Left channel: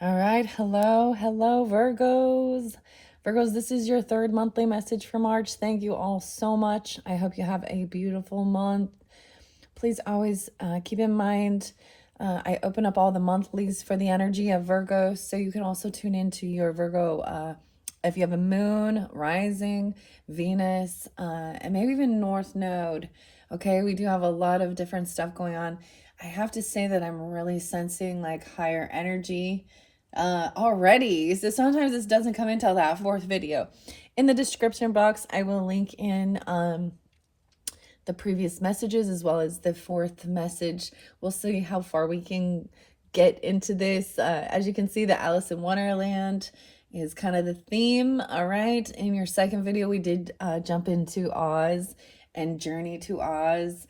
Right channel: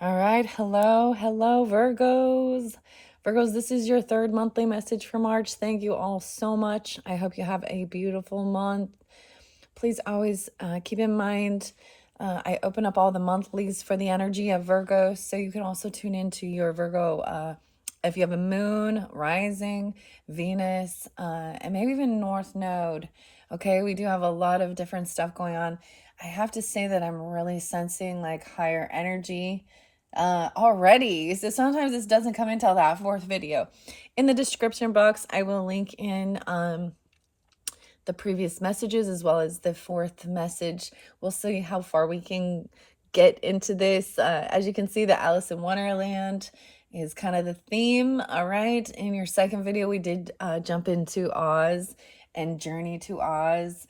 All right. Hello, Virgos. Virgos, this is your third monthly message for March. Thank you all so much. I hope you have a beautiful month. Please always keep in mind, I open up all the monthlies for the energy of Virgo, so you can also tune into your Virgo if you have a moon, rising, Venus, and maybe even North Node. Okay, we do have a lot of different stuff going on. I have to say that I'm really sensing like higher energy already. So sometimes this doesn't come until that fourth video. In the description box, I will link in the previous messages as well as the fourth message. We'll see how far we can get into this. As you can see, the Alice in Wonderland is kind of the theme. All right. In your second video, we did jump into Oz and Journey to Oz.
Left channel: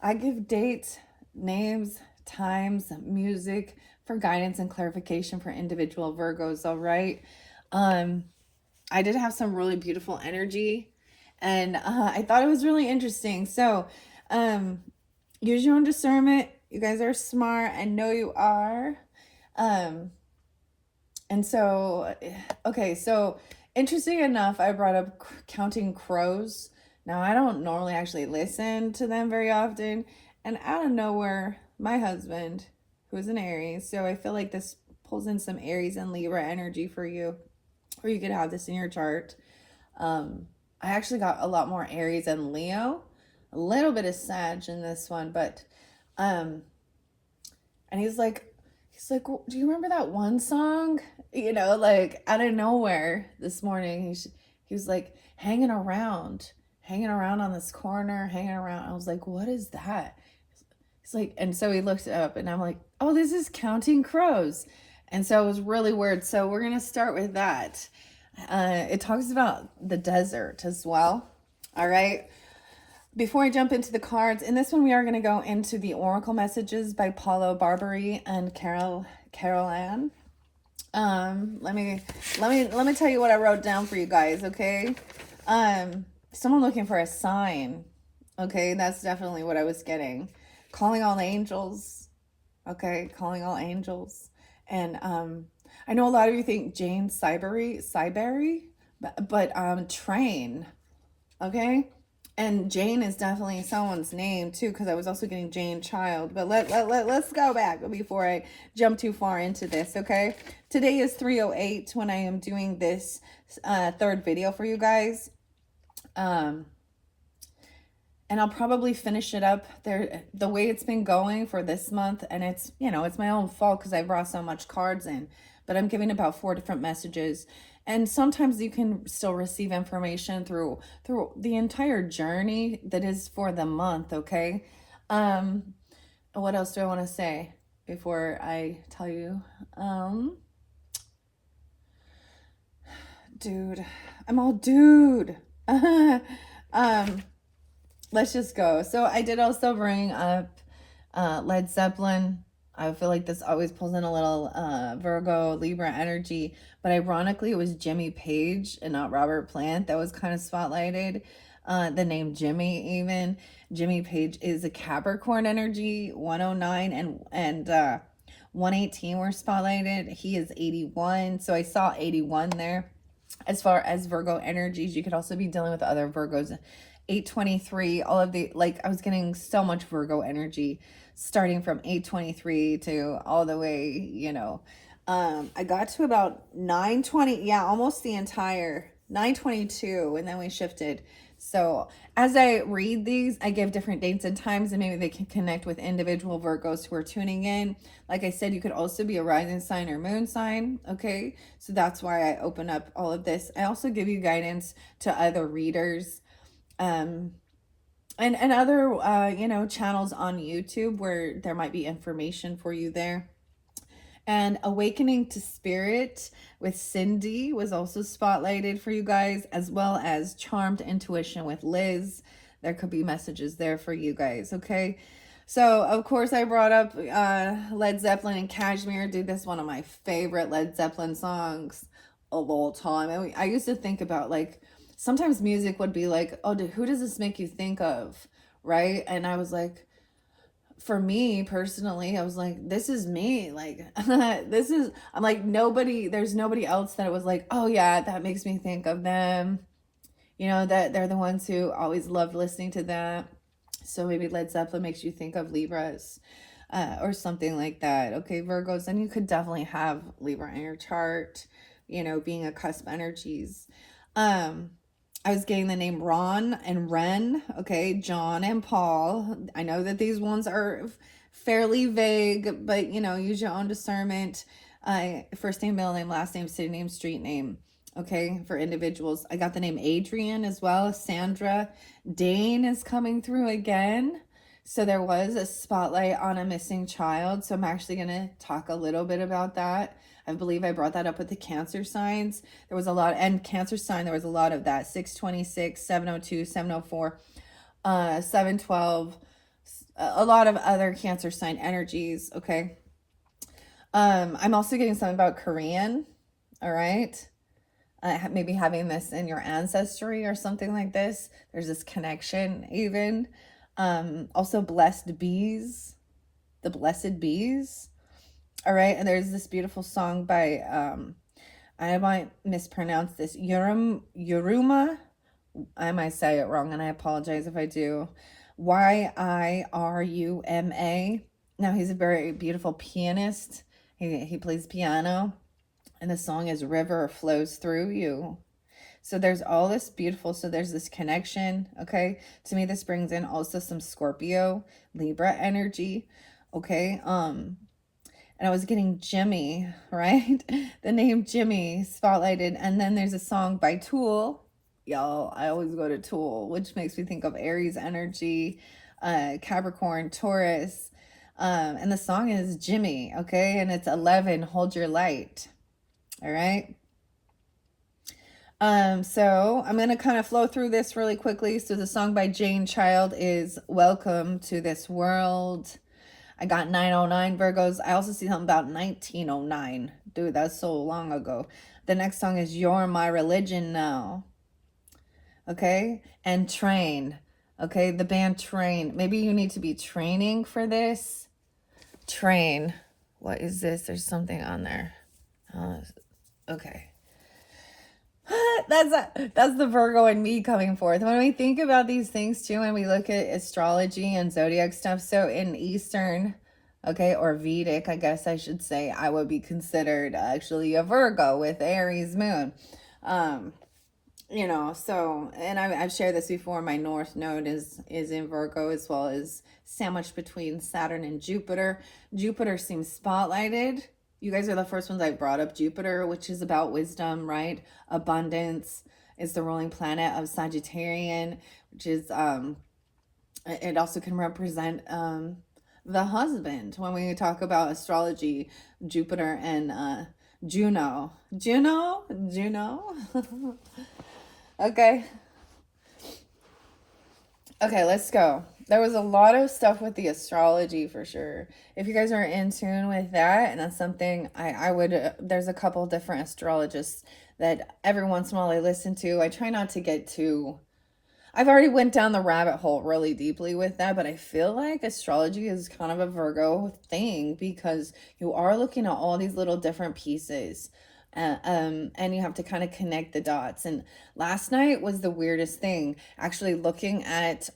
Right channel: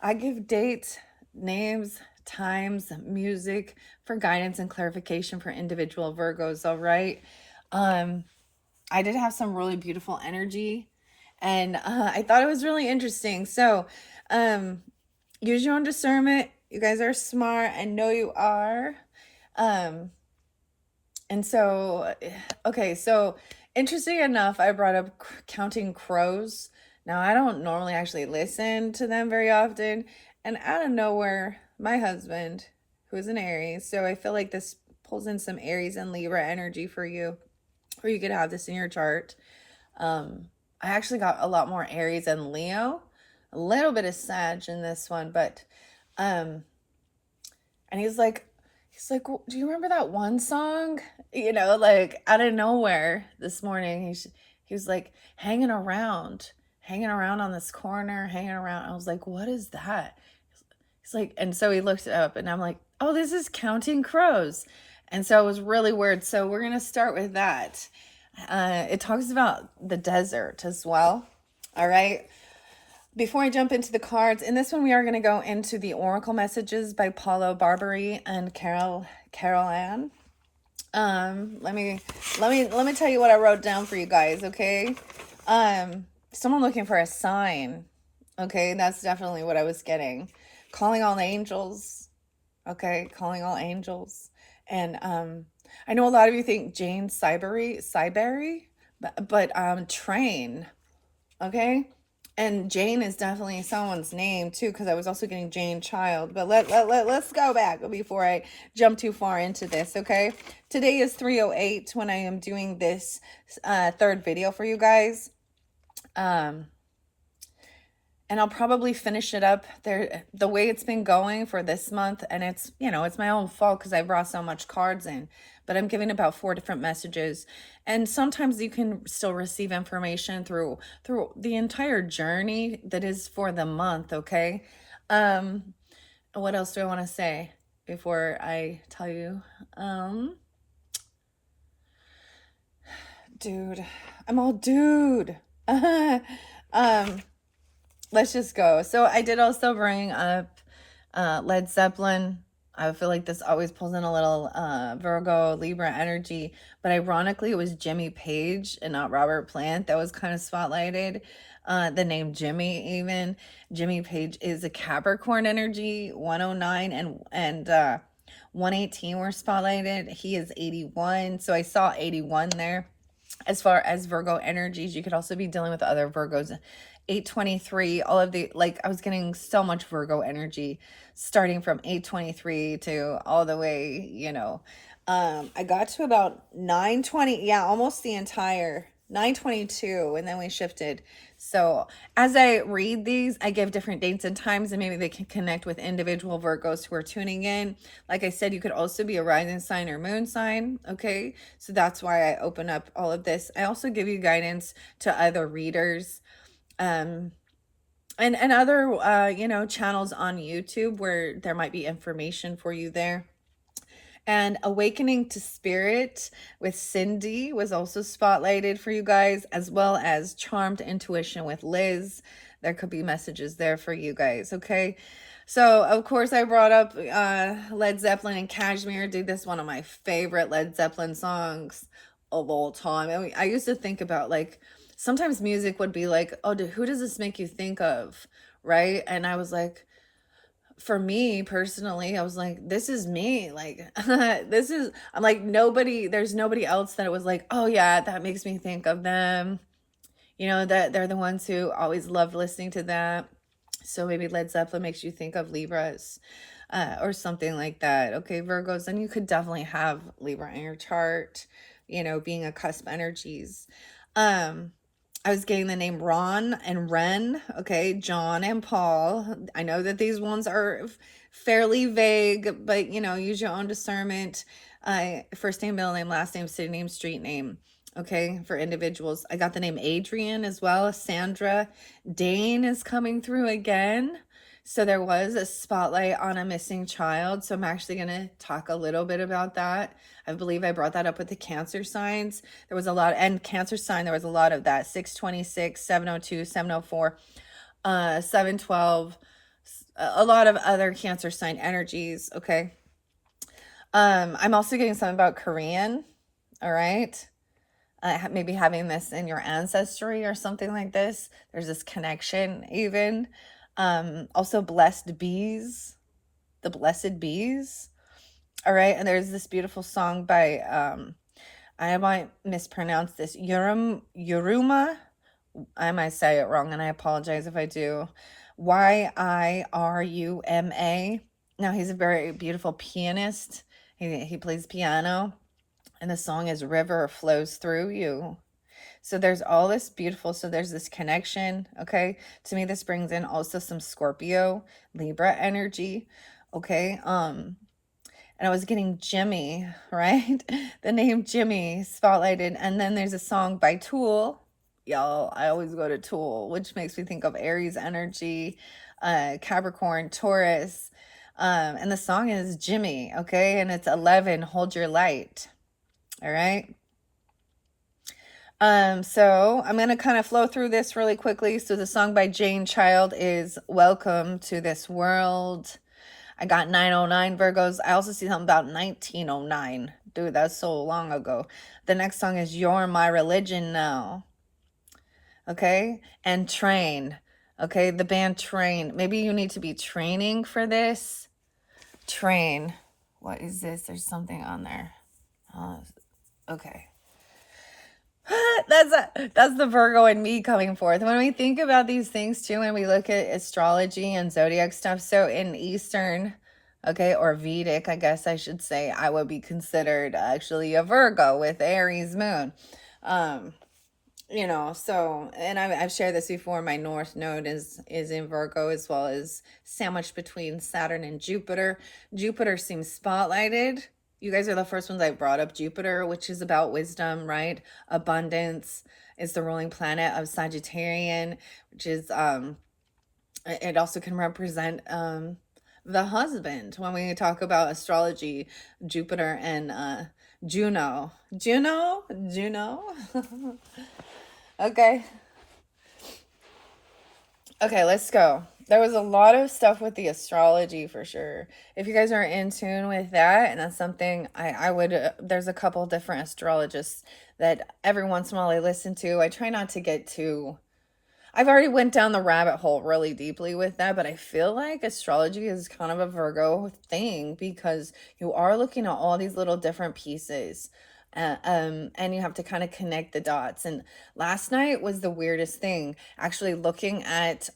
I give dates, names, times, music for guidance and clarification for individual Virgos. All right. I did have some really beautiful energy, and I thought it was really interesting. So, use your own discernment. You guys are smart. I know you are. Um, and so, okay, so interesting enough, I brought up counting crows. Now, I don't normally actually listen to them very often, and out of nowhere, my husband, who's an Aries, so I feel like this pulls in some Aries and Libra energy for you, or you could have this in your chart. I actually got a lot more Aries and Leo, a little bit of Sag in this one, but and he's like, do you remember that one song? Like out of nowhere this morning, he was like hanging around on this corner, hanging around. I was like, what is that? He's like, and so he looked it up, and I'm like, oh, this is Counting Crows. And so it was really weird. So we're gonna start with that. It talks about the desert as well. All right. Before I jump into the cards, in this one we are going to go into the oracle messages by Paulo Barbary and Carol Ann. Let me tell you what I wrote down for you guys. Okay. Someone looking for a sign. Okay, that's definitely what I was getting. Calling all angels. Okay, calling all angels. And I know a lot of you think Jane Cyberry, but train. Okay, and Jane is definitely someone's name too, because I was also getting Jane Child. But let's go back before I jump too far into this. Okay, today is 3:08 when I am doing this third video for you guys. And I'll probably finish it up there the way it's been going for this month. And it's my own fault because I brought so much cards in, but I'm giving about 4 different messages. And sometimes you can still receive information through the entire journey that is for the month. Okay. What else do I want to say before I tell you? Dude, I'm all dude. Let's just go. So I did also bring up Led Zeppelin. I feel like this always pulls in a little Virgo, Libra energy. But ironically, it was Jimmy Page and not Robert Plant that was kind of spotlighted. The name Jimmy, even. Jimmy Page is a Capricorn energy, 109 and 118 were spotlighted. He is 81. So I saw 81 there. As far as Virgo energies, you could also be dealing with other Virgos. 823, all of the, like, I was getting so much Virgo energy starting from 823 to all the way, I got to about 920, yeah, almost the entire 922, and then we shifted. So as I read these, I give different dates and times, and maybe they can connect with individual Virgos who are tuning in. Like I said, you could also be a rising sign or moon sign. Okay, so that's why I open up all of this. I also give you guidance to other readers, and other channels on YouTube where there might be information for you there. And Awakening to Spirit with Cindy was also spotlighted for you guys, as well as Charmed Intuition with Liz. There could be messages there for you guys. Okay, so of course I brought up Led Zeppelin and Kashmir. Dude, this is one of my favorite Led Zeppelin songs of all time. I used to think about, like, sometimes music would be like, oh, who does this make you think of, right? And I was like, for me personally, I was like, this is me. Like, I'm like, there's nobody else that it was like, oh yeah, that makes me think of them. You know, that they're the ones who always loved listening to that. So maybe Led Zeppelin makes you think of Libras, or something like that. Okay, Virgos, and you could definitely have Libra in your chart, you know, being a cusp energies. Um, I was getting the name Ron and Ren, okay, John and Paul. I know that these ones are fairly vague, but you know, use your own discernment. First name, middle name, last name, city name, street name. Okay, for individuals. I got the name Adrian as well. Sandra. Dane is coming through again. So there was a spotlight on a missing child. So I'm actually going to talk a little bit about that. I believe I brought that up with the Cancer signs. There was a lot, and Cancer sign, there was a lot of that. 626, 702, 704, 712, a lot of other Cancer sign energies. Okay. I'm also getting something about Korean. All right. Maybe having this in your ancestry or something like this. There's this connection even. Also blessed bees, the blessed bees. All right. And there's this beautiful song by, I might mispronounce this, Yuruma. I might say it wrong and I apologize if I do. Yiruma. Now he's a very beautiful pianist. He plays piano. And the song is River Flows Through You. So there's all this beautiful, so there's this connection, okay? To me, this brings in also some Scorpio, Libra energy, okay? And I was getting Jimmy, right? The name Jimmy spotlighted. And then there's a song by Tool. Y'all, I always go to Tool, which makes me think of Aries energy, Capricorn, Taurus. And the song is Jimmy, okay? And it's 11, Hold Your Light. All right. So I'm going to kind of flow through this really quickly. So the song by Jane Child is Welcome to This World. I got 909 Virgos. I also see something about 1909. Dude, that's so long ago. The next song is You're My Religion Now. Okay. And Train. Okay. The band Train. Maybe you need to be training for this. Train. What is this? There's something on there. Okay. That's the Virgo and me coming forth. When we think about these things too, and we look at astrology and zodiac stuff, so in Eastern, okay, or Vedic, I guess I should say, I would be considered actually a Virgo with Aries moon. You know, so, and I've shared this before, my North Node is in Virgo, as well as sandwiched between Saturn and Jupiter. Jupiter seems spotlighted. You guys are the first ones I brought up. Jupiter, which is about wisdom, right? Abundance is the ruling planet of Sagittarian, which is, it also can represent the husband. When we talk about astrology, Jupiter and Juno. Juno? Okay. Okay, let's go. There was a lot of stuff with the astrology for sure. If you guys are in tune with that, and that's something I would, there's a couple different astrologists that every once in a while I listen to. I try not to get too, I've already went down the rabbit hole really deeply with that, but I feel like astrology is kind of a Virgo thing because you are looking at all these little different pieces. And you have to kind of connect the dots. And last night was the weirdest thing, actually looking at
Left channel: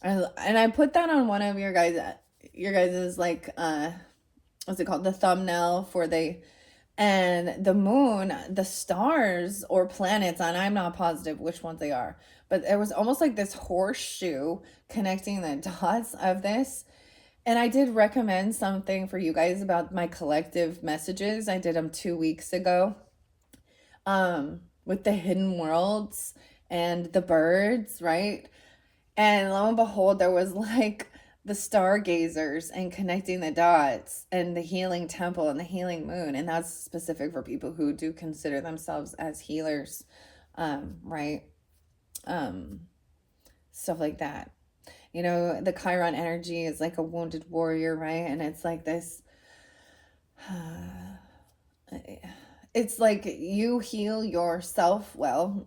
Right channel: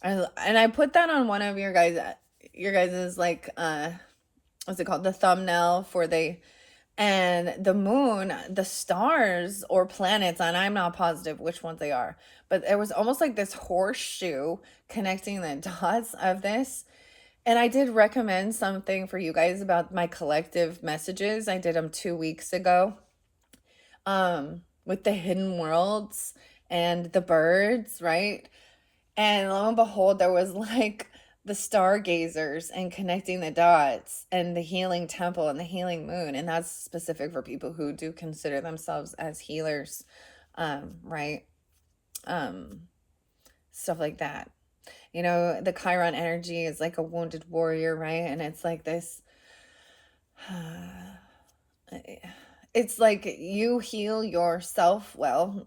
and I put that on one of your guys's like what's it called, the thumbnail for and the moon, the stars or planets, and I'm not positive which ones they are, but there was almost like this horseshoe connecting the dots of this. And I did recommend something for you guys about my collective messages. I did them 2 weeks ago with the hidden worlds and the birds, right? And lo and behold, there was like the stargazers and connecting the dots and the healing temple and the healing moon. And that's specific for people who do consider themselves as healers, right? Stuff like that. You know, the Chiron energy is like a wounded warrior, right? And it's like this, it's like you heal yourself. Well,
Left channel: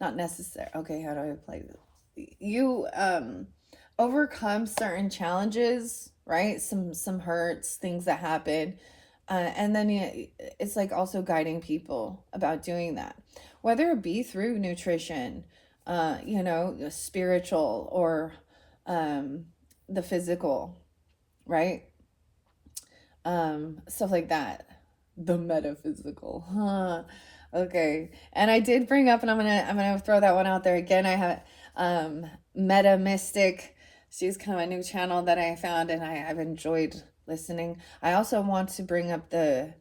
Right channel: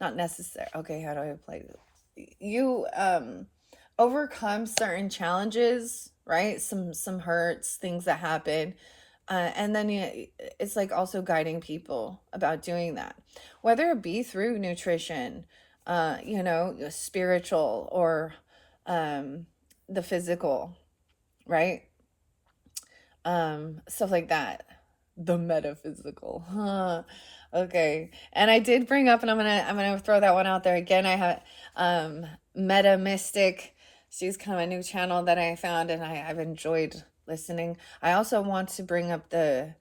not necessary. Okay, how do I play this? You overcome certain challenges, right? Some hurts, things that happen. And then it's like also guiding people about doing that, whether it be through nutrition, spiritual, or the physical, right? Stuff like that. The metaphysical, huh? Okay. And I did bring up, and I'm gonna throw that one out there again. I have Meta Mystic. She's kind of a new channel that I found, and I've enjoyed listening. I also want to bring up the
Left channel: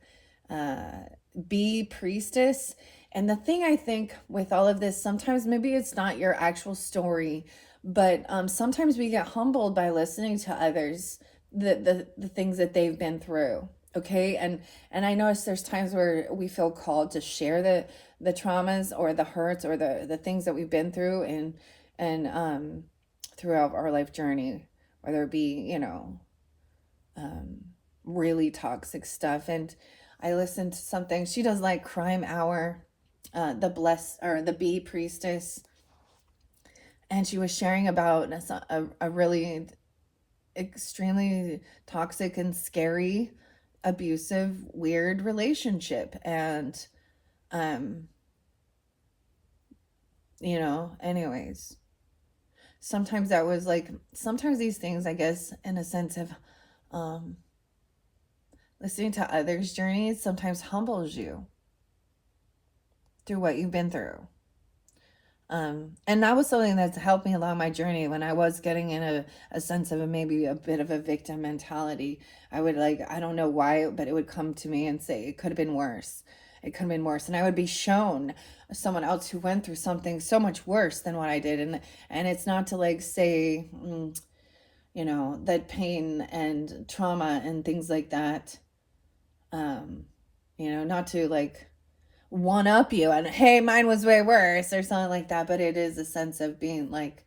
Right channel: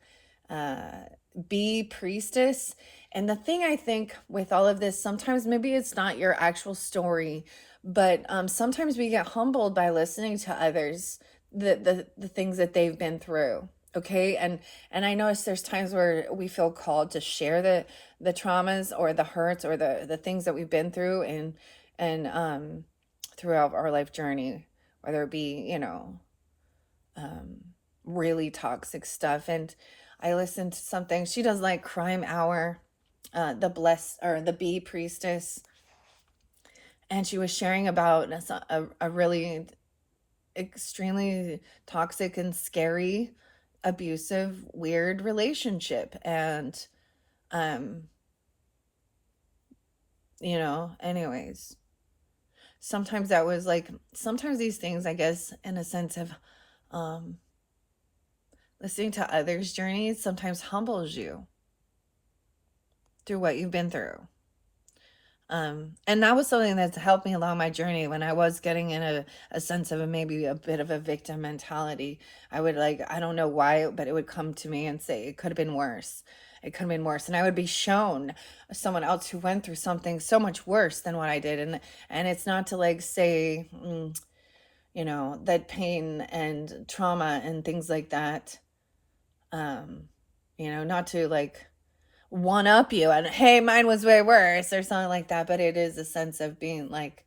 Bee Priestess. And the thing I think with all of this, sometimes maybe it's not your actual story, but sometimes we get humbled by listening to others, the things that they've been through. Okay. And I notice there's times where we feel called to share the traumas or the hurts or the things that we've been through and throughout our life journey, whether it be, really toxic stuff. And I listened to something. She does like Crime Hour, the Bee Priestess, and she was sharing about a really extremely toxic and scary, abusive, weird relationship. And anyways, sometimes that was like, sometimes these things, I guess, in a sense of listening to others' journeys sometimes humbles you through what you've been through. And that was something that's helped me along my journey when I was getting in a sense of maybe a bit of a victim mentality. I would I don't know why, but it would come to me and say, it could have been worse. It could have been worse. And I would be shown someone else who went through something so much worse than what I did. And it's not to say, that pain and trauma and things like that, not to one up you and, hey, mine was way worse or something like that. But it is a sense of being like,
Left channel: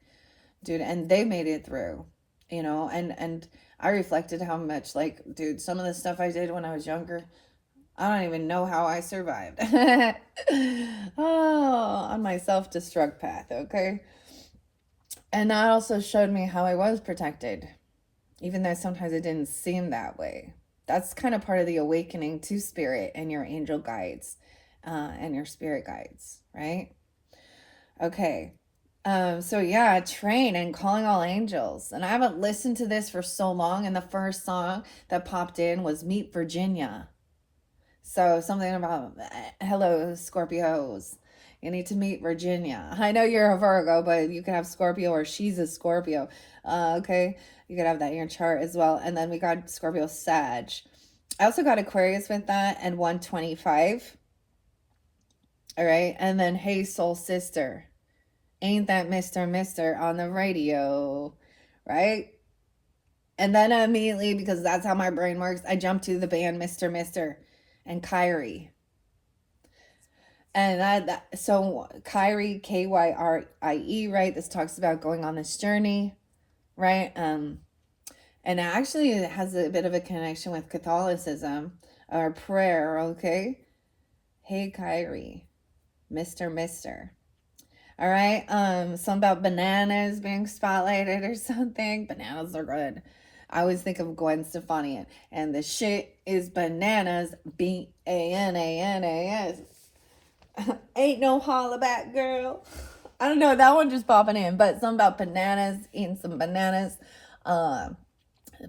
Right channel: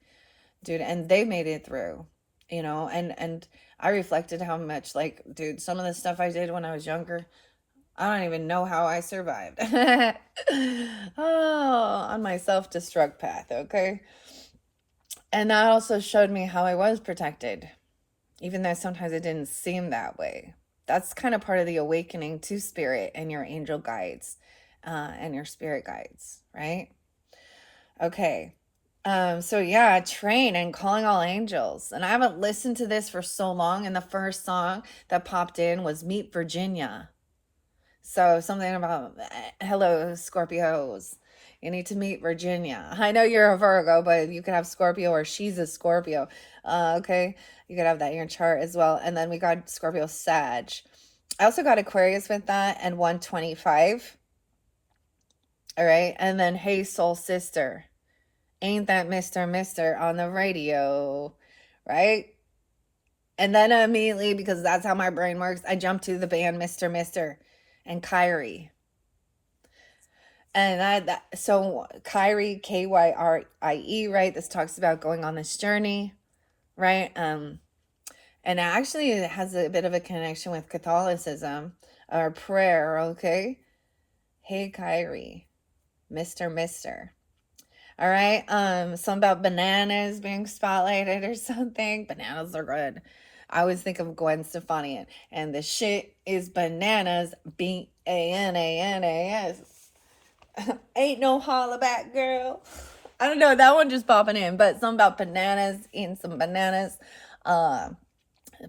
dude, and they made it through, and I reflected how much, dude, some of the stuff I did when I was younger, I don't even know how I survived. Oh, on my self-destruct path. Okay. And that also showed me how I was protected, even though sometimes it didn't seem that way. That's kind of part of the awakening to spirit and your angel guides, and your spirit guides, right? Okay. So yeah, train and calling all angels. And I haven't listened to this for so long. And the first song that popped in was Meet Virginia. So something about, hello, Scorpios. You need to meet Virginia. I know you're a Virgo, but you could have Scorpio or she's a Scorpio. Okay. You could have that in your chart as well. And then we got Scorpio Sag. I also got Aquarius with that and 125. All right. And then Hey Soul Sister. Ain't that Mr. on the radio, right? And then immediately, because that's how my brain works, I jump to the band Mr. and Kyrie. And so Kyrie, Kyrie, right? This talks about going on this journey, right? And actually it has a bit of a connection with Catholicism or prayer, okay? Hey, Kyrie, Mr. All right. Something about bananas being spotlighted or something. Bananas are good. I always think of Gwen Stefani, and the shit is bananas. Bananas. Ain't no hollaback, girl. I don't know. That one just popping in, but something about bananas, eating some bananas.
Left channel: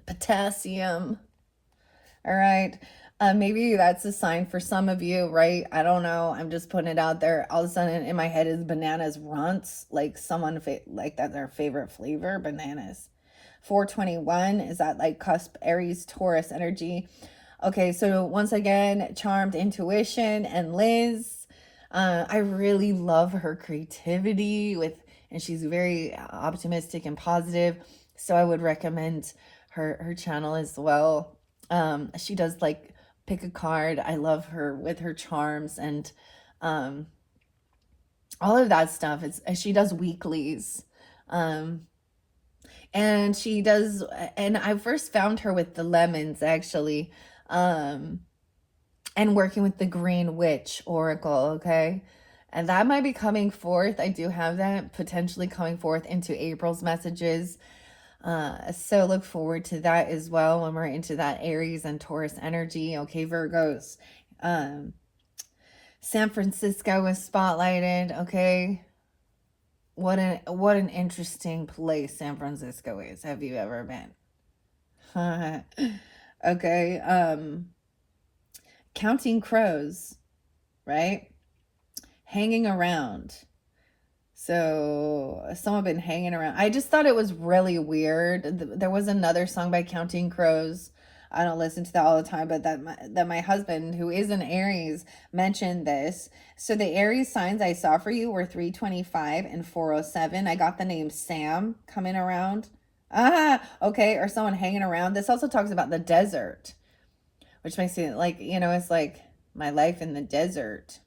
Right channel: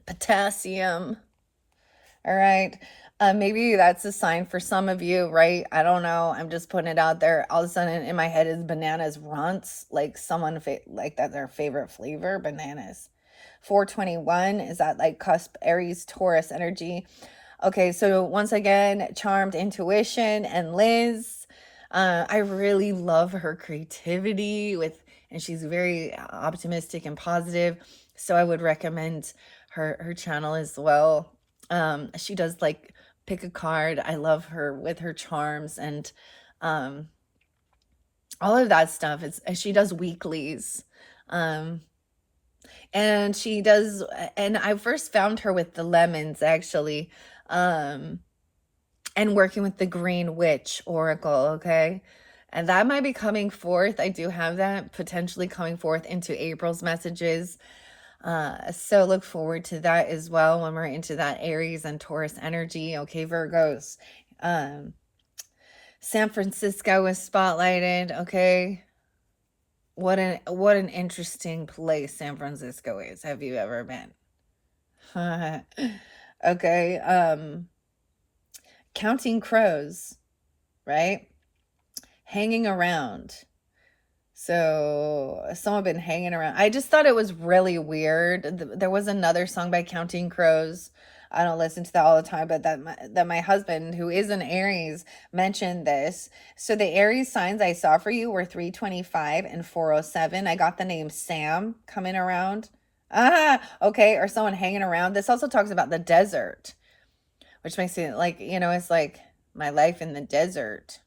Potassium. All right. Maybe that's a sign for some of you, right? I don't know. I'm just putting it out there. All of a sudden in my head is bananas runts, like someone like that's their favorite flavor, bananas. 421 is that cusp Aries Taurus energy. Okay, so once again, Charmed Intuition and Liz. I really love her creativity and she's very optimistic and positive. So I would recommend her channel as well. She does pick a card. I love her with her charms and all of that stuff. She does weeklies. And she does, and I first found her with the lemons actually. And working with the Green Witch Oracle, okay? And that might be coming forth. I do have that potentially coming forth into April's messages. So look forward to that as well when we're into that Aries and Taurus energy. Okay, Virgos. Um, San Francisco was spotlighted. Okay, what an interesting place San Francisco is. Have you ever been? Okay. Counting crows, right? Hanging around. So someone been hanging around. I just thought it was really weird. There was another song by Counting Crows. I don't listen to that all the time, but that my husband, who is an Aries, mentioned this. So the Aries signs I saw for you were 325 and 407. I got the name Sam coming around. Ah, okay, or someone hanging around. This also talks about the desert, which makes it like, it's like my life in the desert.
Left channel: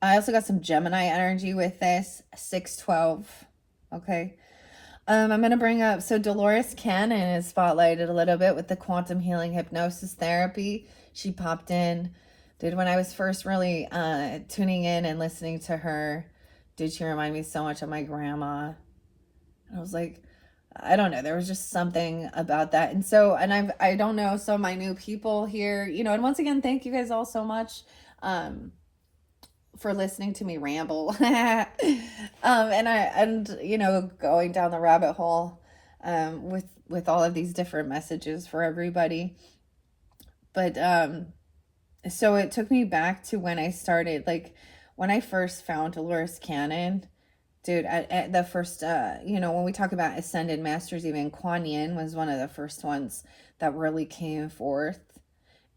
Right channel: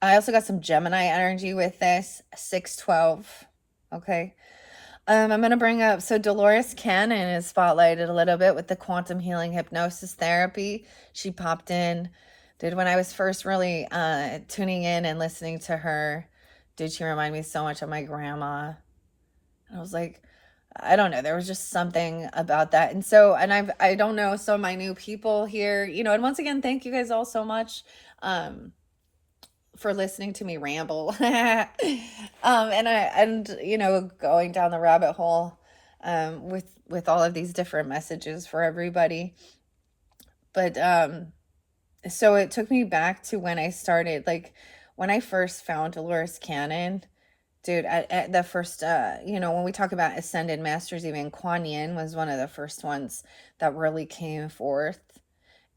I also got some Gemini energy with this, 612. Okay. I'm going to bring up, so Dolores Cannon is spotlighted a little bit with the quantum healing hypnosis therapy. She popped in, did when I was first really tuning in and listening to her. Dude, she reminded me so much of my grandma. I was like, I don't know. There was just something about that. And so, and I don't know. So my new people here, and once again, thank you guys all so much. For listening to me ramble. And going down the rabbit hole with all of these different messages for everybody. But so it took me back to when I started, like when I first found Dolores Cannon. Dude, at the first, when we talk about ascended masters, even Kuan Yin was one of the first ones that really came forth.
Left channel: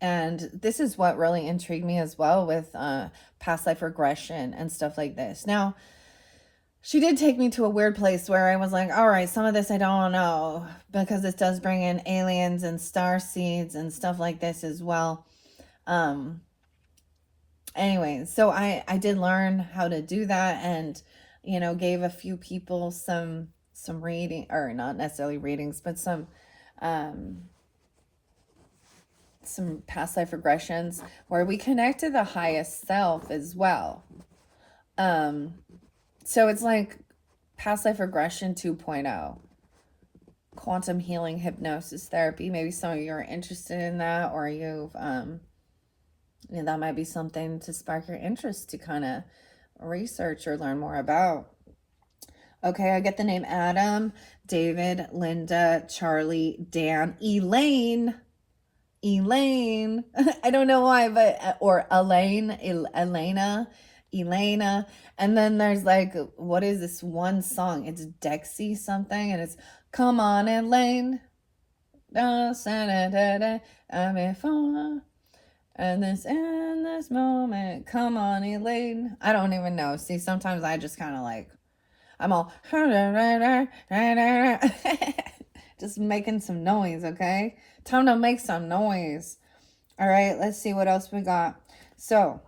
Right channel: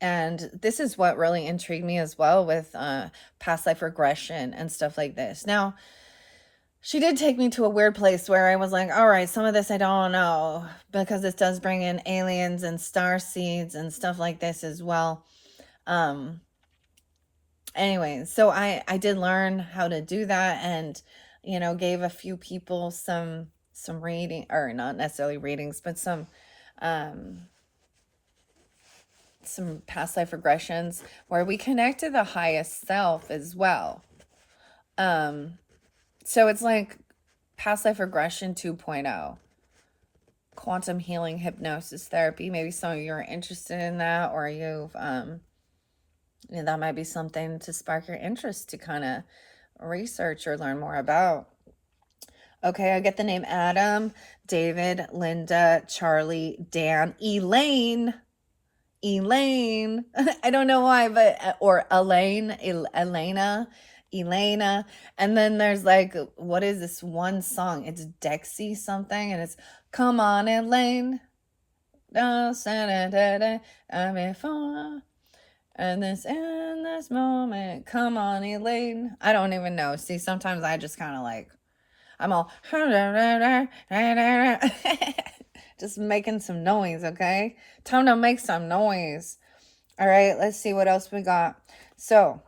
And this is what really intrigued me as well with past life regression and stuff like this. Now, she did take me to a weird place where I was like, all right, some of this I don't know, because this does bring in aliens and star seeds and stuff like this as well. Anyways, so I did learn how to do that, and gave a few people some reading, or not necessarily readings, but some past life regressions where we connect to the highest self as well. So it's like past life regression 2.0, quantum healing hypnosis therapy. Maybe some of you are interested in that, or you've that might be something to spark your interest to kind of research or learn more about. Okay, I get the name Adam, David, Linda, Charlie, Dan, Elaine. I don't know why, but, or Elena. And then there's like, what is this one song? It's Dexy something, and it's come on, Elaine. I'm and in this moment, come on, Elaine. I don't even know. See, sometimes I just kind of like, I'm all just making some noise, okay? Time to make some noise. All right, let's see what else we got. So,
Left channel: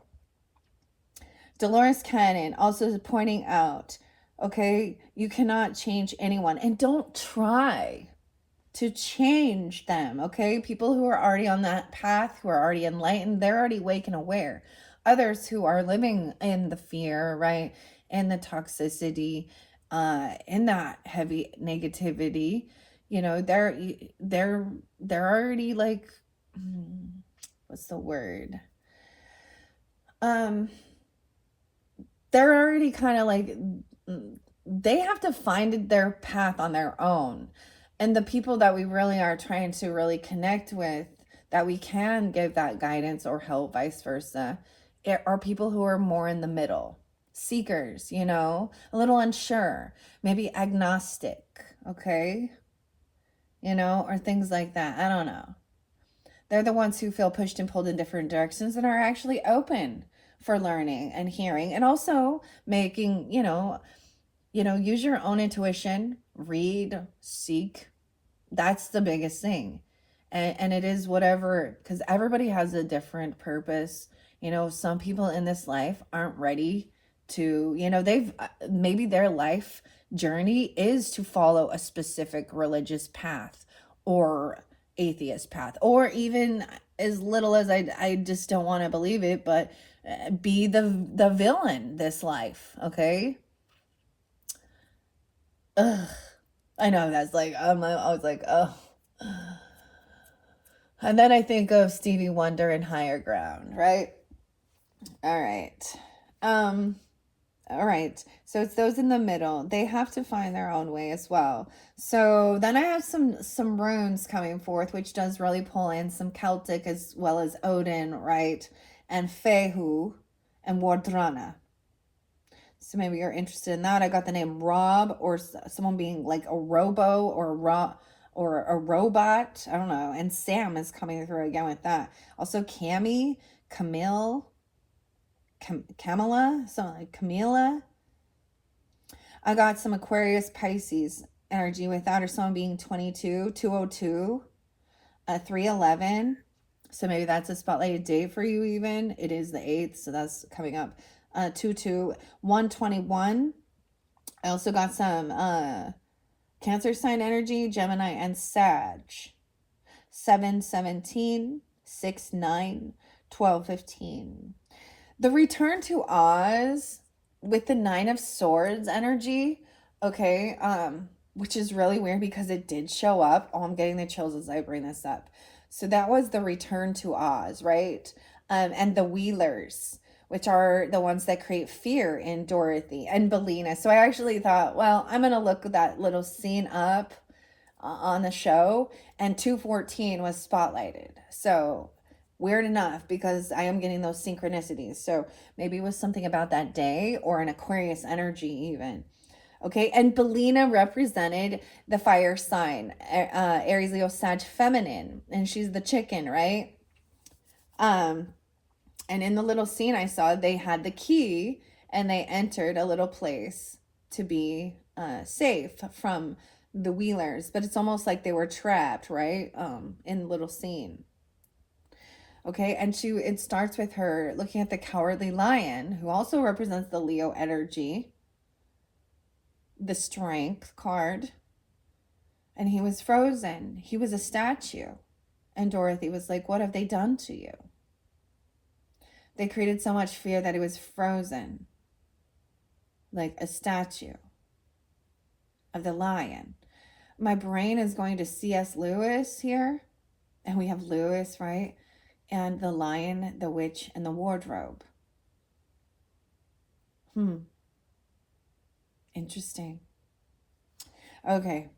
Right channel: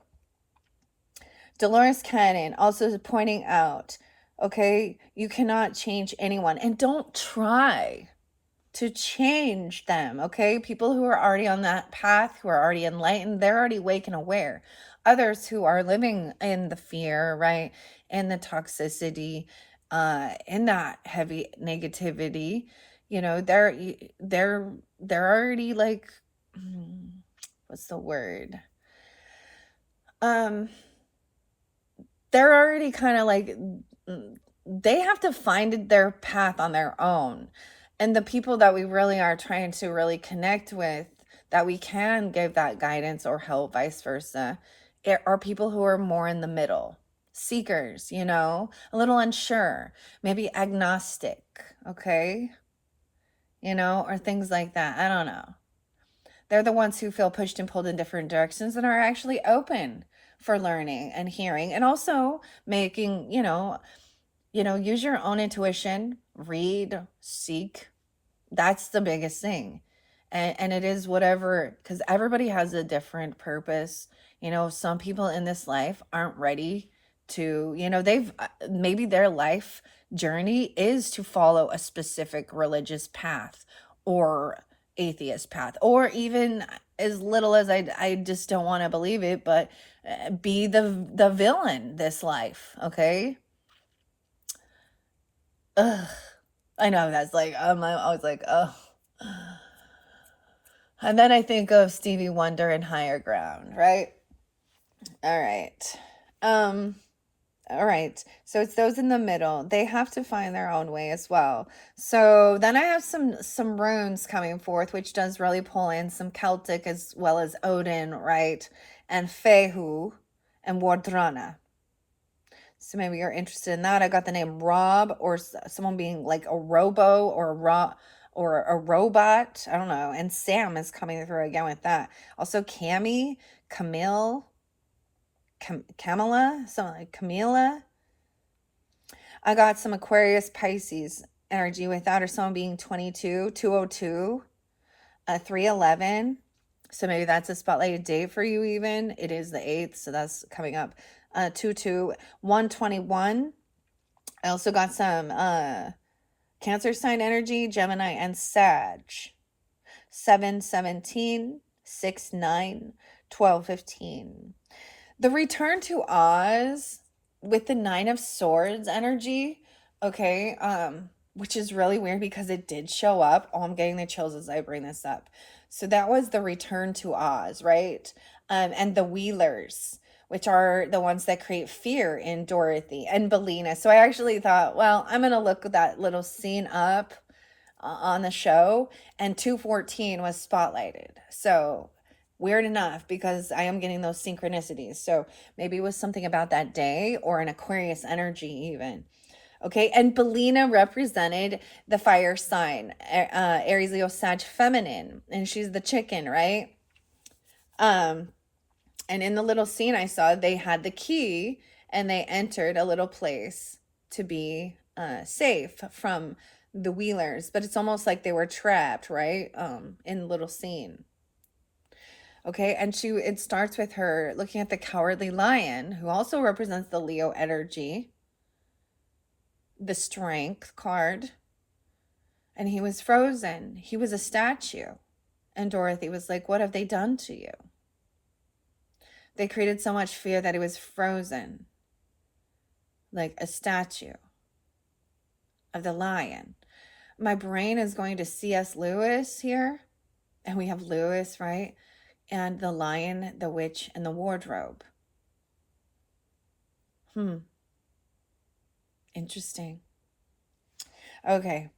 Dolores Cannon also pointing out, okay, you cannot change anyone, and don't try to change them, okay? People who are already on that path, who are already enlightened, they're already awake and aware. Others who are living in the fear, right, in the toxicity, in that heavy negativity, they're already like, what's the word? They're already kind of like, they have to find their path on their own. And the people that we really are trying to really connect with, that we can give that guidance or help, vice versa, are people who are more in the middle, seekers, a little unsure, maybe agnostic, okay? Or things like that. I don't know. They're the ones who feel pushed and pulled in different directions and are actually open for learning and hearing, and also making, use your own intuition, read, seek. That's the biggest thing. And it is whatever, because everybody has a different purpose. Some people in this life aren't ready to, they've maybe their life journey is to follow a specific religious path or atheist path, or even as little as I just don't want to believe it, but be the villain this life, okay? Ugh. I know that's like, I was like, oh. And then I think of Stevie Wonder and Higher Ground, right? All right. Um, all right. So it's those in the middle. They have to find their own way as well. So then I have some runes coming forth, which does really pull in some Celtic as well as Odin, right? And Fehu and Wardrana. So maybe you're interested in that. I got the name Rob, or someone being like a robo or a robot. I don't know. And Sam is coming through again with that. Also Cammy, Camille, Camilla, something like Camila. I got some Aquarius Pisces energy with that, or someone being 22, 202, 311. So maybe that's a spotlighted date for you even. It is the 8th, so that's coming up. 22, 121. I also got some Cancer sign energy, Gemini and Sag. 717, 69, 1215. The return to Oz with the 9 of Swords energy, okay, which is really weird because it did show up. Oh, I'm getting the chills as I bring this up. So that was the return to Oz, right? And the Wheelers, which are the ones that create fear in Dorothy and Bellina. So I actually thought, well, I'm going to look that little scene up on the show, and 214 was spotlighted. So weird enough, because I am getting those synchronicities. So maybe it was something about that day or an Aquarius energy even. Okay, and Bellina represented the fire sign, Aries, Leo, Sag, feminine, and she's the chicken, right? And in the little scene I saw, they had the key and they entered a little place to be safe from the Wheelers, but it's almost like they were trapped, right? In the little scene. Okay, and it starts with her looking at the Cowardly Lion, who also represents the Leo energy, the Strength card, and he was frozen. He was a statue. And Dorothy was like, what have they done to you? They created so much fear that he was frozen, like a statue of the lion. My brain is going to C.S. Lewis here, and we have Lewis, right? And the lion, the witch, and the wardrobe. Interesting. Okay.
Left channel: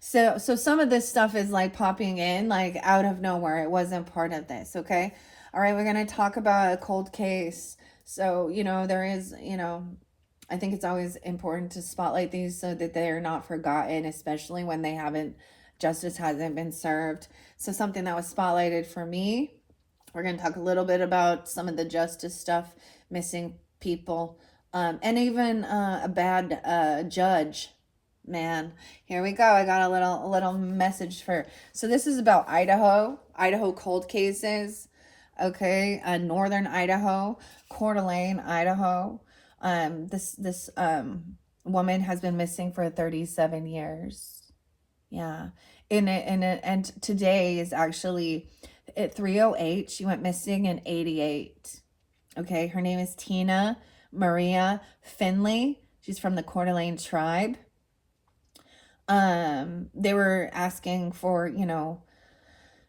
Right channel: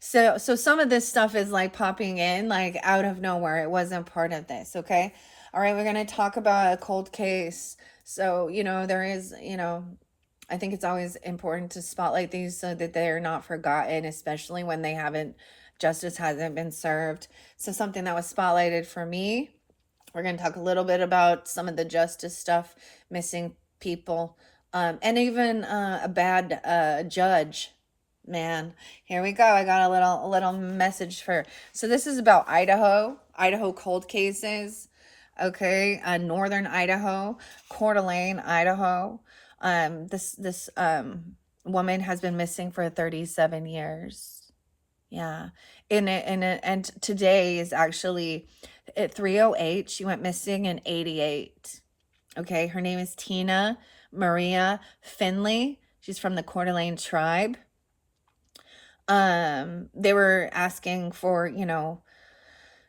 So some of this stuff is like popping in like out of nowhere. It wasn't part of this, okay? All right, we're going to talk about a cold case. So, there is, I think it's always important to spotlight these so that they're not forgotten, especially when justice hasn't been served. So something that was spotlighted for me, we're going to talk a little bit about some of the justice stuff, missing people, and even a bad judge. Man, here we go. I got a little message for. So this is about Idaho cold cases. Okay, northern Idaho, Coeur d'Alene, Idaho. This woman has been missing for 37 years. Yeah. And today is actually at 3:08. She went missing in 88. Okay, her name is Tina Maria Finley. She's from the Coeur d'Alene tribe. They were asking for,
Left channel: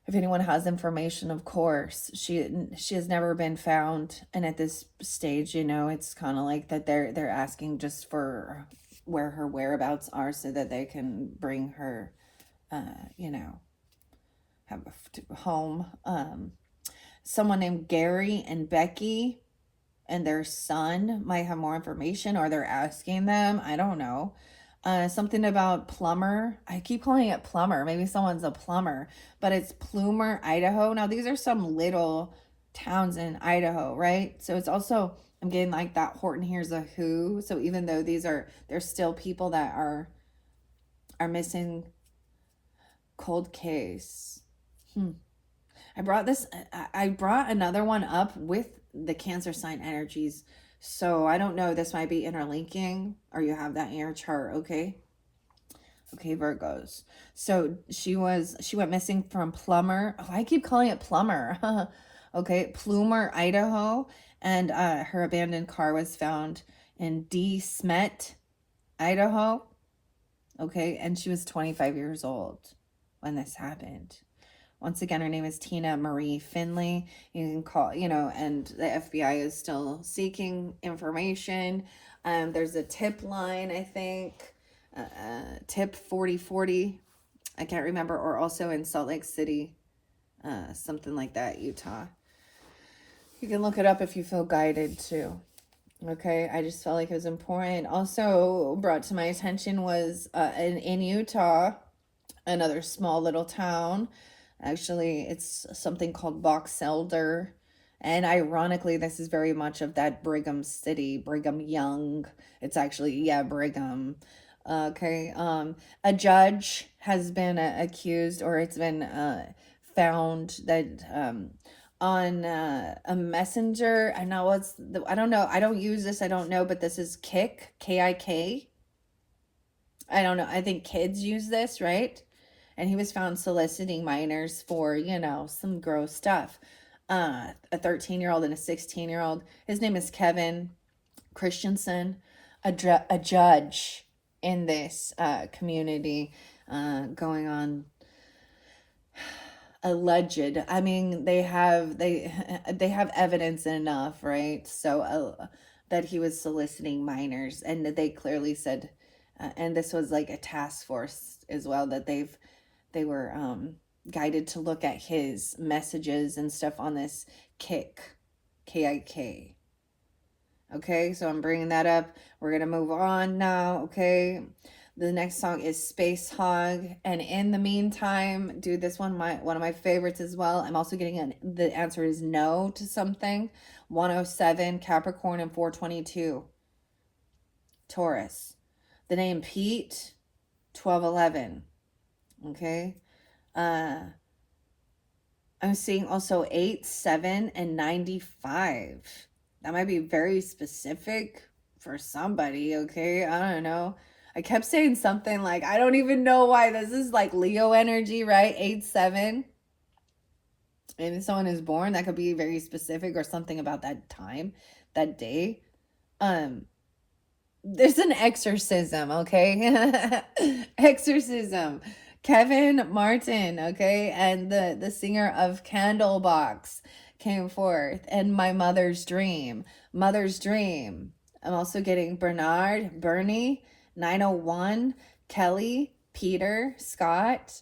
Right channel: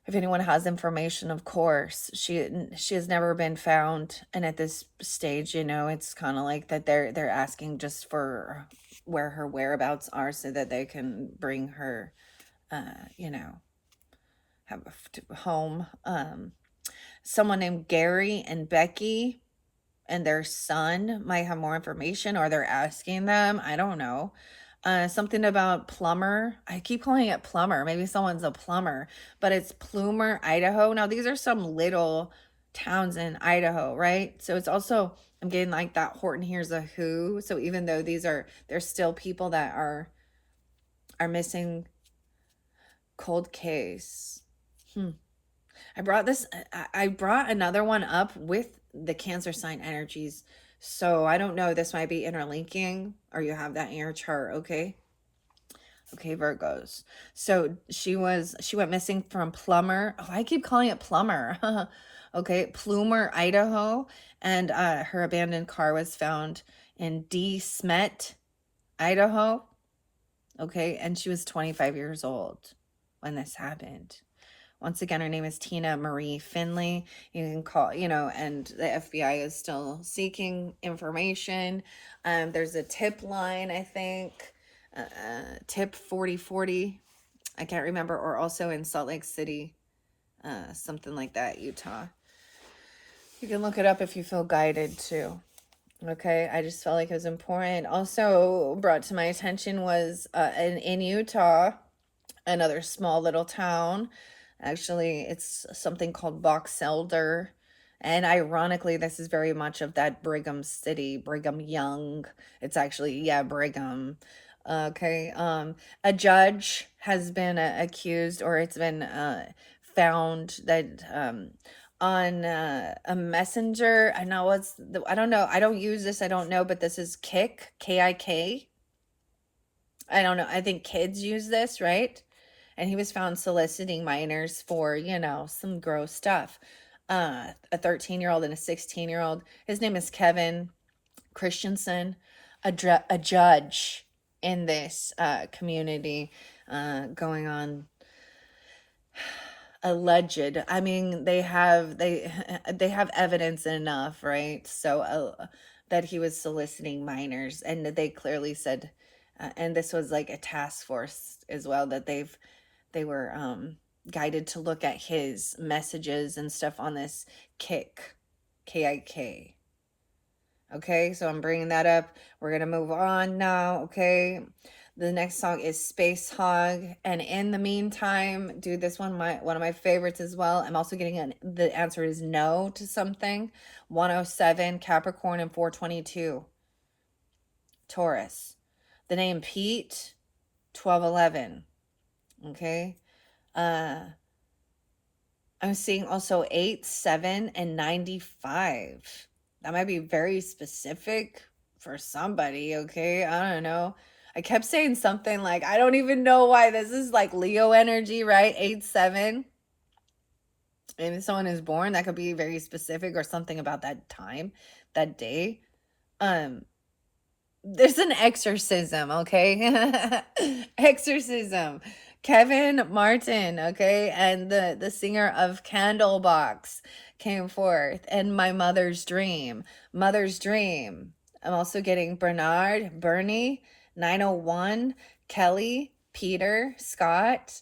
if anyone has information. Of course, she has never been found, and at this stage, it's kind of like that they're asking just for where her whereabouts are so that they can bring her have home. Someone named Gary and Becky and their son might have more information, or they're asking them. I don't know. Something about plumber. I keep calling it plumber. Maybe someone's a plumber, but it's Plumer, Idaho. Now, these are some little towns in Idaho, right? So it's also, I'm getting like that Horton Hears a Who. So even though there's still people that are missing. Cold case. I brought another one up with the Cancer sign energies. So I don't know, this might be interlinking, or you have that in your chart, okay? Okay, Virgos. So she went missing from Plummer. Oh, I keep calling it Plumber. Okay, Plumer, Idaho, and her abandoned car was found in De Smet, Idaho. Okay. And she was 25 years old when this happened. Once again, her name is Tina Marie Finley. You can call, and the FBI is still seeking information. There's a tip line, I think, tip 4040. I can't remember, or also in Salt Lake City, something like that, Utah. You can look it up if you feel guided to. Okay, I just felt like it was important. Also brought to my attention was in Utah, another small little town. Actually, it's something called Box Elder. And ironically, this is very much of that Brigham City, Brigham Young. It's actually, yeah, Brigham. Okay. A judge has been accused, or it's been found that on a messenger. I know I don't know. I don't use this. I don't know, but this is Kik, K-I-K. I don't know. I think kids use this, right? And he was found soliciting minors for, some gross stuff. A 13-year-old and a 16-year-old. His name is Kevin Christensen, a judge in this community, going on alleged. I mean, they have evidence enough, right? So that he was soliciting minors, and they clearly said, and this was like a task force as well, that they were guided to look at his messages and stuff on this Kik, K-I-K. Okay, so I'm bringing that up. We're going to move on now, okay? The next song is Space Hog. And in the meantime, dude, this one of my favorites as well. I'm also getting the answer is no to something. 107, Capricorn, and 422. Taurus. The name Pete, 1211. Okay. I'm seeing also 8, 7, and 95. That might be very specific for somebody, okay? I don't know. I kept saying something like, I don't even know why this is like Leo energy, right? 8, 7. Maybe someone is born, that could be very specific, or something about that time, that day. There's an exorcism, okay? Exorcism. Kevin Martin, okay? And the singer of Candlebox came forth, and My Mother's Dream. Mother's Dream. I'm also getting Bernard, Bernie, 901, Kelly, Peter, Scott.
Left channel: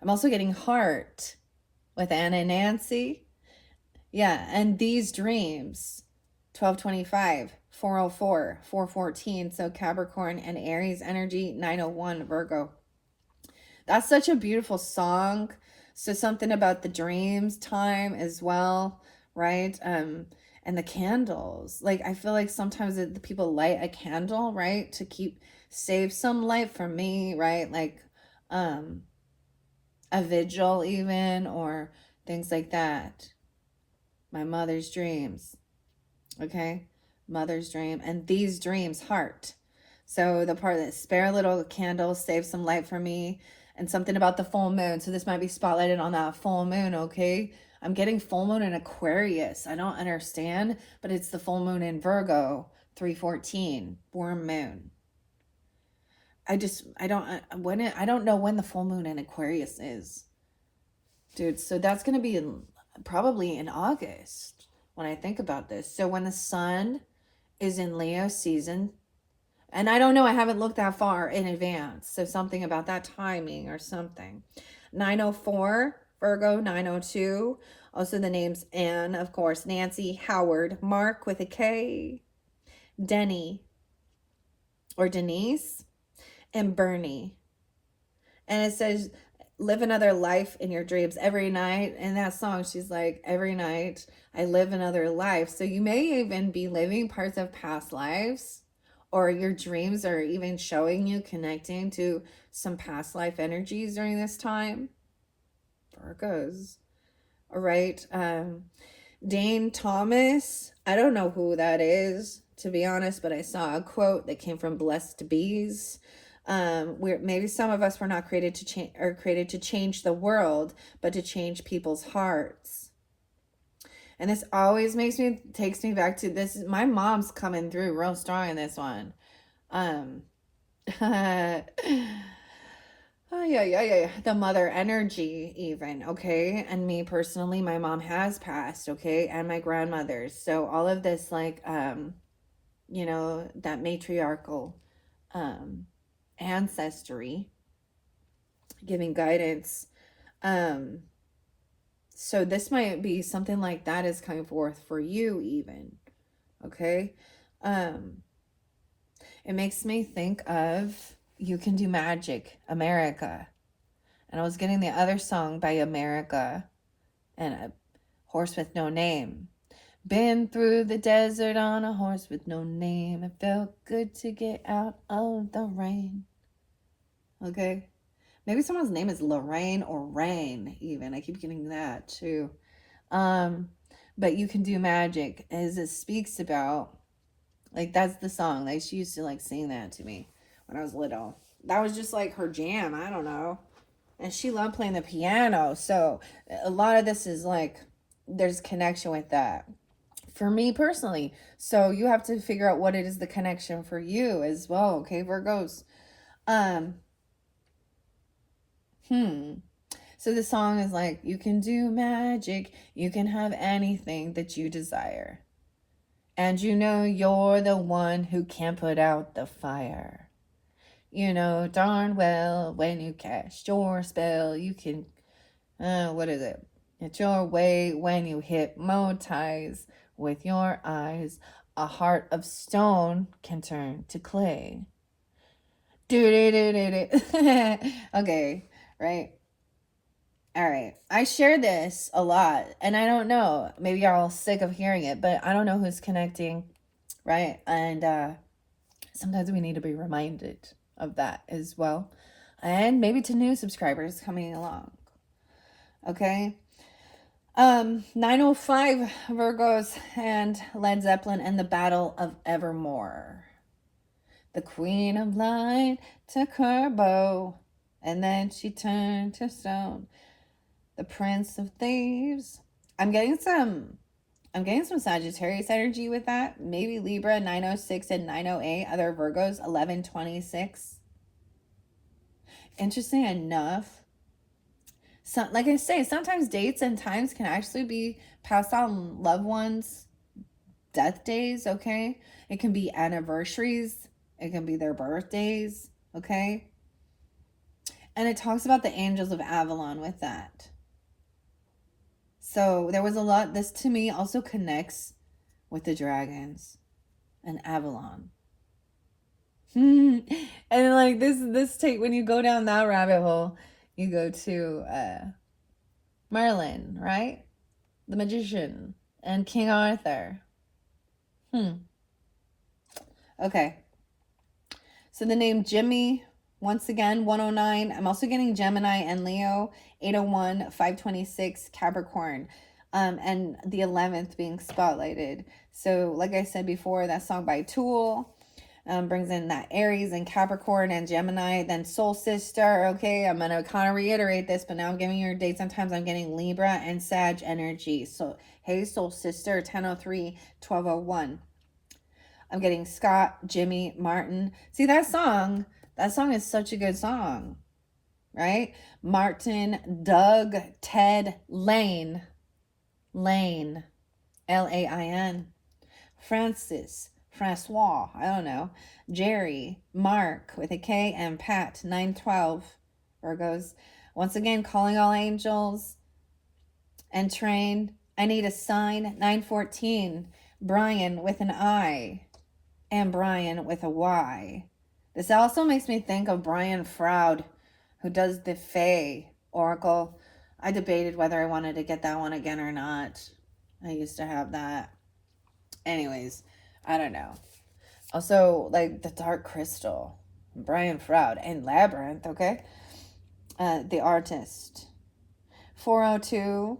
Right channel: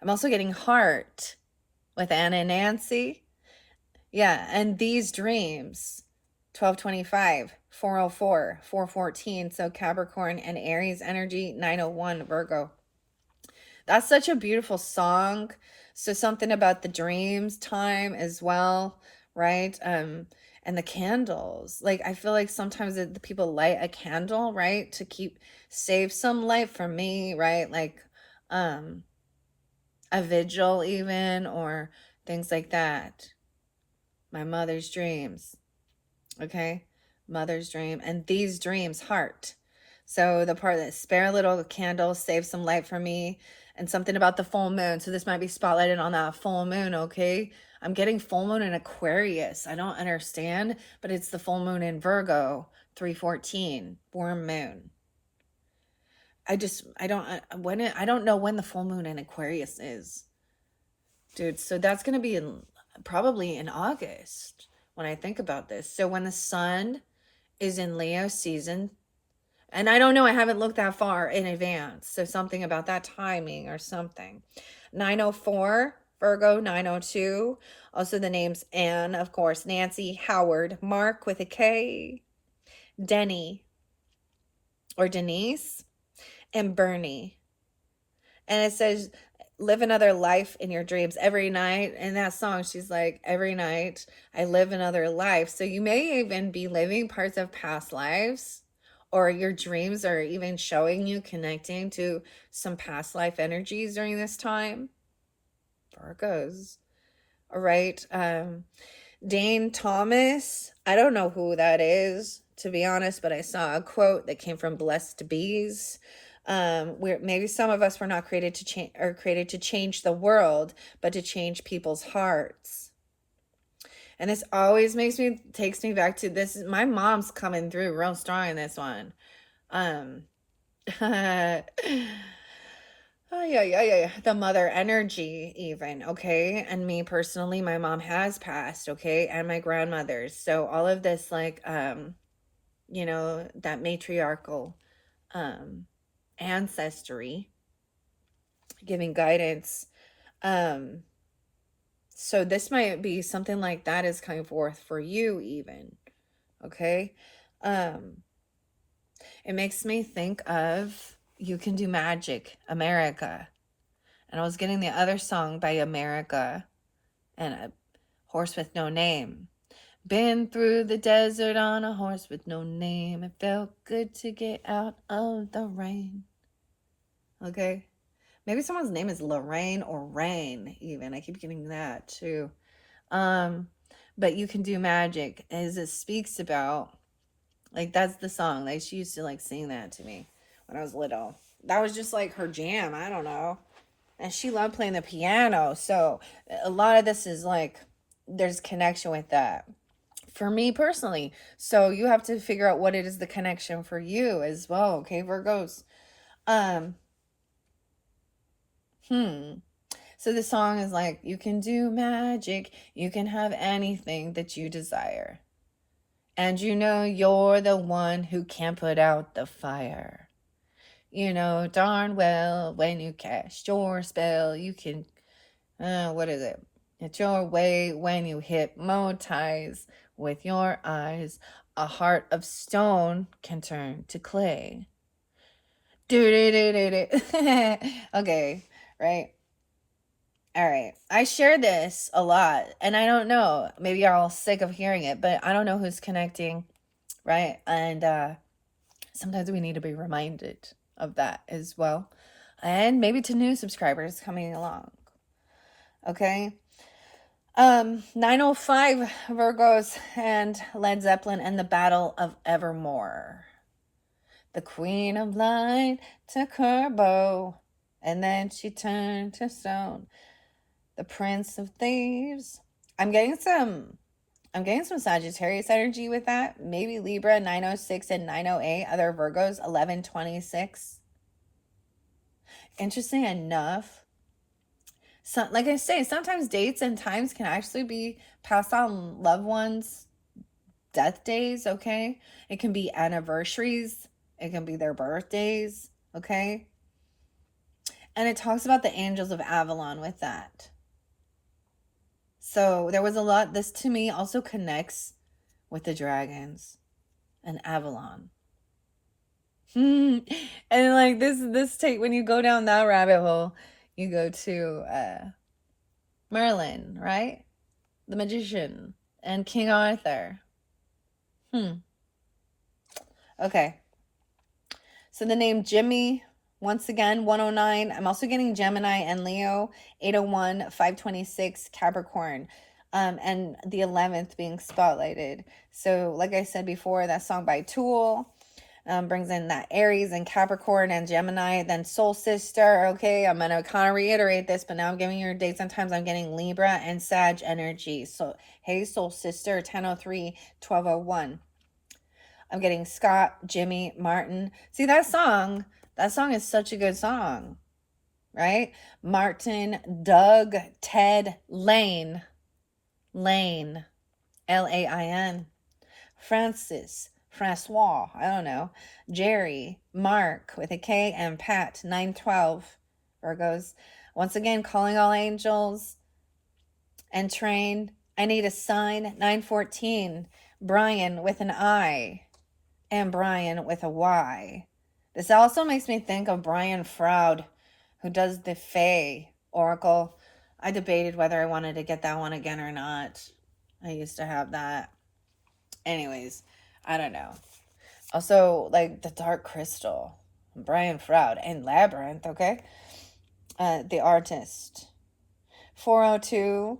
I'm also getting Heart with Anna and Nancy. Yeah, and These Dreams. 1225, 404, 414. So Capricorn and Aries energy, 901, Virgo. That's such a beautiful song. So something about the dreams time as well, right? And the candles. Like, I feel like sometimes the people light a candle, right? To save some light for me, right? Like a vigil even, or things like that. My mother's dreams. Okay, Mother's Dream, and These Dreams, Heart. So the part that spare a little candle, save some light for me, and something about the full moon. So this might be spotlighted on that full moon, okay? I'm getting full moon in Aquarius. I don't understand, but it's the full moon in Virgo, 314, warm moon. I don't know when the full moon in Aquarius is. Dude, so that's going to be probably in August when I think about this. So when the sun is in Leo season, and I don't know, I haven't looked that far in advance. So something about that timing or something. 904, Virgo, 902. Also the names Anne, of course, Nancy, Howard, Mark with a K, Denny or Denise, and Bernie. And it says, live another life in your dreams every night. In that song, she's like, every night I live another life. So you may even be living parts of past lives, or your dreams are even showing you connecting to some past life energies during this time. Virgos. All right. Dane Thomas. I don't know who that is, to be honest, but I saw a quote that came from Blessed Bees. Where maybe some of us were not created to change, or created to change the world, but to change people's hearts. And this always takes me back to this. My mom's coming through real strong in this one. Oh, yeah. The mother energy, even, okay? And me personally, my mom has passed, okay? And my grandmother's. So all of this, like, that matriarchal ancestry giving guidance. Um, so this might be something like that is coming forth for you, even, okay? It makes me think of You Can Do Magic, America. And I was getting the other song by America and a horse with no name. Been through the desert on a horse with no name. It felt good to get out of the rain. Okay? Maybe someone's name is Lorraine or Rain, even. I keep getting that too. But You Can Do Magic, as it speaks about, like, that's the song. Like, she used to, like, sing that to me when I was little. That was just, like, her jam. I don't know. And she loved playing the piano. So a lot of this is, like, there's connection with that. For me personally. So you have to figure out what it is the connection for you as well. Okay, Virgos. So the song is like, you can do magic. You can have anything that you desire. And you know you're the one who can put out the fire. You know darn well when you cast your spell, you can, what is it? It's your way when you hypnotize with your eyes. A heart of stone can turn to clay. Okay, right? All right. I share this a lot, and I don't know. Maybe you're all sick of hearing it, but I don't know who's connecting, right? And sometimes we need to be reminded of that as well. And maybe to new subscribers coming along. Okay? 905 Virgos and Led Zeppelin and the Battle of Evermore. The Queen of Light took her bow, and then she turned to stone. The Prince of Thieves. I'm getting some Sagittarius energy with that. Maybe Libra 906 and 908. Other Virgos 1126. Interesting enough. So, like I say, sometimes dates and times can actually be passed on loved ones' death days, okay? It can be anniversaries. It can be their birthdays, okay? And it talks about the angels of Avalon with that. So there was a lot. This to me also connects with the dragons and Avalon. And like this take, when you go down that rabbit hole, you go to Merlin, right? The magician and King Arthur. Okay. So the name Jimmy, once again, 109. I'm also getting Gemini and Leo, 801, 526, Capricorn. And the 11th being spotlighted. So like I said before, that song by Tool brings in that Aries and Capricorn and Gemini, then Soul Sister. Okay, I'm going to kind of reiterate this, but now I'm giving you your dates. Sometimes I'm getting Libra and Sag energy. So, hey, Soul Sister, 1003, 1201. I'm getting Scott, Jimmy, Martin. See, that song is such a good song, right? Martin, Doug, Ted, Lane, Lain, Francis, Francois, I don't know, Jerry, Mark with a K, and Pat, 912, Virgos. Once again, calling all angels and train. I need a sign, 914, Brian with an I. And Brian with a Y. This also makes me think of Brian Froud, who does the Fae Oracle. I debated whether I wanted to get that one again or not. I used to have that. Anyways, I don't know. Also, like the Dark Crystal, Brian Froud, and Labyrinth, okay? The Artist. 402,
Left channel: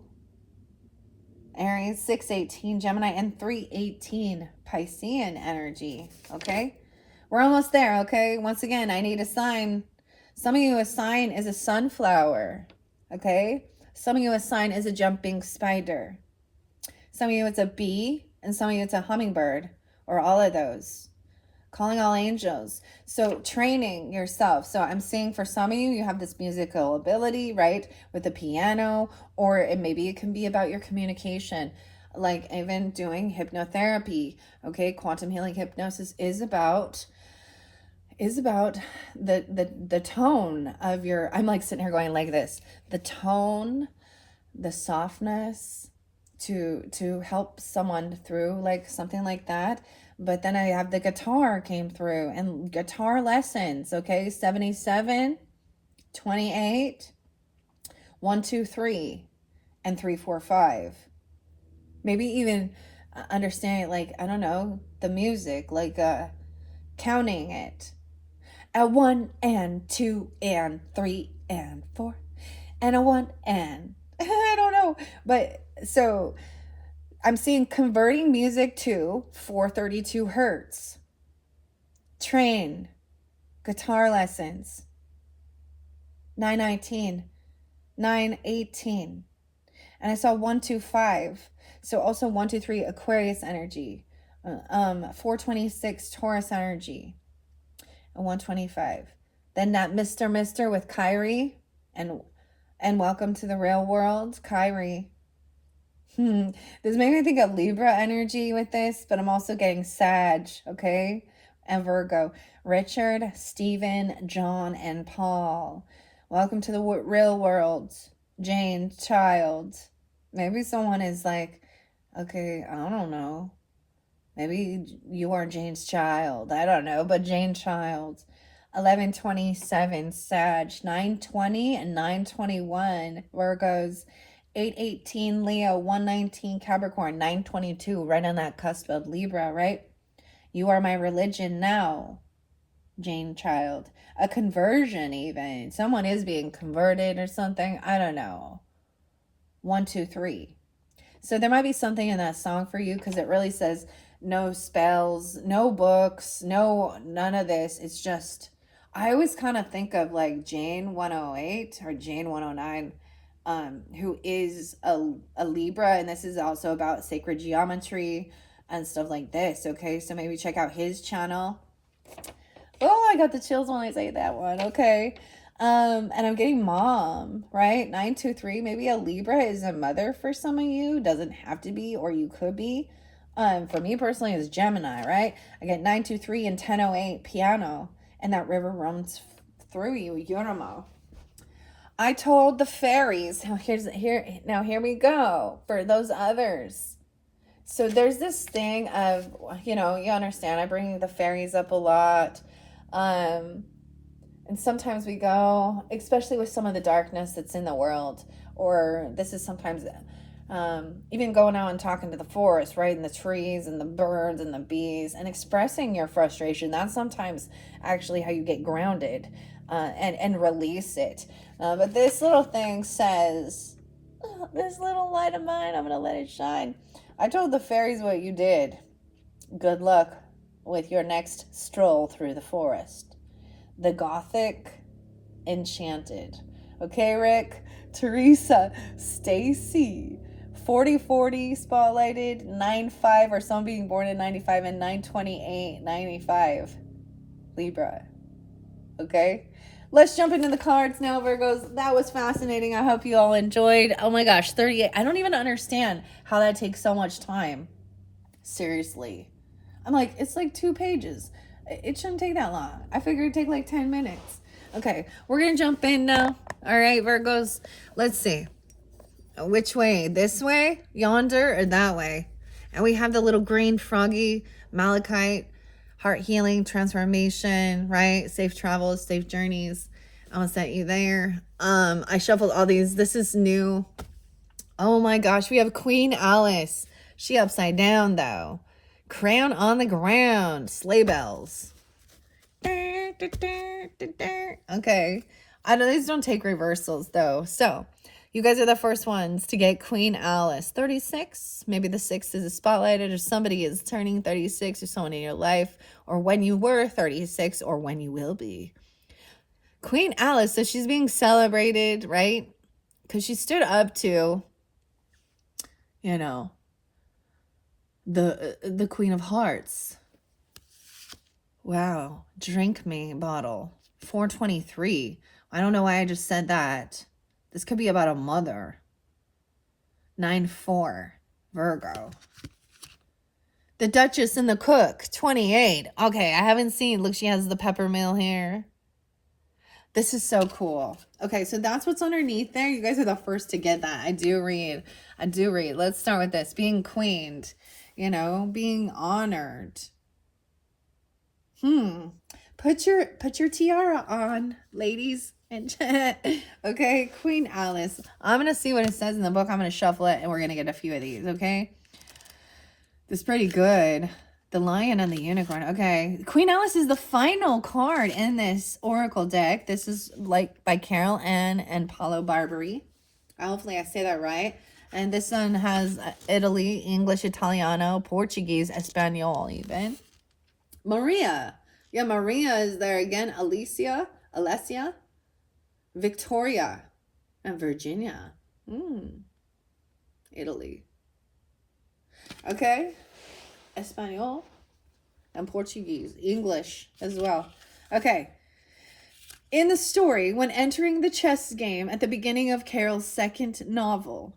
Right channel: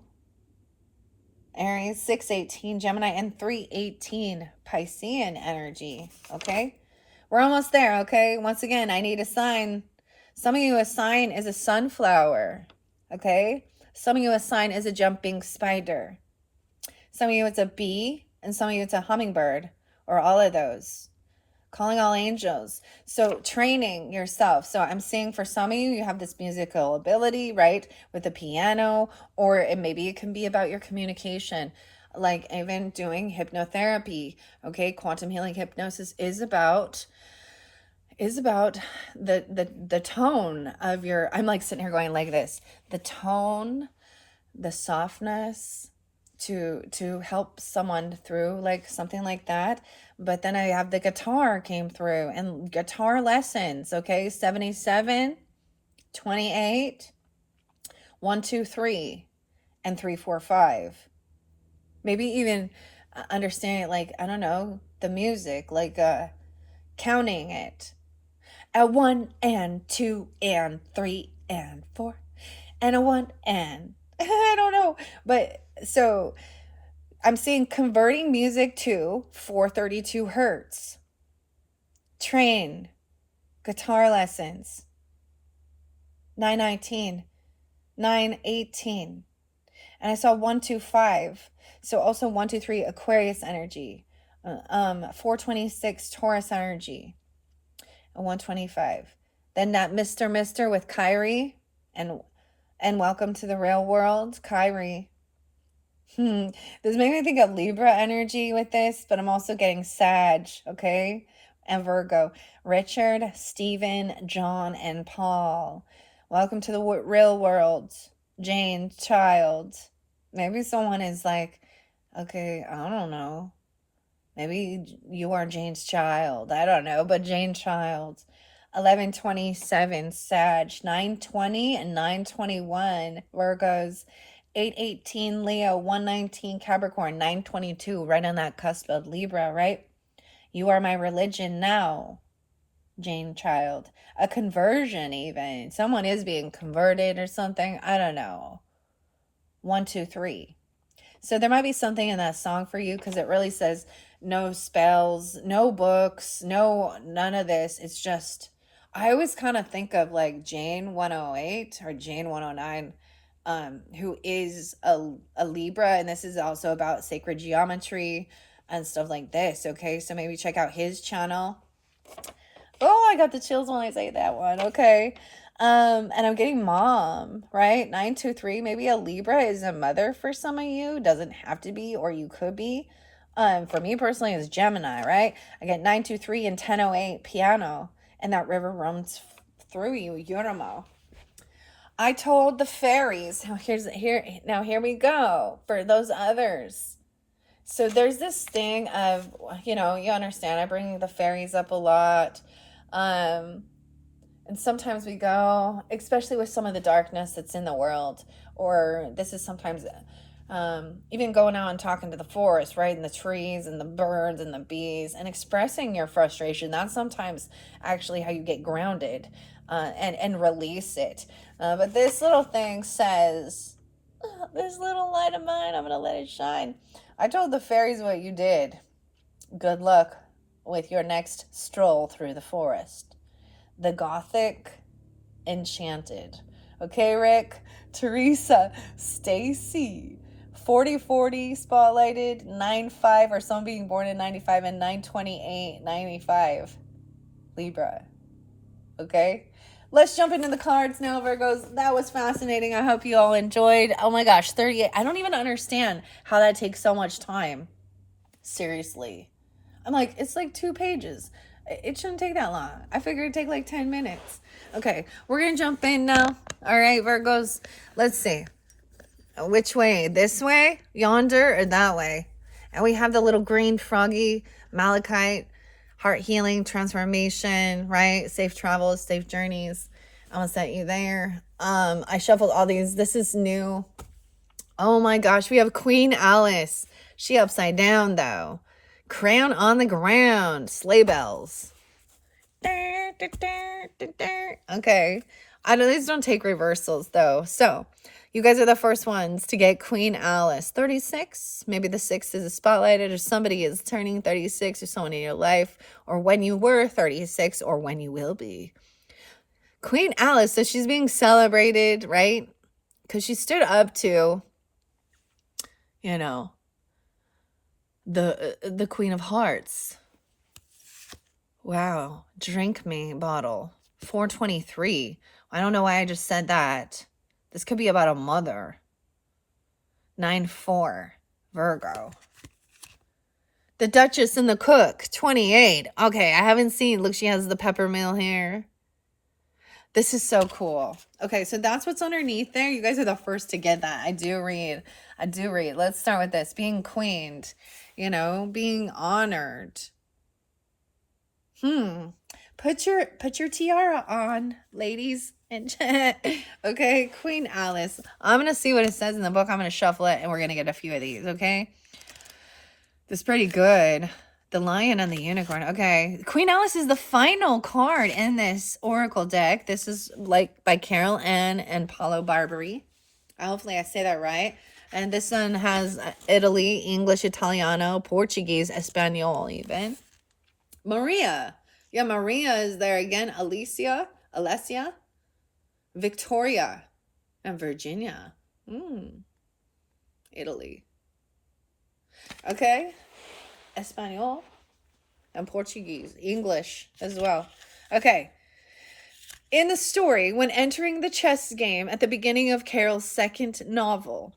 Aries, 618, Gemini, and 318, Piscean energy, okay? We're almost there, okay? Once again, I need a sign. Some of you, a sign is a sunflower, okay? Some of you, a sign is a jumping spider. Some of you, it's a bee, and some of you, it's a hummingbird, or all of those. calling all angels. So training yourself. So I'm seeing for some of you, you have this musical ability, right? With the piano, or maybe it can be about your communication, like even doing hypnotherapy. Okay. Quantum healing hypnosis is about the tone of your, I'm like sitting here going like this, the tone, the softness to help someone through like something like that. But then I have the guitar came through and guitar lessons. Okay. 77, 28, 1, 2, 3, and 3, 4, 5. Maybe even understanding, like, I don't know, the music, like counting it at 1 and 2 and 3 and 4 and a 1 and I don't know. But so I'm seeing converting music to 432 hertz. Train, guitar lessons, 919, 918. And I saw 125. So also 123 Aquarius energy, 426 Taurus energy, and 125. Then that Mr. with Kyrie and welcome to the real world, Kyrie. This made me think of Libra energy with this, but I'm also getting Sag, okay? And Virgo. Richard, Stephen, John, and Paul. Welcome to the real world. Jane, child. Maybe someone is like, okay, I don't know. Maybe you are Jane's child. I don't know, but Jane child. 1127 Sag, 920 and 921 Virgos, 818 Leo, 119 Capricorn, 922 right on that cusp of Libra, right? You are my religion now, Jane child. A conversion even. Someone is being converted or something. I don't know. 1, 2, 3. So there might be something in that song for you because it really says no spells, no books, none of this. It's just, I always kind of think of like Jane 108 or Jane 109, who is a Libra, and this is also about sacred geometry and stuff like this. Okay, so maybe check out his channel. Oh, I got the chills when I say that one. Okay. And I'm getting mom, right? 923. Maybe a Libra is a mother for some of you. Doesn't have to be, or you could be. For me personally, it's Gemini, right? I get 923 and 1008 piano, and that river runs through you, Yorama. I told the fairies. Now here we go for those others. So there's this thing of, you understand, I bring the fairies up a lot. And sometimes we go, especially with some of the darkness that's in the world, or this is sometimes even going out and talking to the forest, right? And the trees and the birds and the bees and expressing your frustration. That's sometimes actually how you get grounded and release it. But this little thing says, this little light of mine, I'm going to let it shine. I told the fairies what you did. Good luck with your next stroll through the forest. The Gothic Enchanted. Okay, Rick? Teresa, Stacy, 4040 spotlighted, 95, or some being born in 95, and 928, 95. Libra. Okay? Let's jump into the cards now, Virgos. That was fascinating. I hope you all enjoyed. Oh my gosh, 38. I don't even understand how that takes so much time. Seriously. I'm like, it's like 2 pages. It shouldn't take that long. I figured it'd take like 10 minutes. Okay, we're going to jump in now. All right, Virgos. Let's see. Which way? This way, yonder, or that way? And we have the little green froggy, malachite, heart healing, transformation, right? Safe travels, safe journeys. I'll set you there. I shuffled all these. This is new. Oh my gosh, we have Queen Alice. She upside down though. Crown on the ground. Sleigh bells. Okay. I know these don't take reversals though. So you guys are the first ones to get Queen Alice. 36. Maybe the 6 is spotlighted, or somebody is turning 36, or someone in your life, or when you were 36, or when you will be. Queen Alice, so she's being celebrated, right? Because she stood up to, the Queen of Hearts. Wow. Drink me bottle. 423. I don't know why I just said that. This could be about a mother. 9-4. Virgo. The Duchess and the Cook. 28. Okay, I haven't seen. Look, she has the peppermill here. This is so cool. Okay, so that's what's underneath there. You guys are the first to get that. I do read. Let's start with this. Being queened. You know, being honored. Put your tiara on, ladies. And okay, Queen Alice. I'm gonna see what it says in the book. I'm gonna shuffle it, and we're gonna get a few of these. Okay, this is pretty good. The Lion and the Unicorn. Okay, Queen Alice is the final card in this Oracle deck. This is like by Carol Ann and Paolo Barberi. Hopefully I say that right. And this one has Italy, English, Italiano, Portuguese, Espanol even. Maria. Yeah, Maria is there again. Alessia, Victoria, and Virginia. Italy. Okay. Espanol and Portuguese. English as well. Okay. In the story, when entering the chess game at the beginning of Carol's second novel,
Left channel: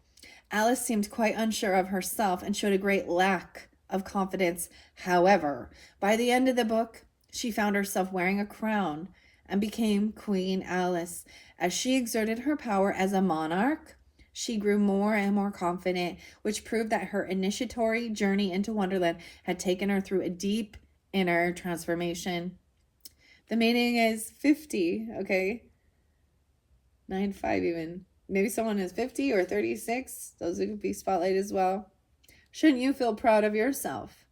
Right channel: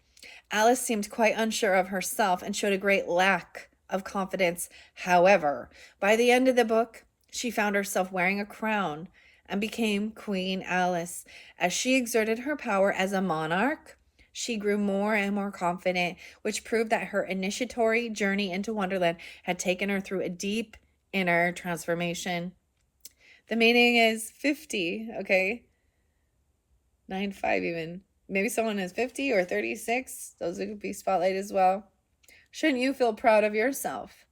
Alice seemed quite unsure of herself and showed a great lack of confidence. However, by the end of the book, she found herself wearing a crown and became Queen Alice. As she exerted her power as a monarch, she grew more and more confident, which proved that her initiatory journey into Wonderland had taken her through a deep inner transformation. The meaning is 50, okay? 9-5 even. Maybe someone is 50 or 36. Those would be spotlight as well. Shouldn't you feel proud of yourself?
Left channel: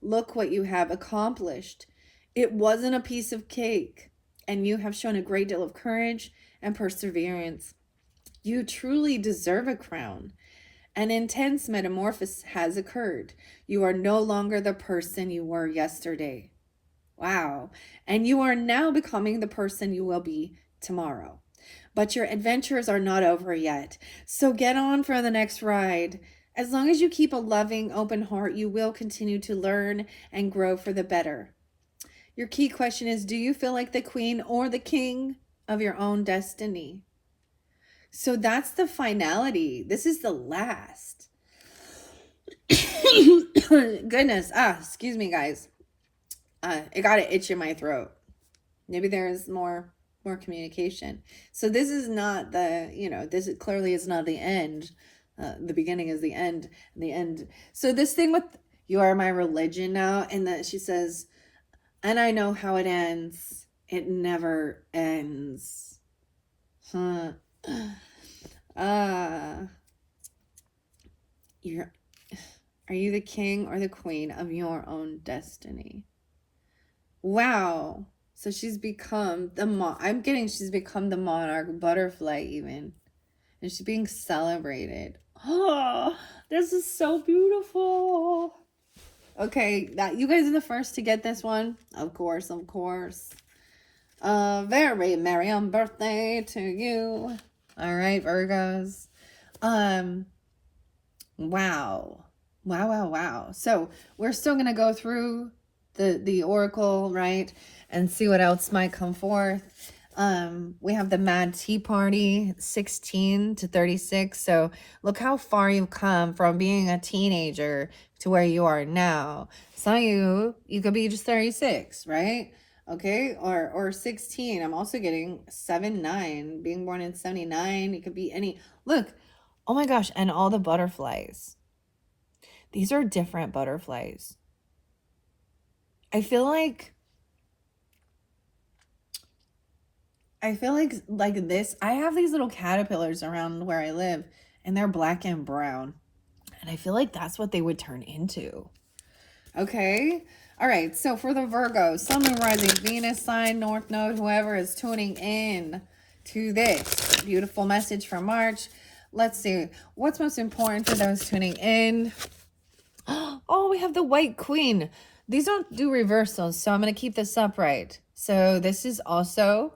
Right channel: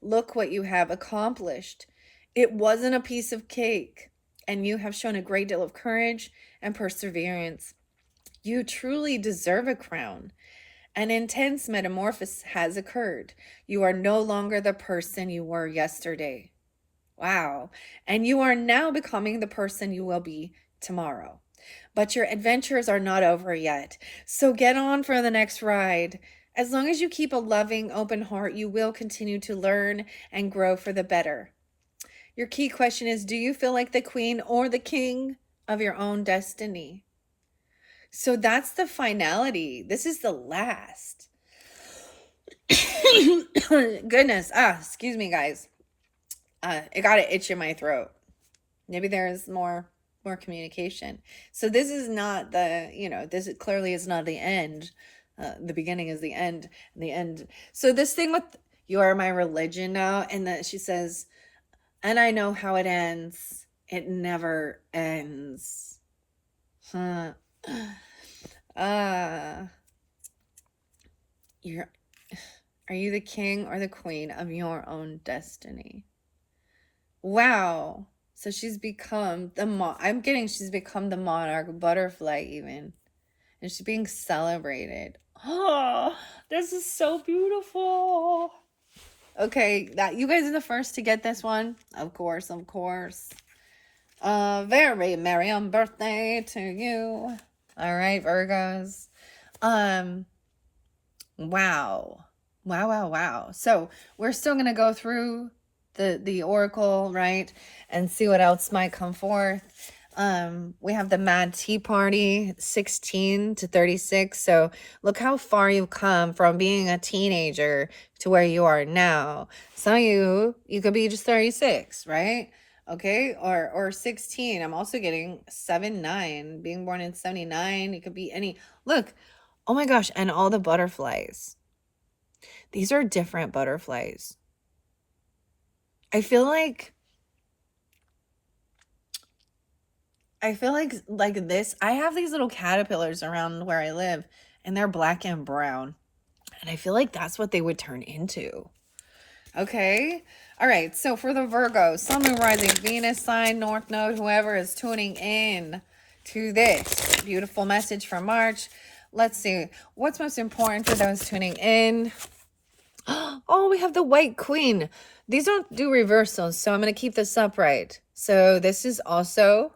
Look what you have accomplished. It wasn't a piece of cake, and you have shown a great deal of courage and perseverance. You truly deserve a crown. An intense metamorphosis has occurred. You are no longer the person you were yesterday. Wow. And you are now becoming the person you will be tomorrow. But your adventures are not over yet. So get on for the next ride. As long as you keep a loving, open heart, you will continue to learn and grow for the better. Your key question is, do you feel like the queen or the king of your own destiny? So that's the finality. This is the last. Goodness. Excuse me, guys. It got an itch in my throat. Maybe there's more communication. So this is not the, this clearly is not the end. The beginning is the end. The end. So this thing with you are my religion now, and that she says, and I know how it ends. It never ends. Are you the king or the queen of your own destiny? Wow. So she's become she's become the monarch butterfly even. And she's being celebrated. Oh, this is so beautiful. Okay, that you guys are the first to get this one. Of course. Very merry birthday to you. All right, Virgos. Wow. So we're still gonna go through the oracle, right, and see what else might come forth. We have the Mad Tea Party, 16 to 36. So look how far you've come from being a teenager to where you are now. Some of you could be just 36, right? Okay, or 16. I'm also getting 7-9, being born in 79. It could be any. Look, oh my gosh, and all the butterflies. These are different butterflies. I feel like this, I have these little caterpillars around where I live, and they're black and brown. And I feel like that's what they would turn into. Okay. All right. So for the Virgo, Sun, Moon, Rising, Venus sign, North Node, whoever is tuning in to this beautiful message for March. Let's see. What's most important for those tuning in? Oh, we have the White Queen. These don't do reversals, so I'm going to keep this upright. So this is also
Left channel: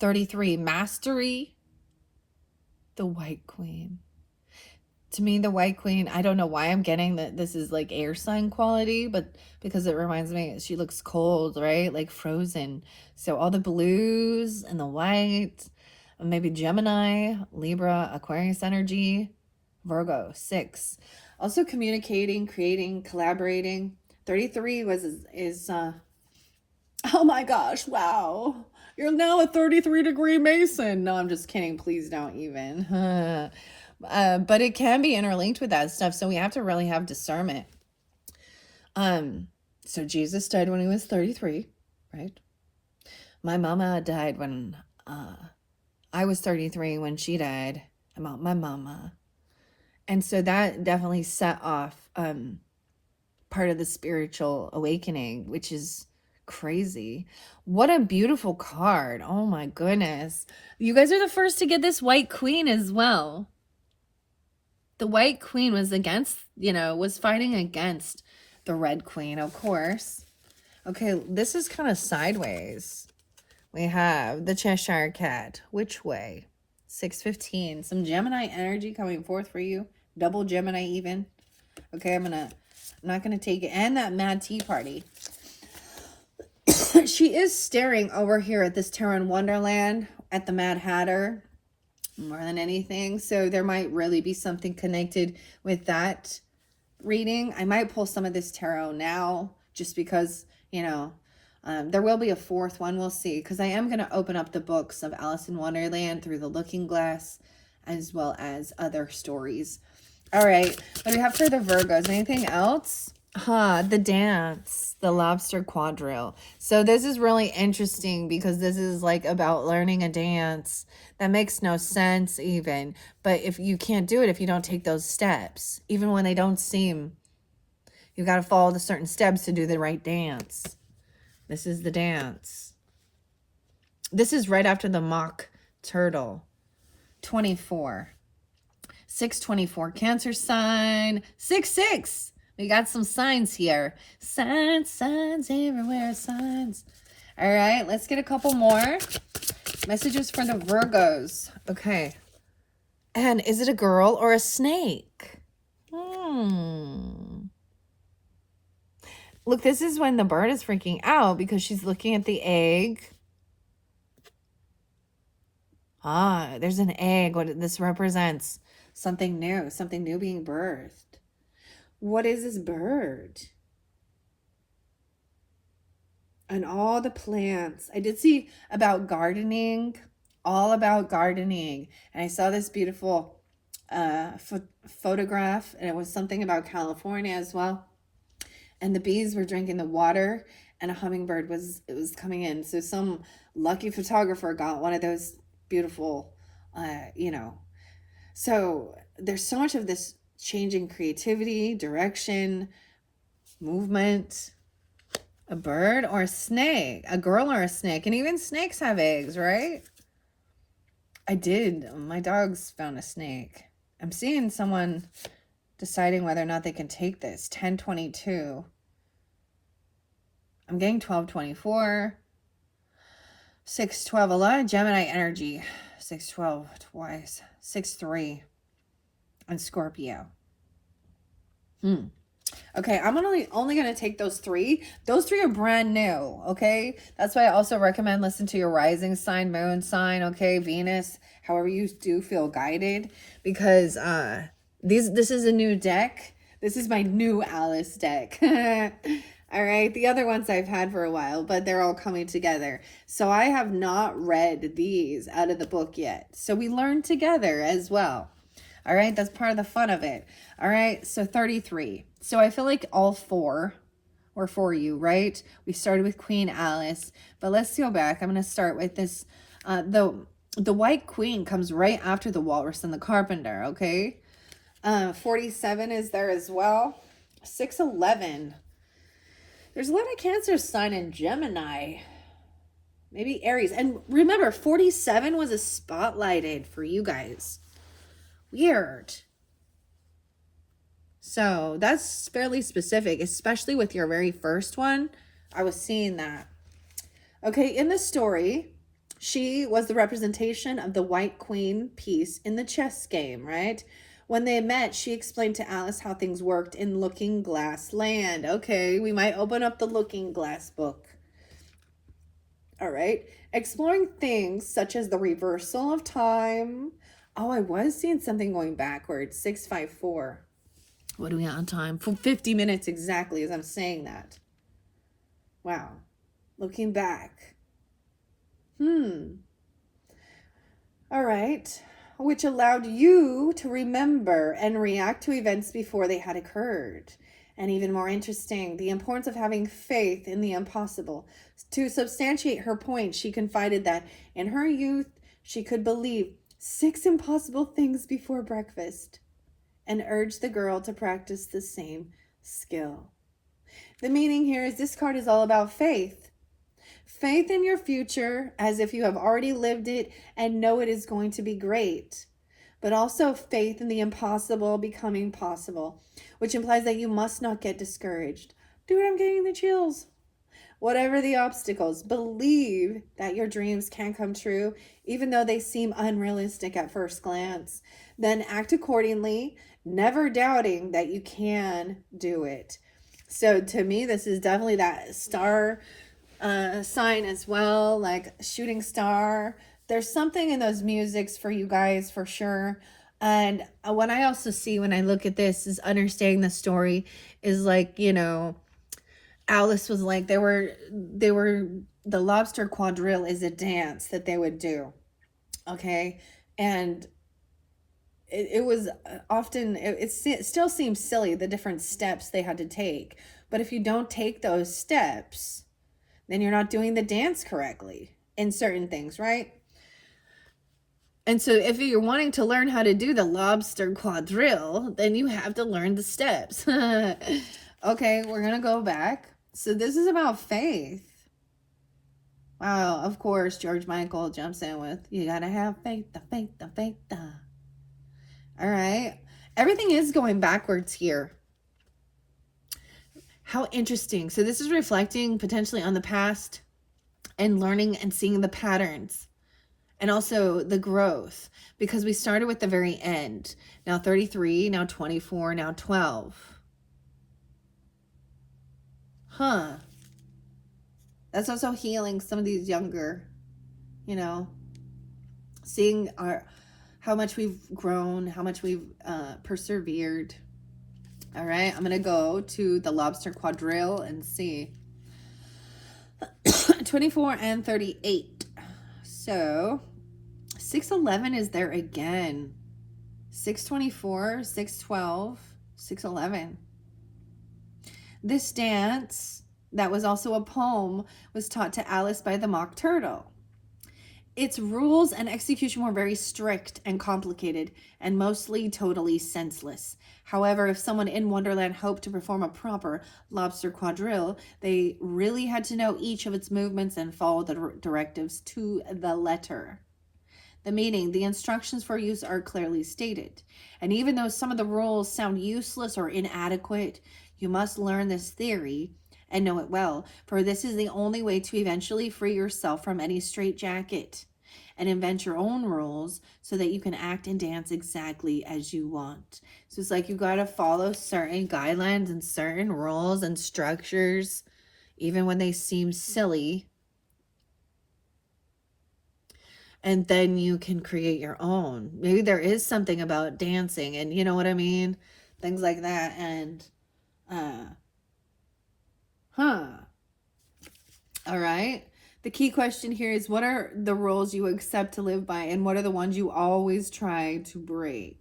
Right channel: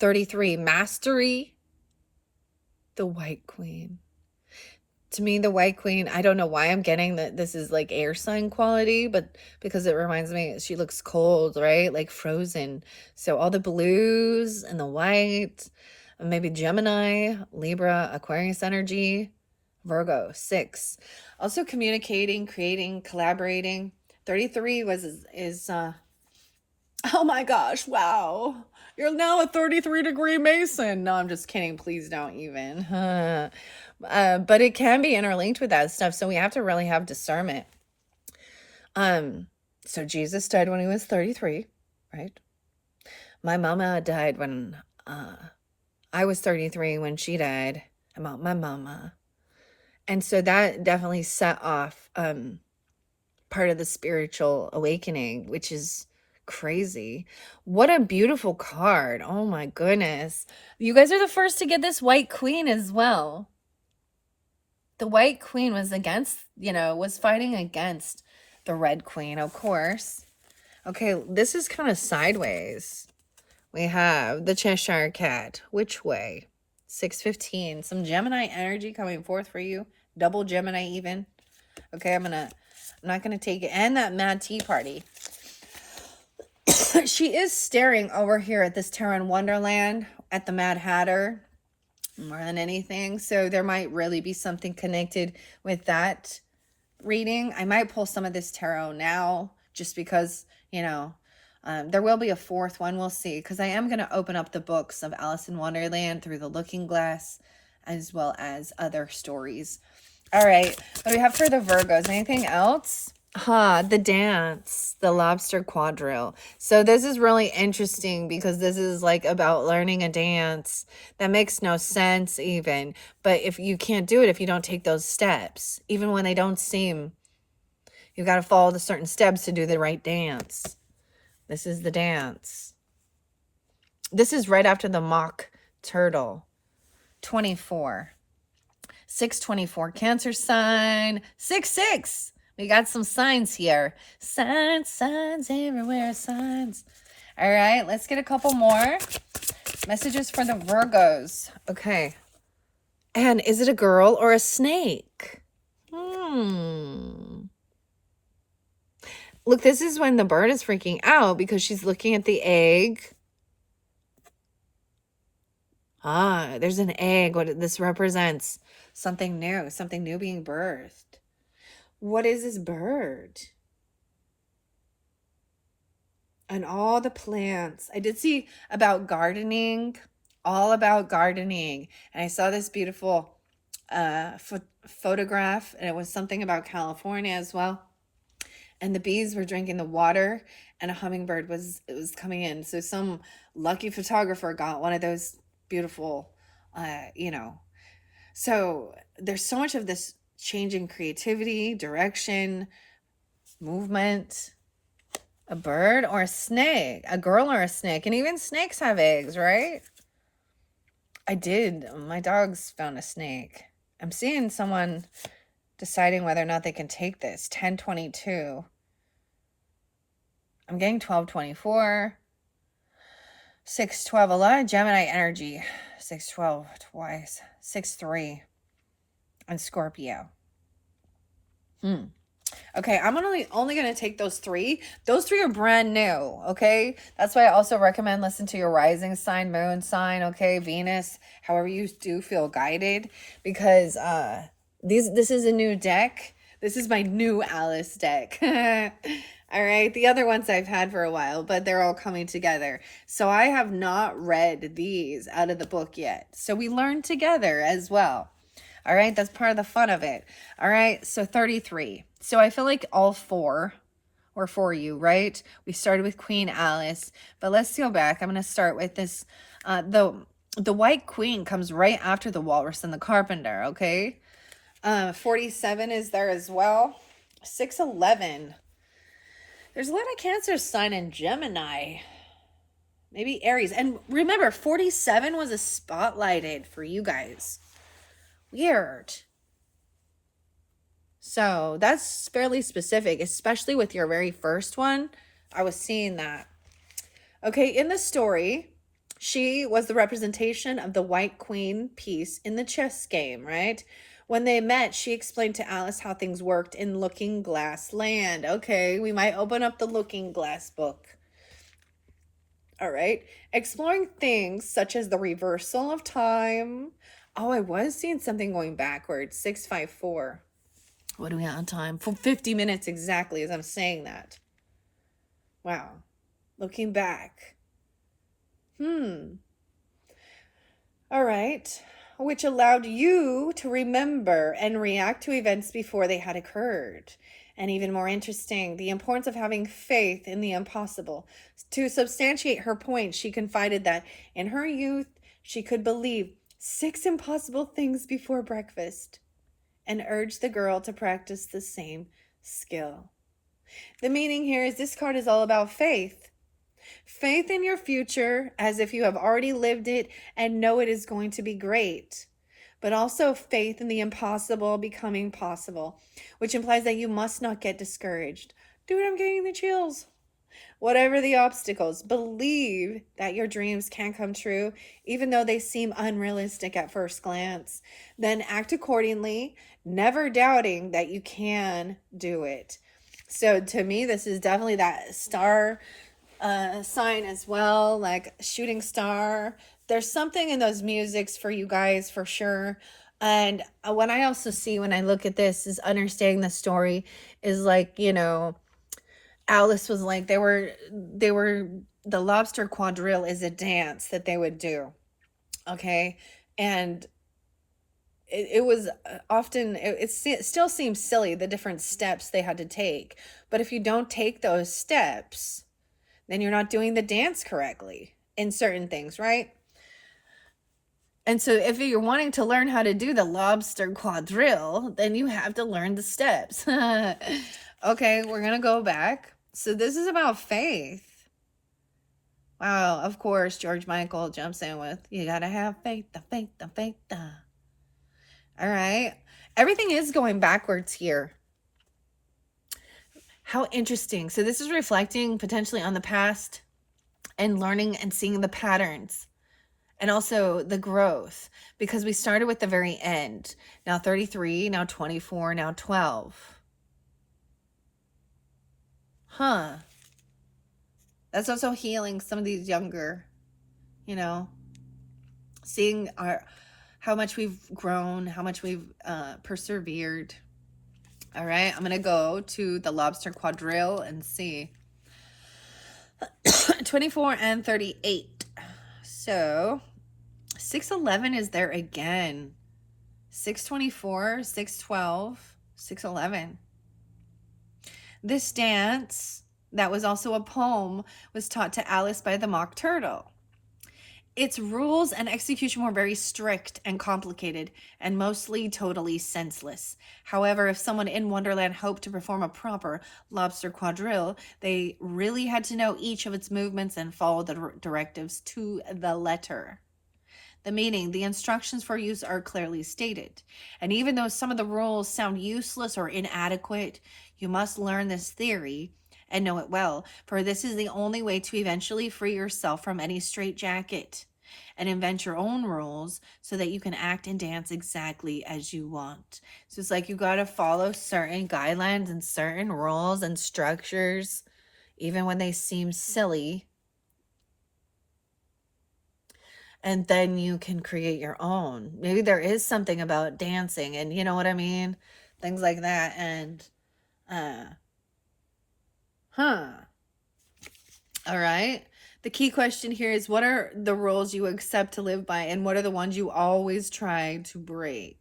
33, Mastery, the White Queen. To me, the White Queen, I don't know why I'm getting that this is like air sign quality, but because it reminds me, she looks cold, right? Like frozen. So all the blues and the white, maybe Gemini, Libra, Aquarius energy, Virgo, 6. Also communicating, creating, collaborating. 33 is oh my gosh, wow. You're now a 33-degree Mason. No, I'm just kidding. Please don't even. But it can be interlinked with that stuff. So we have to really have discernment. So Jesus died when he was 33, right? My mama died when I was 33 when she died. About my mama. And so that definitely set off part of the spiritual awakening, which is crazy. What a beautiful card. Oh my goodness. You guys are the first to get this White Queen as well. The White Queen was against, was fighting against the Red Queen, of course. Okay, this is kind of sideways. We have the Cheshire Cat. Which way? 615. Some Gemini energy coming forth for you. Double Gemini even. Okay, I'm not gonna take it. And that Mad Tea Party. She is staring over here at this Tarot in Wonderland, at the Mad Hatter, more than anything. So there might really be something connected with that reading. I might pull some of this tarot now just because, there will be a fourth one. We'll see. Because I am going to open up the books of Alice in Wonderland through the Looking Glass as well as other stories. All right. What do we have for the Virgos? Anything else? The dance, the lobster quadrille. So this is really interesting because this is like about learning a dance that makes no sense even. But if you can't do it, if you don't take those steps, even when they don't seem, you got to follow the certain steps to do the right dance. This is the dance. This is right after the mock turtle. 24. 624 Cancer sign. 66. We got some signs here. Signs everywhere, signs. All right, let's get a couple more. Messages for the Virgos. Okay. And is it a girl or a snake? Look, this is when the bird is freaking out because she's looking at the egg. There's an egg. What this represents? Something new being birthed. What is this bird? And all the plants. I did see about gardening, all about gardening. And I saw this beautiful photograph, and it was something about California as well. And the bees were drinking the water, and a hummingbird was coming in. So some lucky photographer got one of those beautiful, So there's so much of this changing creativity, direction, movement. A bird or a snake, a girl or a snake. And even snakes have eggs, right? My dogs found a snake. I'm seeing someone deciding whether or not they can take this. 1022. I'm getting 1224. 612. A lot of Gemini energy. 612 twice. 63. And Scorpio. Okay, I'm only going to take those three. Those three are brand new, okay? That's why I also recommend listen to your rising sign, moon sign, okay, Venus, however you do feel guided, because this is a new deck. This is my new Alice deck. All right, the other ones I've had for a while, but they're all coming together. So I have not read these out of the book yet. So we learn together as well. All right, that's part of the fun of it. All right, so 33. So I feel like all four were for you, right? We started with Queen Alice, but let's go back. I'm going to start with this. The White Queen comes right after the Walrus and the Carpenter, okay? 47 is there as well. 611. There's a lot of Cancer sign in Gemini. Maybe Aries. And remember, 47 was a spotlighted for you guys. Weird. So that's fairly specific, especially with your very first one. I was seeing that. Okay, in the story, she was the representation of the White Queen piece in the chess game, right? When they met, she explained to Alice how things worked in Looking Glass Land. Okay, we might open up the Looking Glass book. All right. Exploring things such as the reversal of time. Oh, I was seeing something going backwards. 654. What are we on time? For 50 minutes exactly as I'm saying that. Wow. Looking back. All right. Which allowed you to remember and react to events before they had occurred. And even more interesting, the importance of having faith in the impossible. To substantiate her point, she confided that in her youth, she could believe 6 impossible things before breakfast and urged the girl to practice the same skill. The meaning here is this card is all about faith. Faith in your future as if you have already lived it and know it is going to be great. But also faith in the impossible becoming possible, which implies that you must not get discouraged. Dude, I'm getting the chills. Whatever the obstacles, believe that your dreams can come true, even though they seem unrealistic at first glance. Then act accordingly, never doubting that you can do it. So to me, this is definitely that star sign as well, like shooting star. There's something in those musics for you guys for sure. And what I also see when I look at this is understanding the story is like, you know, Alice was like, they were the lobster quadrille is a dance that they would do. Okay. And it was often, it still seems silly, the different steps they had to take. But if you don't take those steps, then you're not doing the dance correctly in certain things, right? And so if you're wanting to learn how to do the lobster quadrille, then you have to learn the steps. Okay, we're going to go back. So this is about faith. Wow, of course, George Michael jumps in with, you got to have faith, the faith, the faith. All right. Everything is going backwards here. How interesting. So this is reflecting potentially on the past and learning and seeing the patterns and also the growth, because we started with the very end. Now 33, now 24, now 12. Huh. That's also healing some of these younger, you know, seeing how much we've grown, how much we've persevered. All right, I'm going to go to the lobster quadrille and see. 24 and 38. So 611 is there again. 624, 612, 611. This dance, that was also a poem, was taught to Alice by the Mock Turtle. Its rules and execution were very strict and complicated and mostly totally senseless. However, if someone in Wonderland hoped to perform a proper lobster quadrille, they really had to know each of its movements and follow the directives to the letter. The meaning, the instructions for use are clearly stated. And even though some of the rules sound useless or inadequate, you must learn this theory and know it well, for this is the only way to eventually free yourself from any straitjacket and invent your own rules so that you can act and dance exactly as you want. So it's like you got to follow certain guidelines and certain rules and structures, even when they seem silly. And then you can create your own. Maybe there is something about dancing and you know what I mean? Things like that. And, all right. The key question here is, what are the rules you accept to live by and what are the ones you always try to break?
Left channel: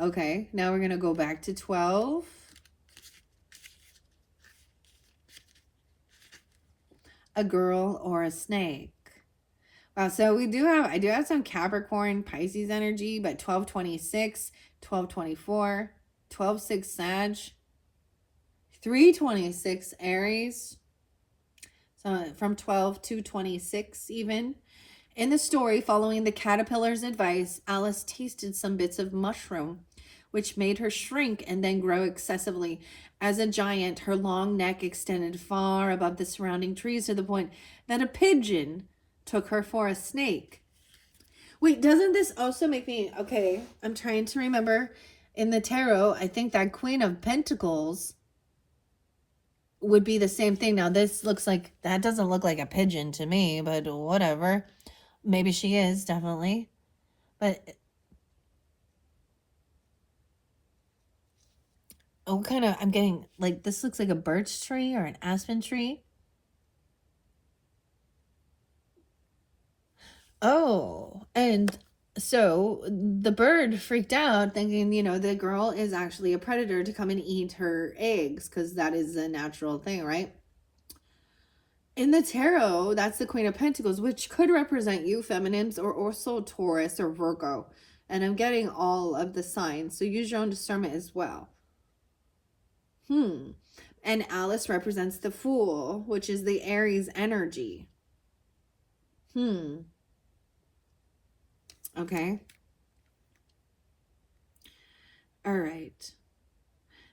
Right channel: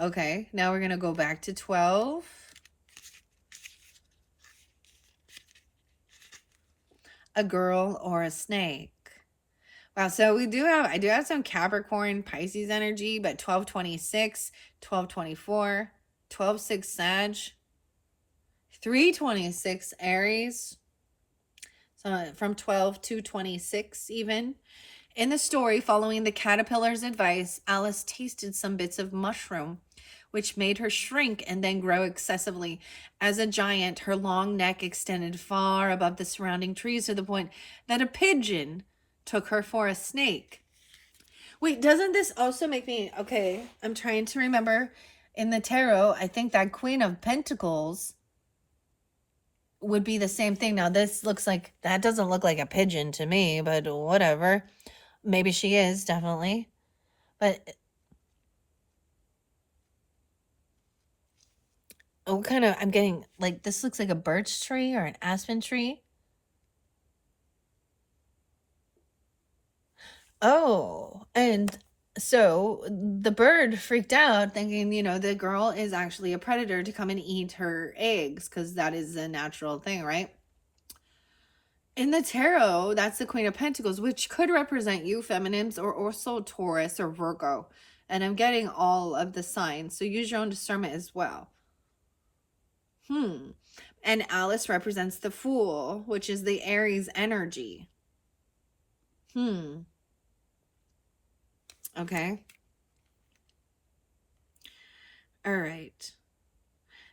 Okay, now we're going to go back to 12. A girl or a snake. Wow, so I do have some Capricorn, Pisces energy, but 1226, 1224, 12-6 Sag, 326 Aries, so from 12 to 26 even. In the story, following the caterpillar's advice, Alice tasted some bits of mushroom, which made her shrink and then grow excessively. As a giant, her long neck extended far above the surrounding trees to the point that a pigeon took her for a snake. Wait, doesn't this also make me, okay, I'm trying to remember in the tarot, I think that Queen of Pentacles would be the same thing. Now, this looks like, that doesn't look like a pigeon to me, but whatever. Maybe she is, definitely. But what kind of, I'm getting, like, this looks like a birch tree or an aspen tree. Oh, and so the bird freaked out thinking, the girl is actually a predator to come and eat her eggs because that is a natural thing, right? In the tarot, that's the Queen of Pentacles, which could represent you, feminines, or also Taurus or Virgo. And I'm getting all of the signs, so use your own discernment as well. And Alice represents the Fool, which is the Aries energy. Okay. All right.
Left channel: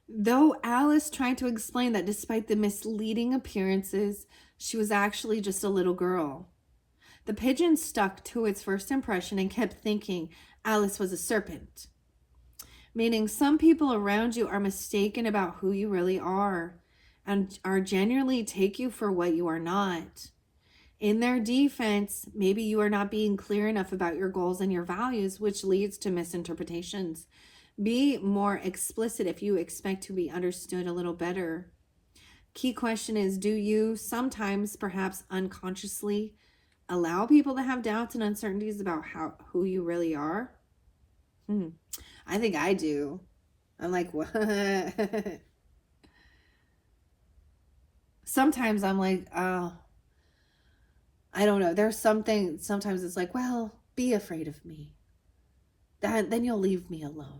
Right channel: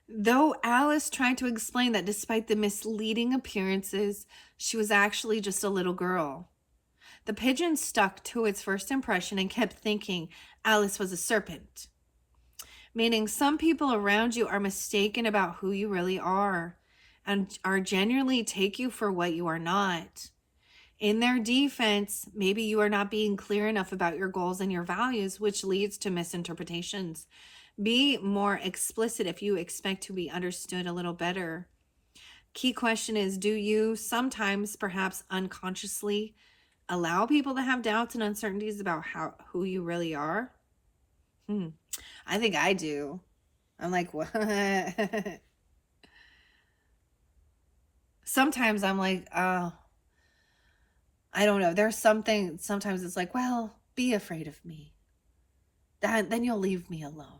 Though Alice tried to explain that despite the misleading appearances, she was actually just a little girl. The pigeon stuck to its first impression and kept thinking Alice was a serpent. Meaning, some people around you are mistaken about who you really are and are genuinely take you for what you are not. In their defense, maybe you are not being clear enough about your goals and your values, which leads to misinterpretations. Be more explicit if you expect to be understood a little better. Key question is, do you sometimes, perhaps unconsciously, allow people to have doubts and uncertainties about who you really are? I think I do. I'm like, what? Sometimes I'm like, oh, I don't know. There's something, sometimes it's like, well, be afraid of me. Then you'll leave me alone.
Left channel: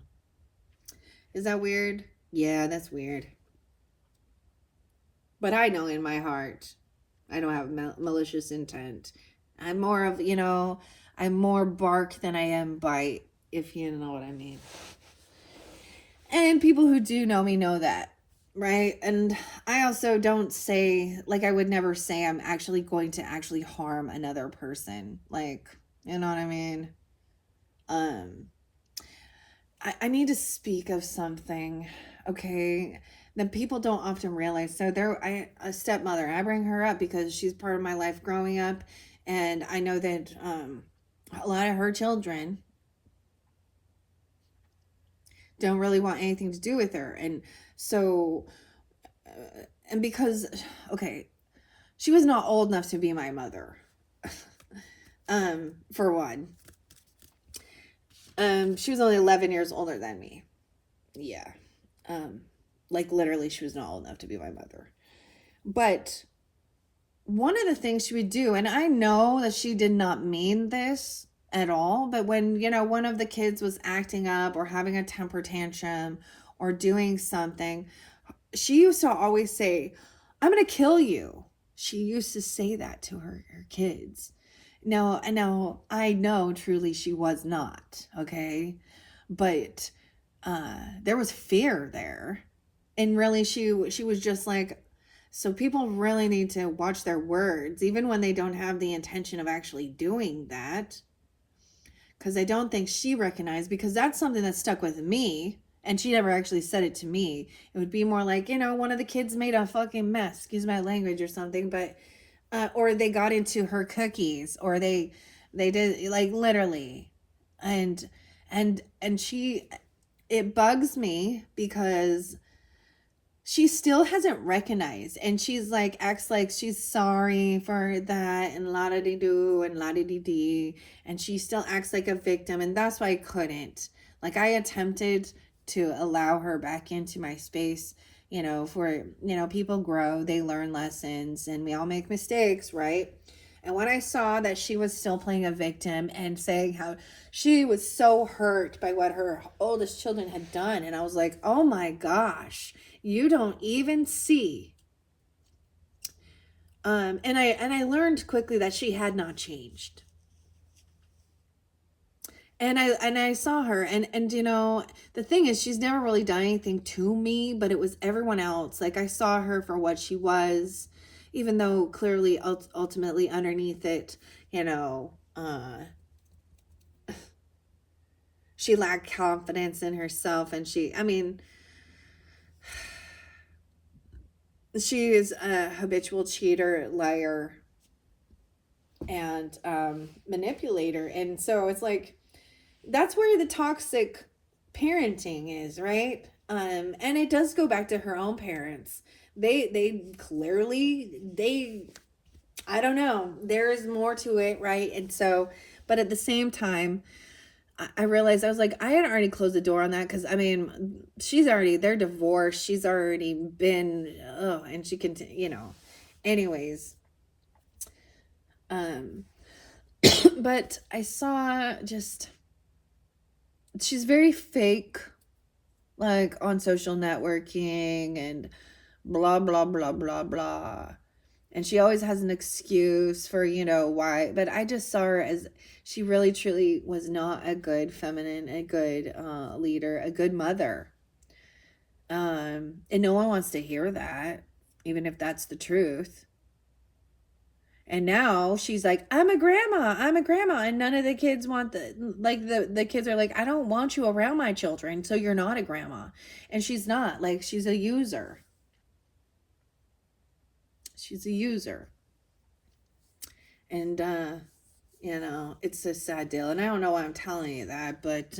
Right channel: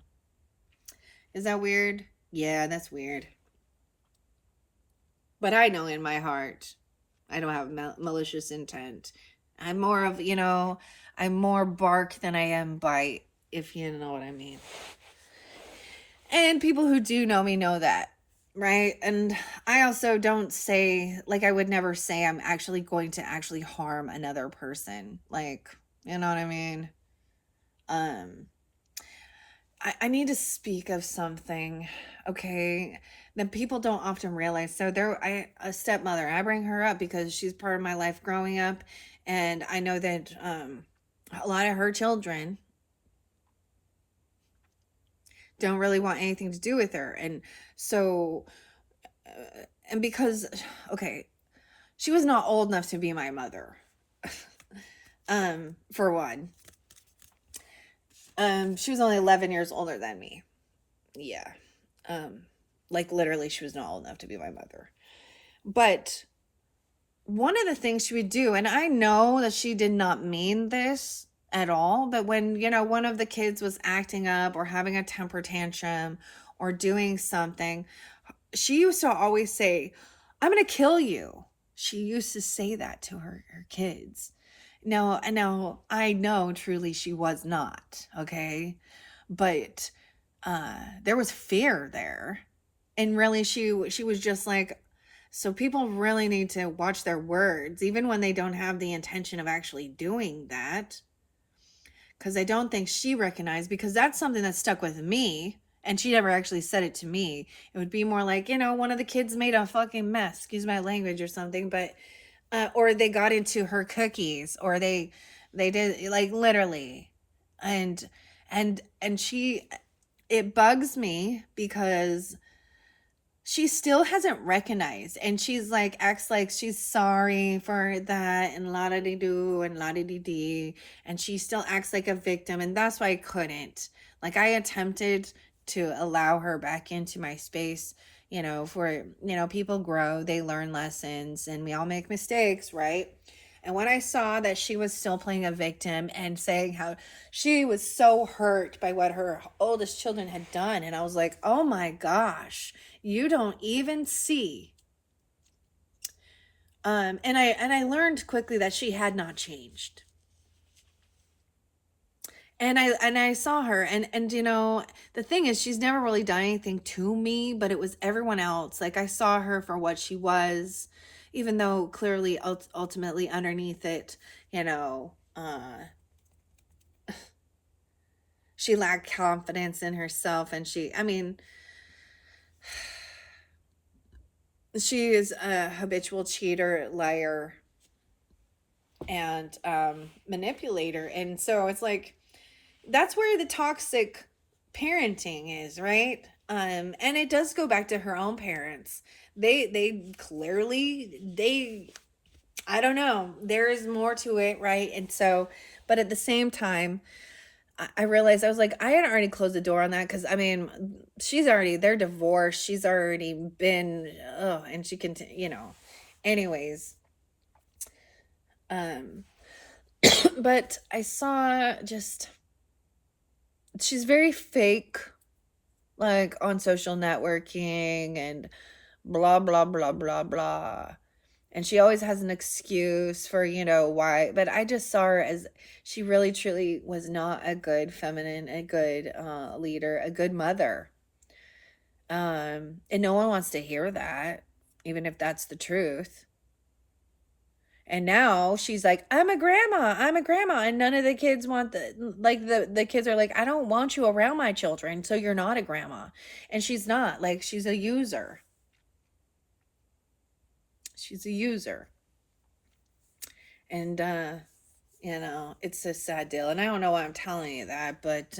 Is that weird? Yeah, that's weird. But I know in my heart, I don't have malicious intent. I'm more of, I'm more bark than I am bite, if you know what I mean. And people who do know me know that, right? And I also don't say, like, I would never say I'm actually going to actually harm another person. Like, you know what I mean? Um, I need to speak of something, okay, that people don't often realize. So a stepmother, I bring her up because she's part of my life growing up, and I know that a lot of her children don't really want anything to do with her, and so and because, okay, she was not old enough to be my mother, for one. She was only 11 years older than me. Yeah. Like literally she was not old enough to be my mother. But one of the things she would do, and I know that she did not mean this at all, but when, one of the kids was acting up or having a temper tantrum or doing something, she used to always say, I'm going to kill you. She used to say that to her kids. Now, I know truly she was not, okay? But there was fear there. And really she was just like, so people really need to watch their words, even when they don't have the intention of actually doing that. Because I don't think she recognized, because that's something that stuck with me. And she never actually said it to me. It would be more like, one of the kids made a fucking mess, excuse my language, or something. But or they got into her cookies, or they did, like, literally. And she, it bugs me because she still hasn't recognized, and she's like, acts like she's sorry for that, and la da dee do and la da dee dee, and she still acts like a victim. And that's why I couldn't, like, I attempted to allow her back into my space, for, people grow, they learn lessons, and we all make mistakes, right? And when I saw that she was still playing a victim and saying how she was so hurt by what her oldest children had done, and I was like, oh my gosh, you don't even see. And I learned quickly that she had not changed. And I saw her, and the thing is, she's never really done anything to me, but it was everyone else. Like, I saw her for what she was, even though clearly ultimately underneath it, she lacked confidence in herself, and she is a habitual cheater, liar, and manipulator. And so it's like, that's where the toxic parenting is, right? And it does go back to her own parents. They clearly, I don't know, there's more to it, right? And so, but at the same time, I realized, I was like, I had already closed the door on that, because they're divorced, she's already been, and she can, anyways. But I saw just, she's very fake, like on social networking and blah, blah, blah, blah, blah. And she always has an excuse for, why. But I just saw her as, she really, truly was not a good feminine, a good leader, a good mother. And no one wants to hear that, even if that's the truth. And now she's like, I'm a grandma. And none of the kids want the kids are like, I don't want you around my children, so you're not a grandma. And she's not. Like, she's a user. She's a user. And, it's a sad deal. And I don't know why I'm telling you that, but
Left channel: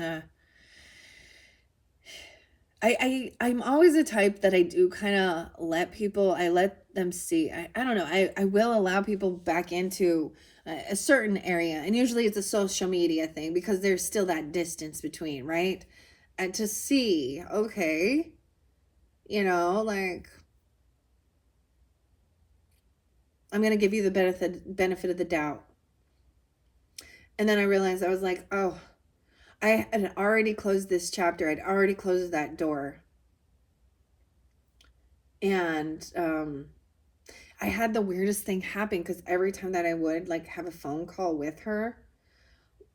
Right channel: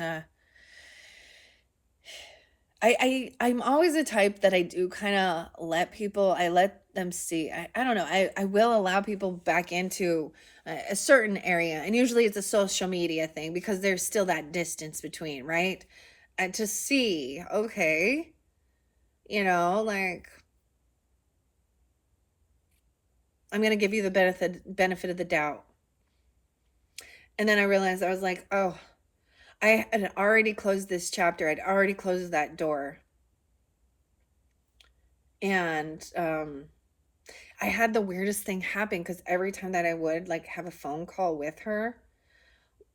I'm always the type that I do kind of I let them see. I don't know. I will allow people back into a certain area. And usually it's a social media thing, because there's still that distance between, right? And to see, okay, like, I'm going to give you the benefit of the doubt. And then I realized, I was like, oh, I had already closed this chapter. I'd already closed that door. And I had the weirdest thing happen, because every time that I would like have a phone call with her,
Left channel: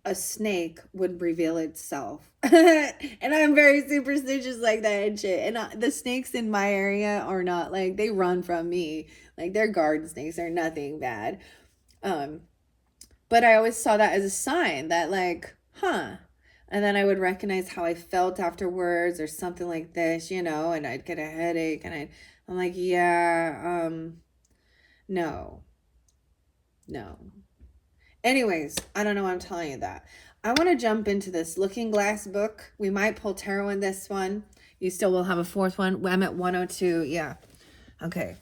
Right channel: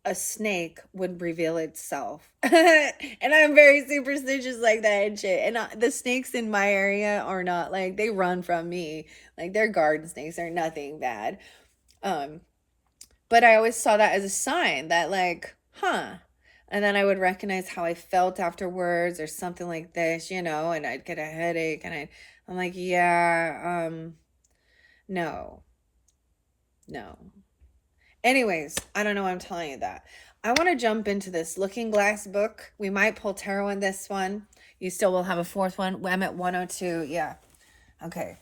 a snake would reveal itself. And I'm very superstitious like that and shit. And the snakes in my area are not like, they run from me. Like, they're garden snakes, they're nothing bad. But I always saw that as a sign that, like, and then I would recognize how I felt afterwards or something like this, and I'd get a headache, and I'm like, yeah, no. Anyways, I don't know why I'm telling you that. I want to jump into this Looking Glass book. We might pull tarot in this one. You still will have a fourth one. I'm at 102. Yeah. Okay.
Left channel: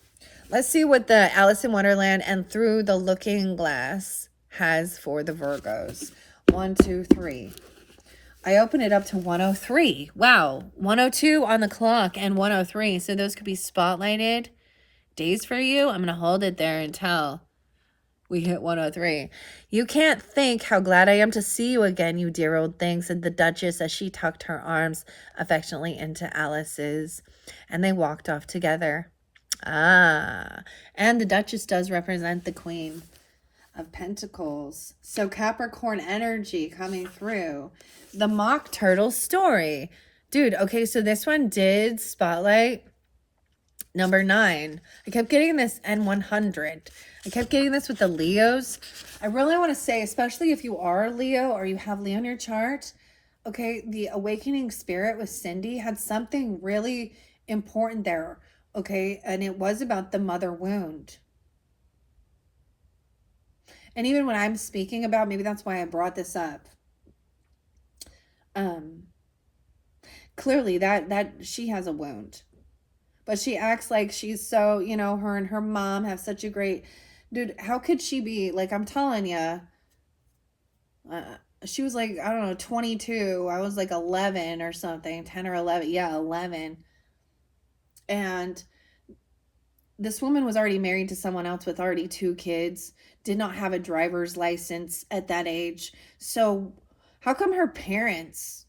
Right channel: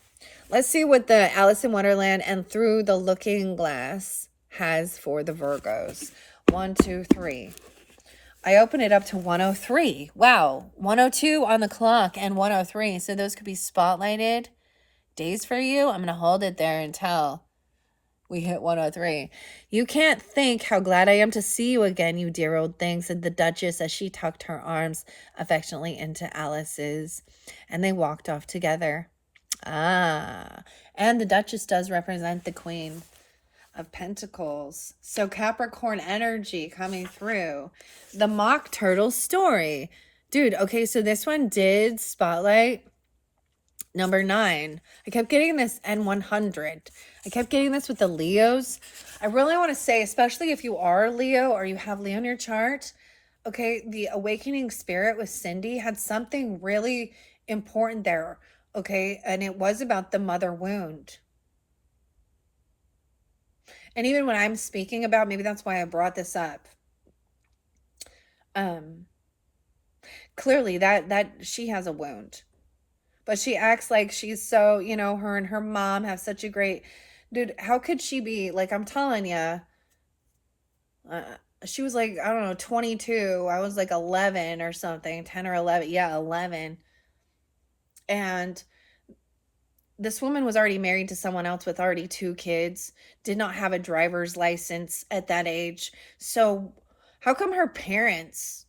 Let's see what the Alice in Wonderland and Through the Looking Glass has for the Virgos. 1, 2, 3. I open it up to 103. Wow. 102 on the clock and 103. So those could be spotlighted days for you. I'm going to hold it there until we hit 103. You can't think how glad I am to see you again, you dear old thing, said the Duchess as she tucked her arms affectionately into Alice's, and they walked off together. And the Duchess does represent the Queen of Pentacles. So Capricorn energy coming through. The Mock Turtle story. Dude, okay, so this one did spotlight number 9. I kept getting this N100. I kept getting this with the Leos. I really want to say, especially if you are a Leo or you have Leo in your chart, okay, the Awakening Spirit with Cindy had something really important there, okay? And it was about the mother wound. And even when I'm speaking about, maybe that's why I brought this up. Clearly that she has a wound. But she acts like she's so, her and her mom have such a great, dude, how could she be, like, I'm telling you, she was like, I don't know, 22. I was like 11 or something, 10 or 11. Yeah, 11. And this woman was already married to someone else with already 2 kids, did not have a driver's license at that age. So how come her parents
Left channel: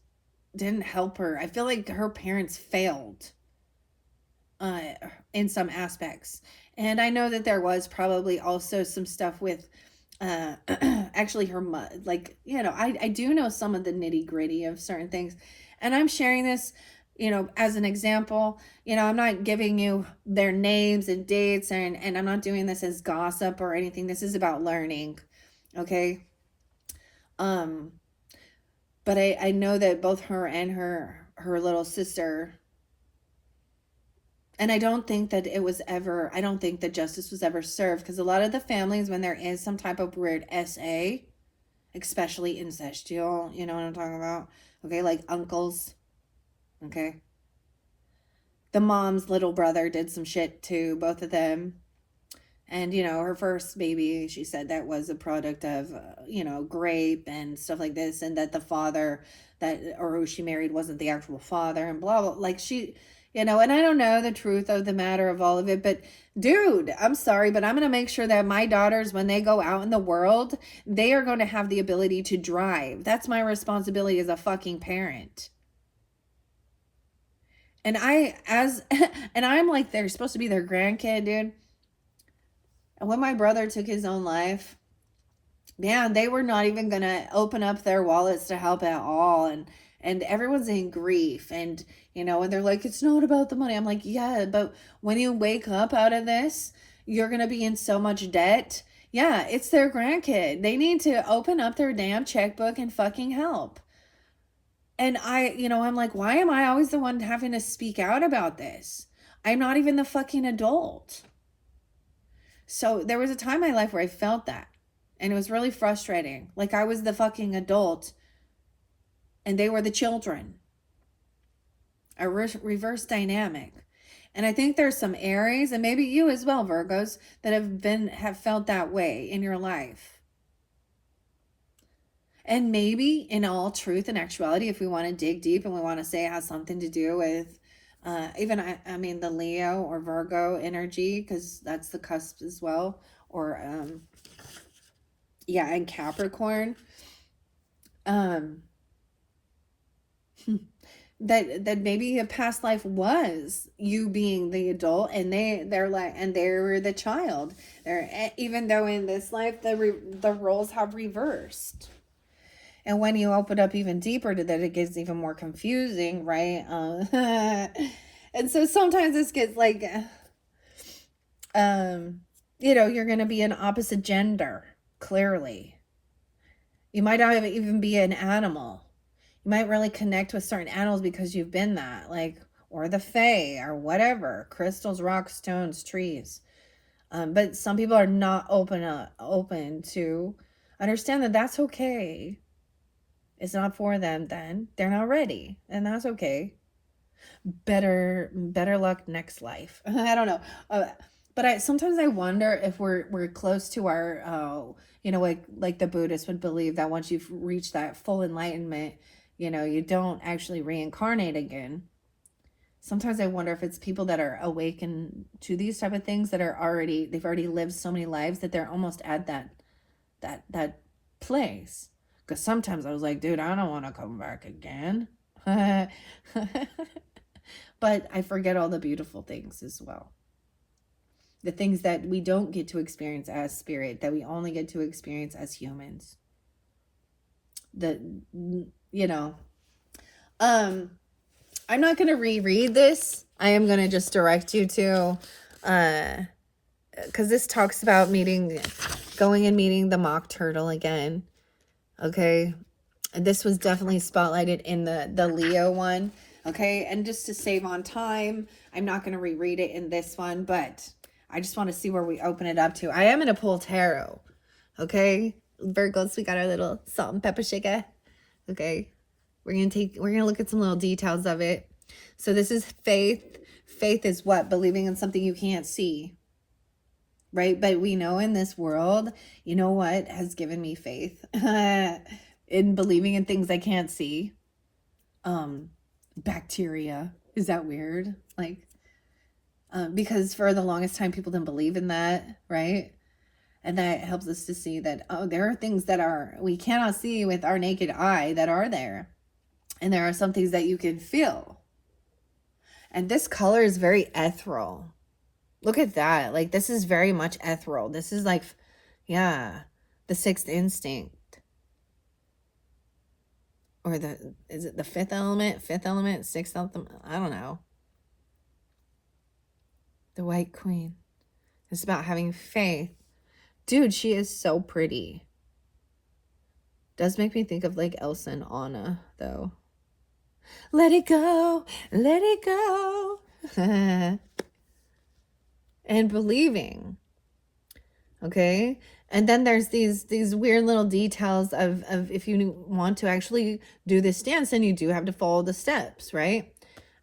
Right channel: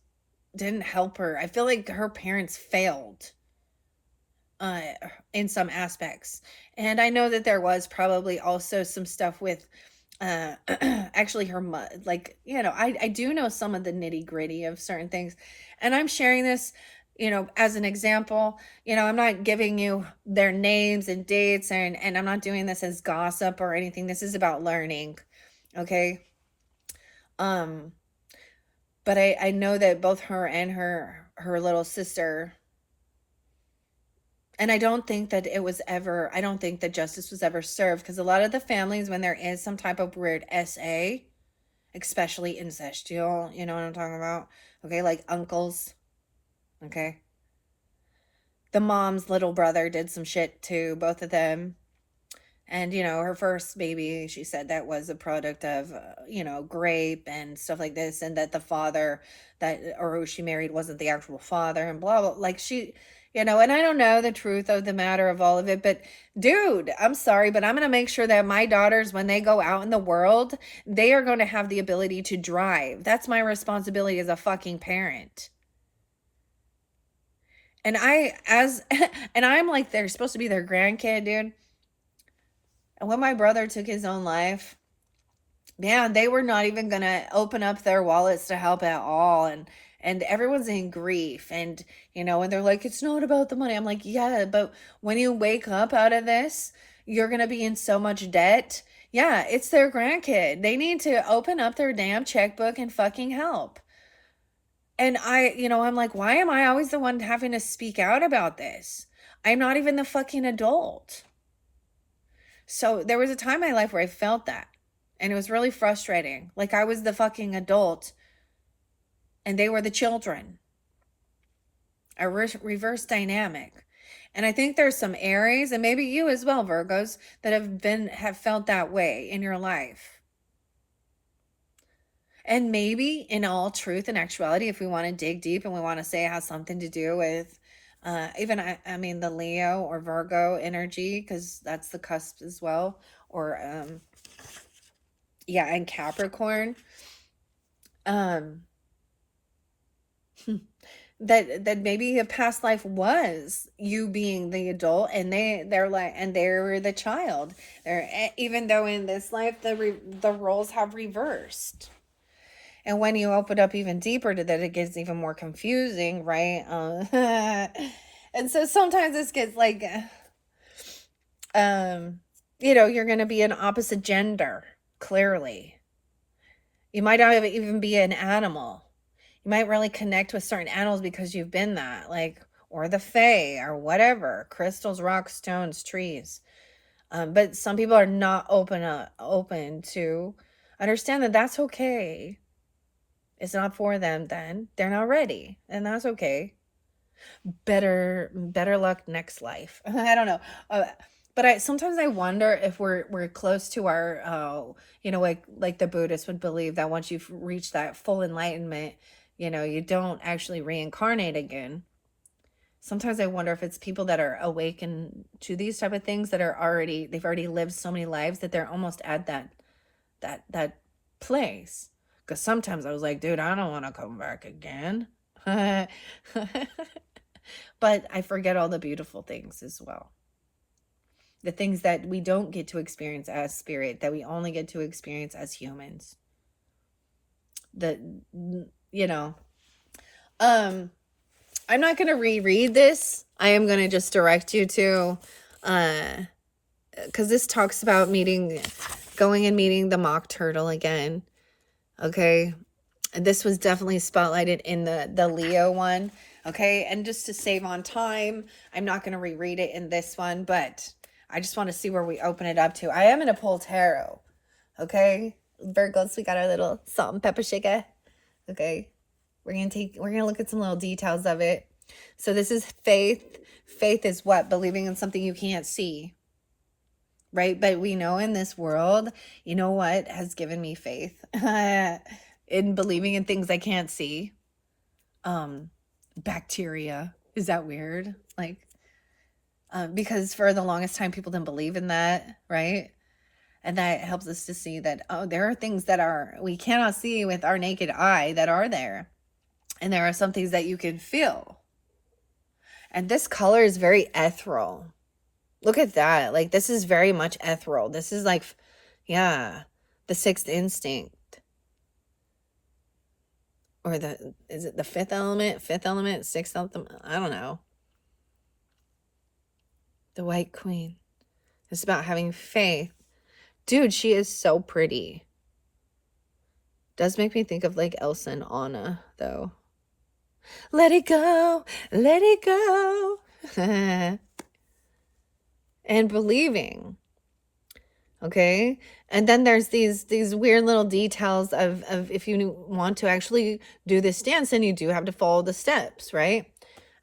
didn't help her? I feel like her parents failed in some aspects. And I know that there was probably also some stuff with actually her mother, like, I do know some of the nitty gritty of certain things, and I'm sharing this, as an example. I'm not giving you their names and dates, and I'm not doing this as gossip or anything. This is about learning. Okay. But I know that both her and her little sister, and I don't think that I don't think that justice was ever served, because a lot of the families, when there is some type of weird SA, especially incestual, you know what I'm talking about? Okay, like uncles, okay? The mom's little brother did some shit to both of them. And, her first baby, she said that was a product of, grape and stuff like this. And that the father or who she married wasn't the actual father and blah, blah. Like and I don't know the truth of the matter of all of it. But dude, I'm sorry, but I'm going to make sure that my daughters, when they go out in the world, they are going to have the ability to drive. That's my responsibility as a fucking parent. And and I'm like, they're supposed to be their grandkid, dude. And when my brother took his own life, man, they were not even gonna open up their wallets to help at all. And everyone's in grief. And and they're like, it's not about the money. I'm like, yeah, but when you wake up out of this, you're gonna be in so much debt. Yeah, it's their grandkid. They need to open up their damn checkbook and fucking help. And I'm like, why am I always the one having to speak out about this? I'm not even the fucking adult. So there was a time in my life where I felt that. And it was really frustrating. Like I was the fucking adult and they were the children. A reverse dynamic. And I think there's some Aries, and maybe you as well, Virgos, that have felt that way in your life. And maybe in all truth and actuality, if we want to dig deep and we want to say it has something to do with even the Leo or Virgo energy, because that's the cusp as well, or and Capricorn, that maybe a past life was you being the adult and they're the child. Even though in this life the roles have reversed. And when you open up even deeper to that, it gets even more confusing, right? And so sometimes this gets like, you're going to be an opposite gender, clearly. You might not even be an animal. You might really connect with certain animals because you've been that, like, or the fae, or whatever, crystals, rocks, stones, trees. But some people are not open to understand that that's okay. It's not for them then. They're not ready. And that's okay. Better luck next life. I don't know. But sometimes I wonder if we're close to our like the Buddhists would believe that once you've reached that full enlightenment, you don't actually reincarnate again. Sometimes I wonder if it's people that are awakened to these type of things that they've already lived so many lives that they're almost at that place. Because sometimes I was like, dude, I don't want to come back again. But I forget all the beautiful things as well. The things that we don't get to experience as spirit, that we only get to experience as humans. I'm not going to reread this. I am going to just direct you to, because this talks about going and meeting the mock turtle again. Okay. This was definitely spotlighted in the Leo one. Okay. And just to save on time, I'm not going to reread it in this one, but I just want to see where we open it up to. I am going to pull tarot. Okay. Virgos, we got our little salt and pepper shaker. Okay. We're going to look at some little details of it. So this is faith. Faith is what? Believing in something you can't see. Right? But we know in this world, you know what has given me faith? In believing in things I can't see. Bacteria. Is that weird? Like, because for the longest time, people didn't believe in that, right? And that helps us to see that, there are things that we cannot see with our naked eye that are there. And there are some things that you can feel. And this color is very ethereal. Look at that. Like, this is very much ethereal. This is like, yeah, the sixth instinct. Or is it the fifth element? Fifth element? Sixth element? I don't know. The White Queen. It's about having faith. Dude, she is so pretty. Does make me think of like Elsa and Anna, though. Let it go, let it go. And believing. Okay. And then there's these weird little details of if you want to actually do this dance, then you do have to follow the steps, right?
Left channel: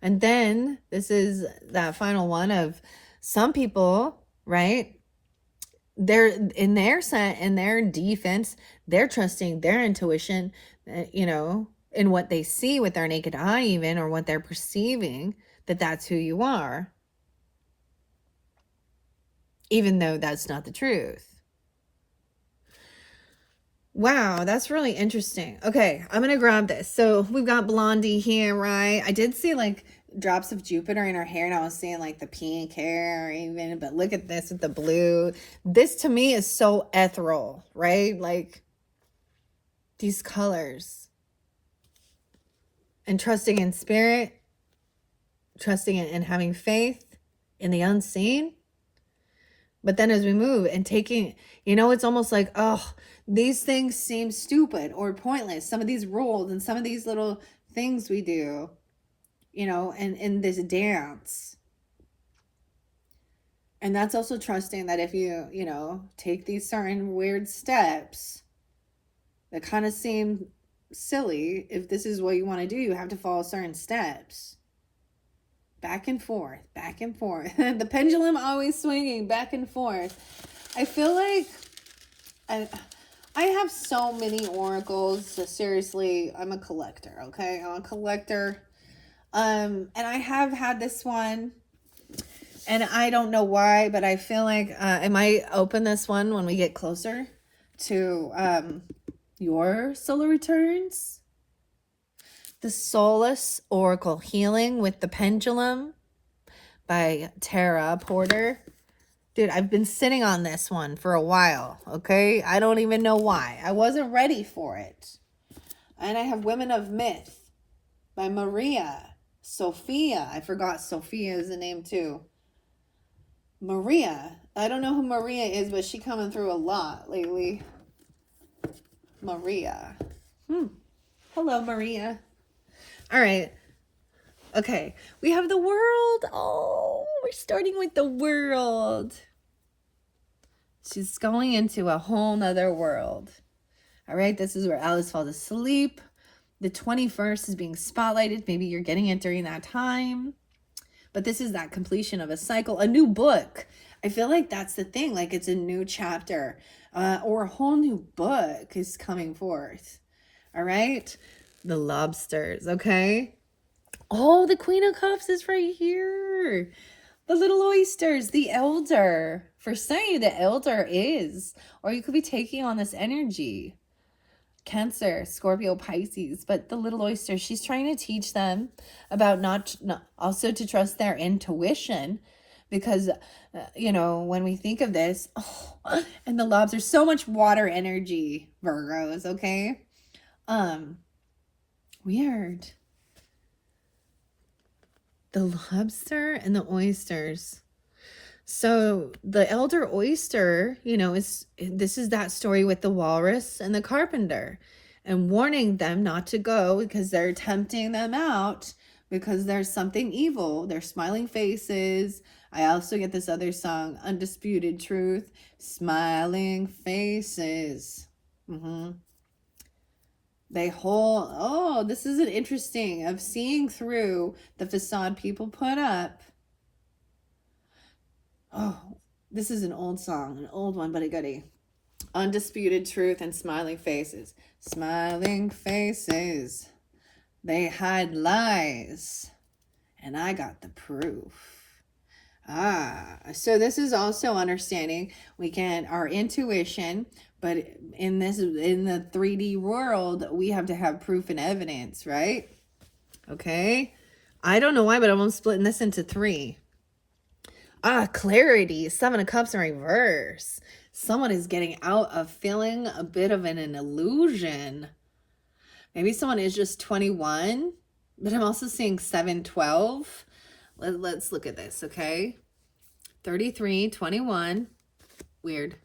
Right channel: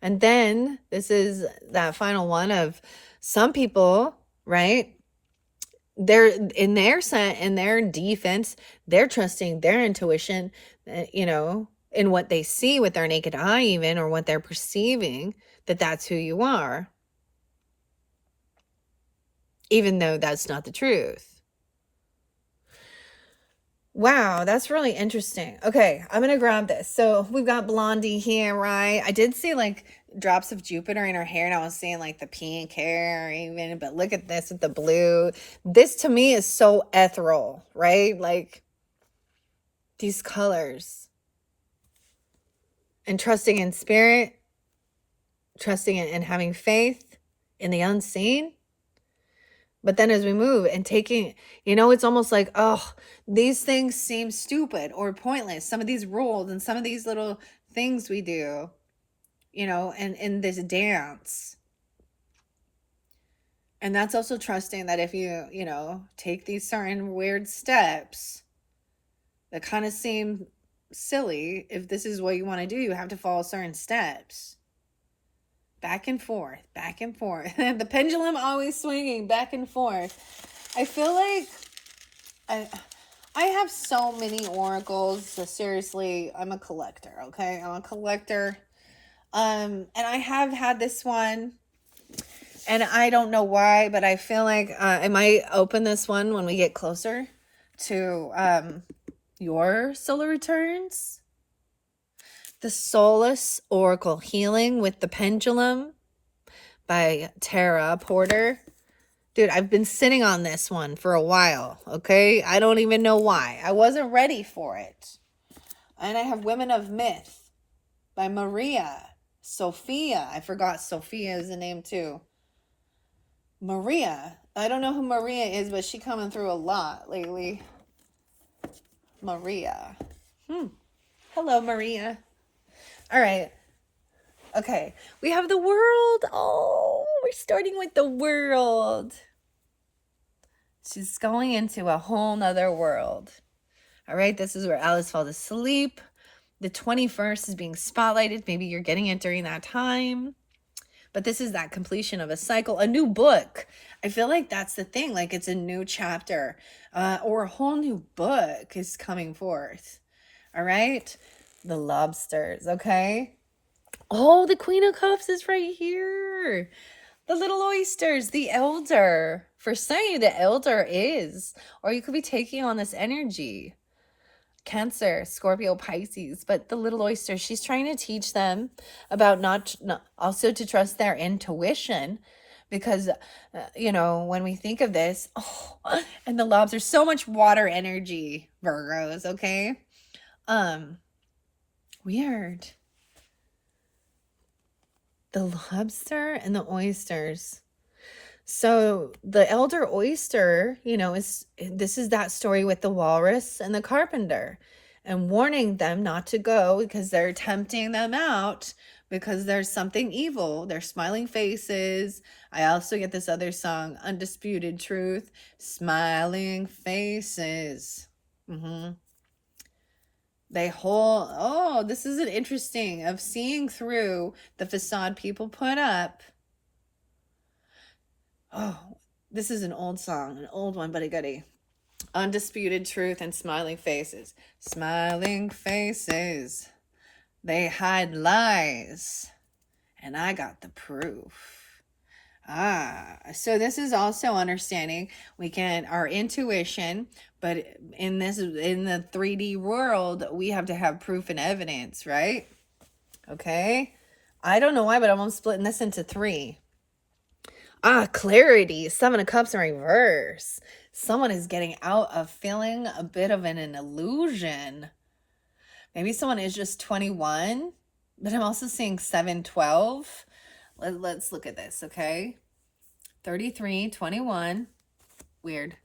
And then this is that final one of some people, right? They're in their defense, they're trusting their intuition, you know, in what they see with their naked eye, even, or what they're perceiving, that that's who you are, even though that's not the truth. Wow, that's really interesting. Okay, I'm gonna grab this. So we've got Blondie here, right? I did see like drops of Jupiter in her hair, and I was seeing like the pink hair even, but look at this with the blue. This to me is so ethereal, right? Like these colors. And trusting in spirit, trusting in and having faith in the unseen. But then as we move and taking, you know, it's almost like, oh, these things seem stupid or pointless. Some of these rules and some of these little things we do, you know, and in this dance. And that's also trusting that if you, you know, take these certain weird steps that kind of seem silly, if this is what you want to do, you have to follow certain steps. Back and forth, back and forth. The pendulum always swinging back and forth. I feel like I have so many oracles. So seriously, I'm a collector, okay? I'm a collector. And I have had this one, and I don't know why, but I feel like I might open this one when we get closer to your solar returns. The Solace Oracle Healing with the Pendulum by Tara Porter. Dude, I've been sitting on this one for a while, okay? I don't even know why. I wasn't ready for it. And I have Women of Myth by Maria Sophia. I forgot Sophia is the name too. Maria. I don't know who Maria is, but she coming through a lot lately. Maria. Hello, Maria. All right. Okay. We have the world. Oh, we're starting with the world. She's going into a whole nother world. All right. This is where Alice falls asleep. The 21st is being spotlighted. Maybe you're getting it during that time. But this is that completion of a cycle, a new book. I feel like that's the thing. Like it's a new chapter or a whole new book is coming forth. All right. The lobsters. Okay. Oh, the Queen of Cups is right here. The little oysters, the elder. For some of you, the elder is, or you could be taking on this energy. Cancer, Scorpio, Pisces, but the little oyster, she's trying to teach them about not also to trust their intuition, because you know, when we think of this, oh, and the lobster, so much water energy, Virgos, okay? Weird. The lobster and the oysters. So the elder oyster, you know, this is that story with the walrus and the carpenter, and warning them not to go because they're tempting them out because there's something evil. They're smiling faces. I also get this other song, Undisputed Truth, smiling faces. They hold, oh, this is an interesting of seeing through the facade people put up. Oh, this is an old song, an old one, but a goodie. Undisputed Truth and smiling faces. Smiling faces, they hide lies, and I got the proof. So this is also understanding our intuition, but in the 3D world, we have to have proof and evidence, right? Okay. I don't know why, but I'm splitting this into 3. Clarity. 7 of Cups in reverse. Someone is getting out of feeling a bit of an illusion. Maybe someone is just 21, but I'm also seeing 712. Let's look at this, okay? 33, 21. Weird.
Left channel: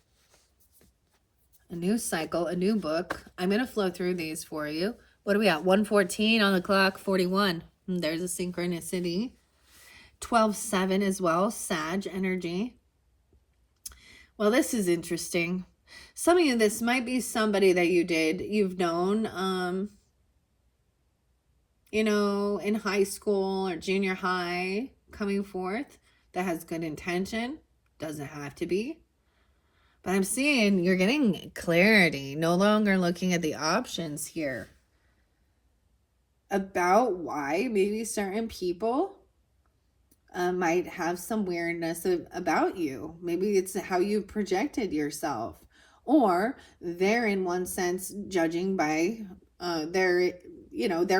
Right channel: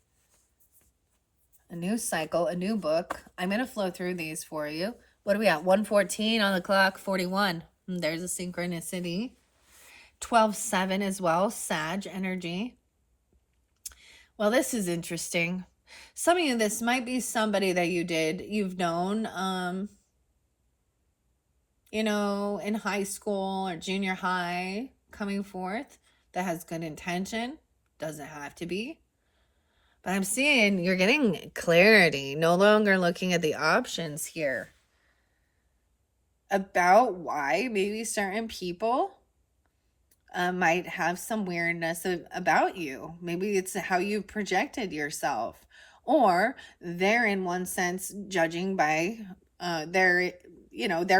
A new cycle, a new book. I'm going to flow through these for you. What are we at? 1:14 on the clock, 41. There's a synchronicity. 12:7 as well, Sag energy. Well, this is interesting. Some of you, this might be somebody that you've known, in high school or junior high, coming forth, that has good intention. Doesn't have to be. But I'm seeing you're getting clarity, no longer looking at the options here about why maybe certain people might have some weirdness about you. Maybe it's how you projected yourself, or they're in one sense judging by their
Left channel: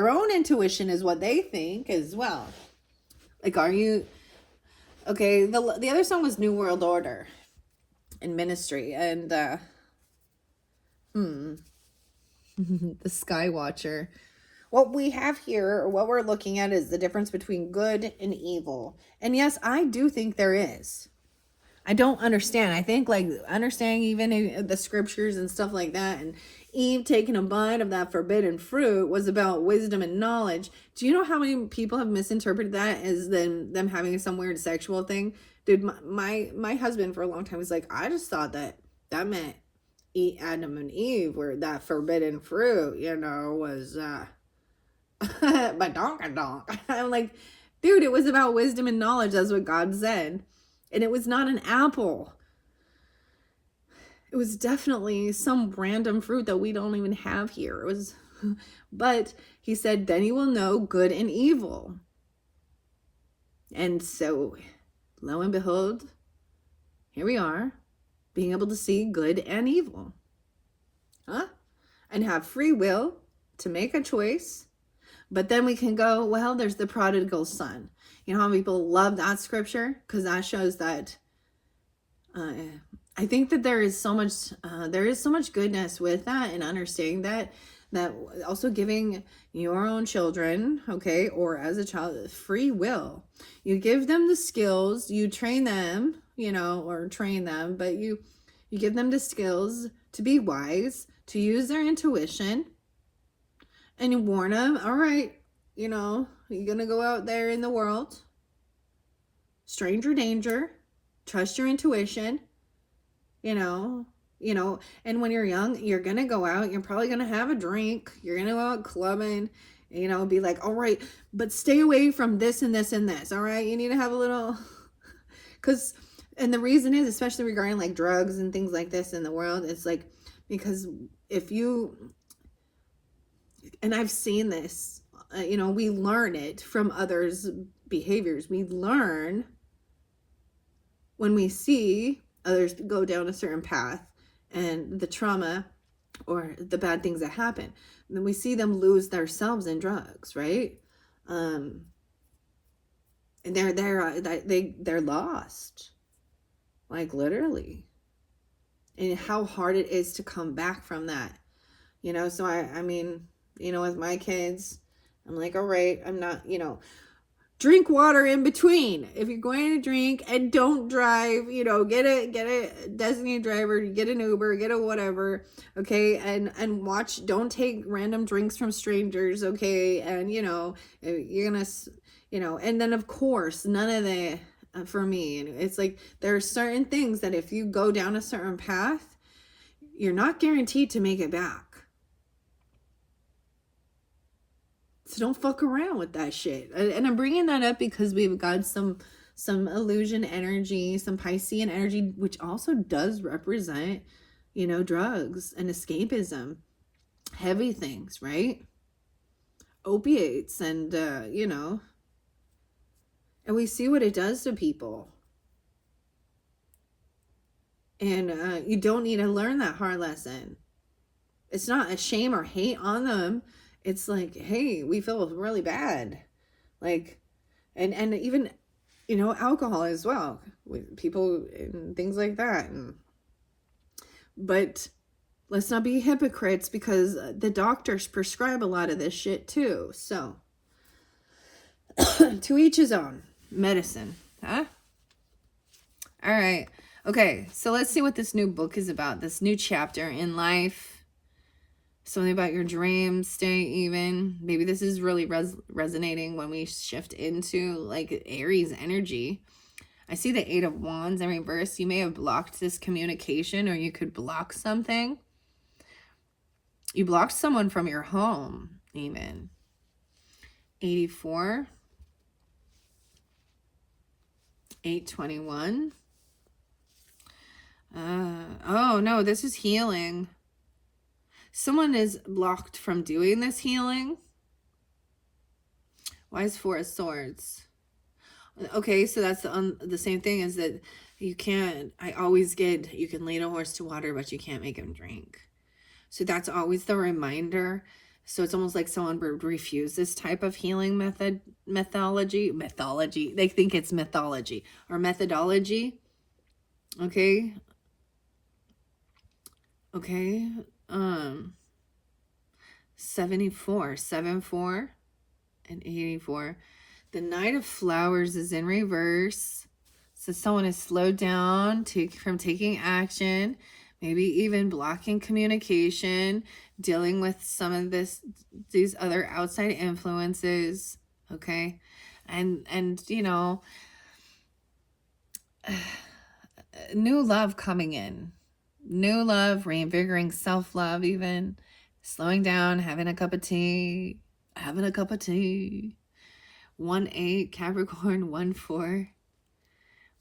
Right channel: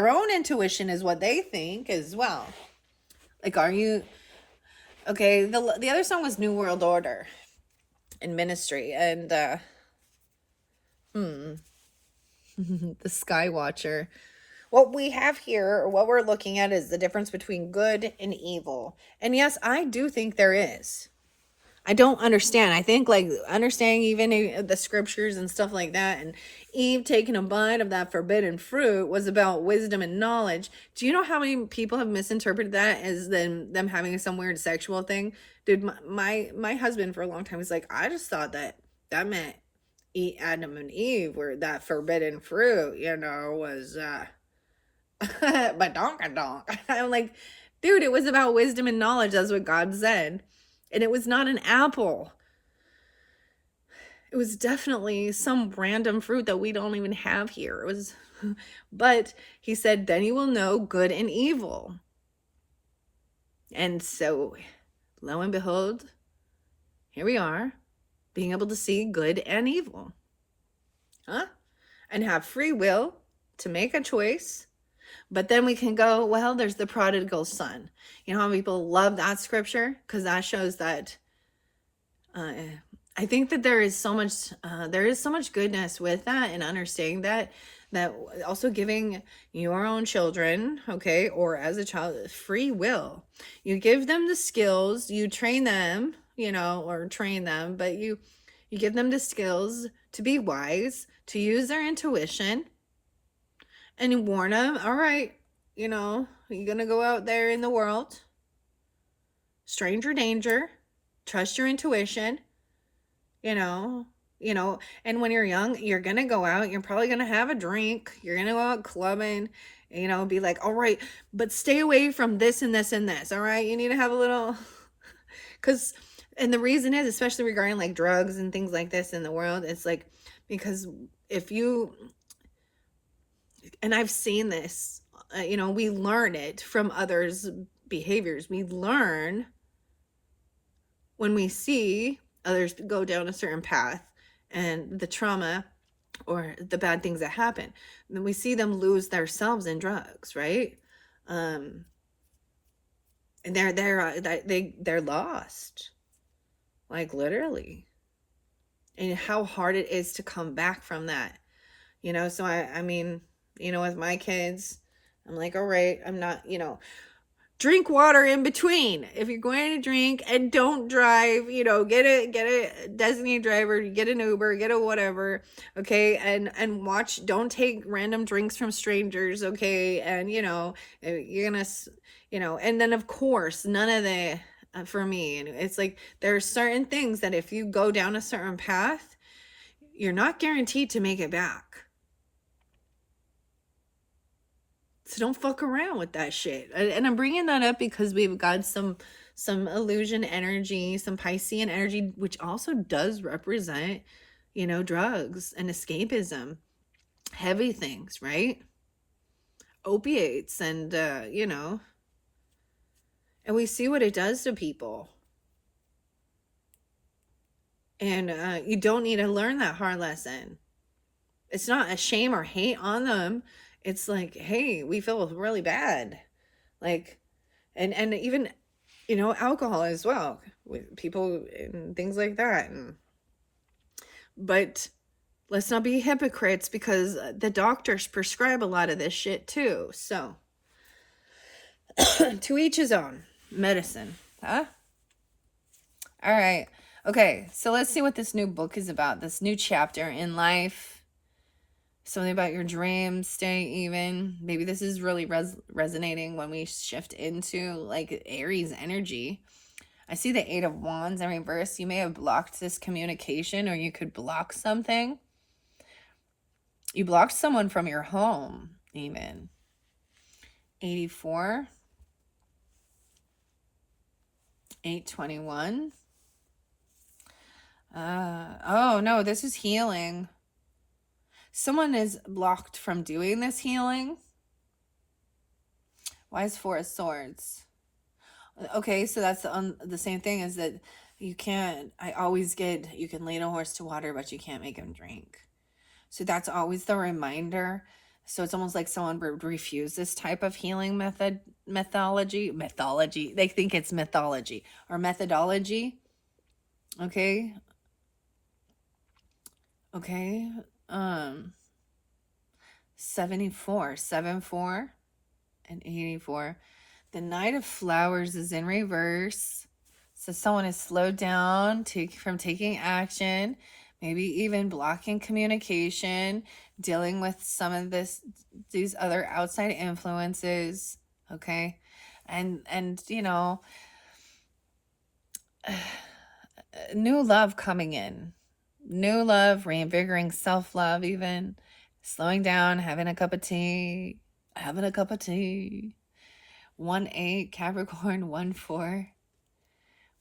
own intuition is what they think as well. Like, are you okay? The other song was New World Order in Ministry, and the Sky Watcher. What we have here, or what we're looking at, is the difference between good and evil. And yes, I do think there is. I don't understand. I think, like, understanding even the scriptures and stuff like that, and Eve taking a bite of that forbidden fruit was about wisdom and knowledge. Do you know how many people have misinterpreted that as them having some weird sexual thing? Dude, my husband for a long time was like, I just thought that meant Adam and Eve were that forbidden fruit, was but donk. I'm like, dude, it was about wisdom and knowledge. That's what God said. And it was not an apple. It was definitely some random fruit that we don't even have here. It was, but he said, then you will know good and evil. And so, lo and behold, here we are, being able to see good and evil. And have free will to make a choice. But then we can go, well, there's the prodigal son. You know how people love that scripture? Because that shows that I think that there is so much goodness with that, and understanding that also giving your own children, okay, or as a child, free will. You give them the skills, you train them, but you give them the skills to be wise, to use their intuition. And you warn them, all right, you're going to go out there in the world. Stranger danger. Trust your intuition. And when you're young, you're going to go out. You're probably going to have a drink. You're going to go out clubbing. Be like, all right, but stay away from this and this and this. All right. You need to have a little, and the reason is, especially regarding like drugs and things like this in the world, it's like, because and I've seen this, we learn it from others' behaviors. We learn when we see others go down a certain path and the trauma or the bad things that happen. And then we see them lose themselves in drugs, right? And they're lost, like literally. And how hard it is to come back from that, so I mean, with my kids, I'm like, all right, I'm not, drink water in between. If you're going to drink, and don't drive, get a designated driver, get an Uber, get a whatever, okay, and watch, don't take random drinks from strangers, okay, and you're gonna, and then of course, none of the, for me, it's like, there are certain things that if you go down a certain path, you're not guaranteed to make it back. So don't fuck around with that shit. And I'm bringing that up because we've got some illusion energy, some Piscean energy, which also does represent, drugs and escapism, heavy things, right? Opiates and, and we see what it does to people. And you don't need to learn that hard lesson. It's not a shame or hate on them. It's like, hey, we feel really bad. Like, and even, alcohol as well with people and things like that. But let's not be hypocrites, because the doctors prescribe a lot of this shit too. So to each his own. Medicine, huh? All right. Okay, so let's see what this new book is about, this new chapter in life. Something about your dream state even. Maybe this is really resonating when we shift into like Aries energy. I see the 8 of Wands in reverse. You may have blocked this communication, or you could block something. You blocked someone from your home even. 84. 821. Oh no, this is healing. Someone is blocked from doing this healing. Why is 4 of Swords? Okay, so that's the same thing, is that you can't, I always get, you can lead a horse to water, but you can't make him drink. So that's always the reminder. So it's almost like someone would refuse this type of healing methodology. They think it's mythology or methodology. Okay. Okay. 74, 74 and 84. The Knight of Flowers is in reverse. So someone is slowed down from taking action, maybe even blocking communication, dealing with some of these other outside influences. Okay. And you know, new love coming in. New love, reinvigorating self-love even. Slowing down, having a cup of tea. 1-8, Capricorn, 1-4.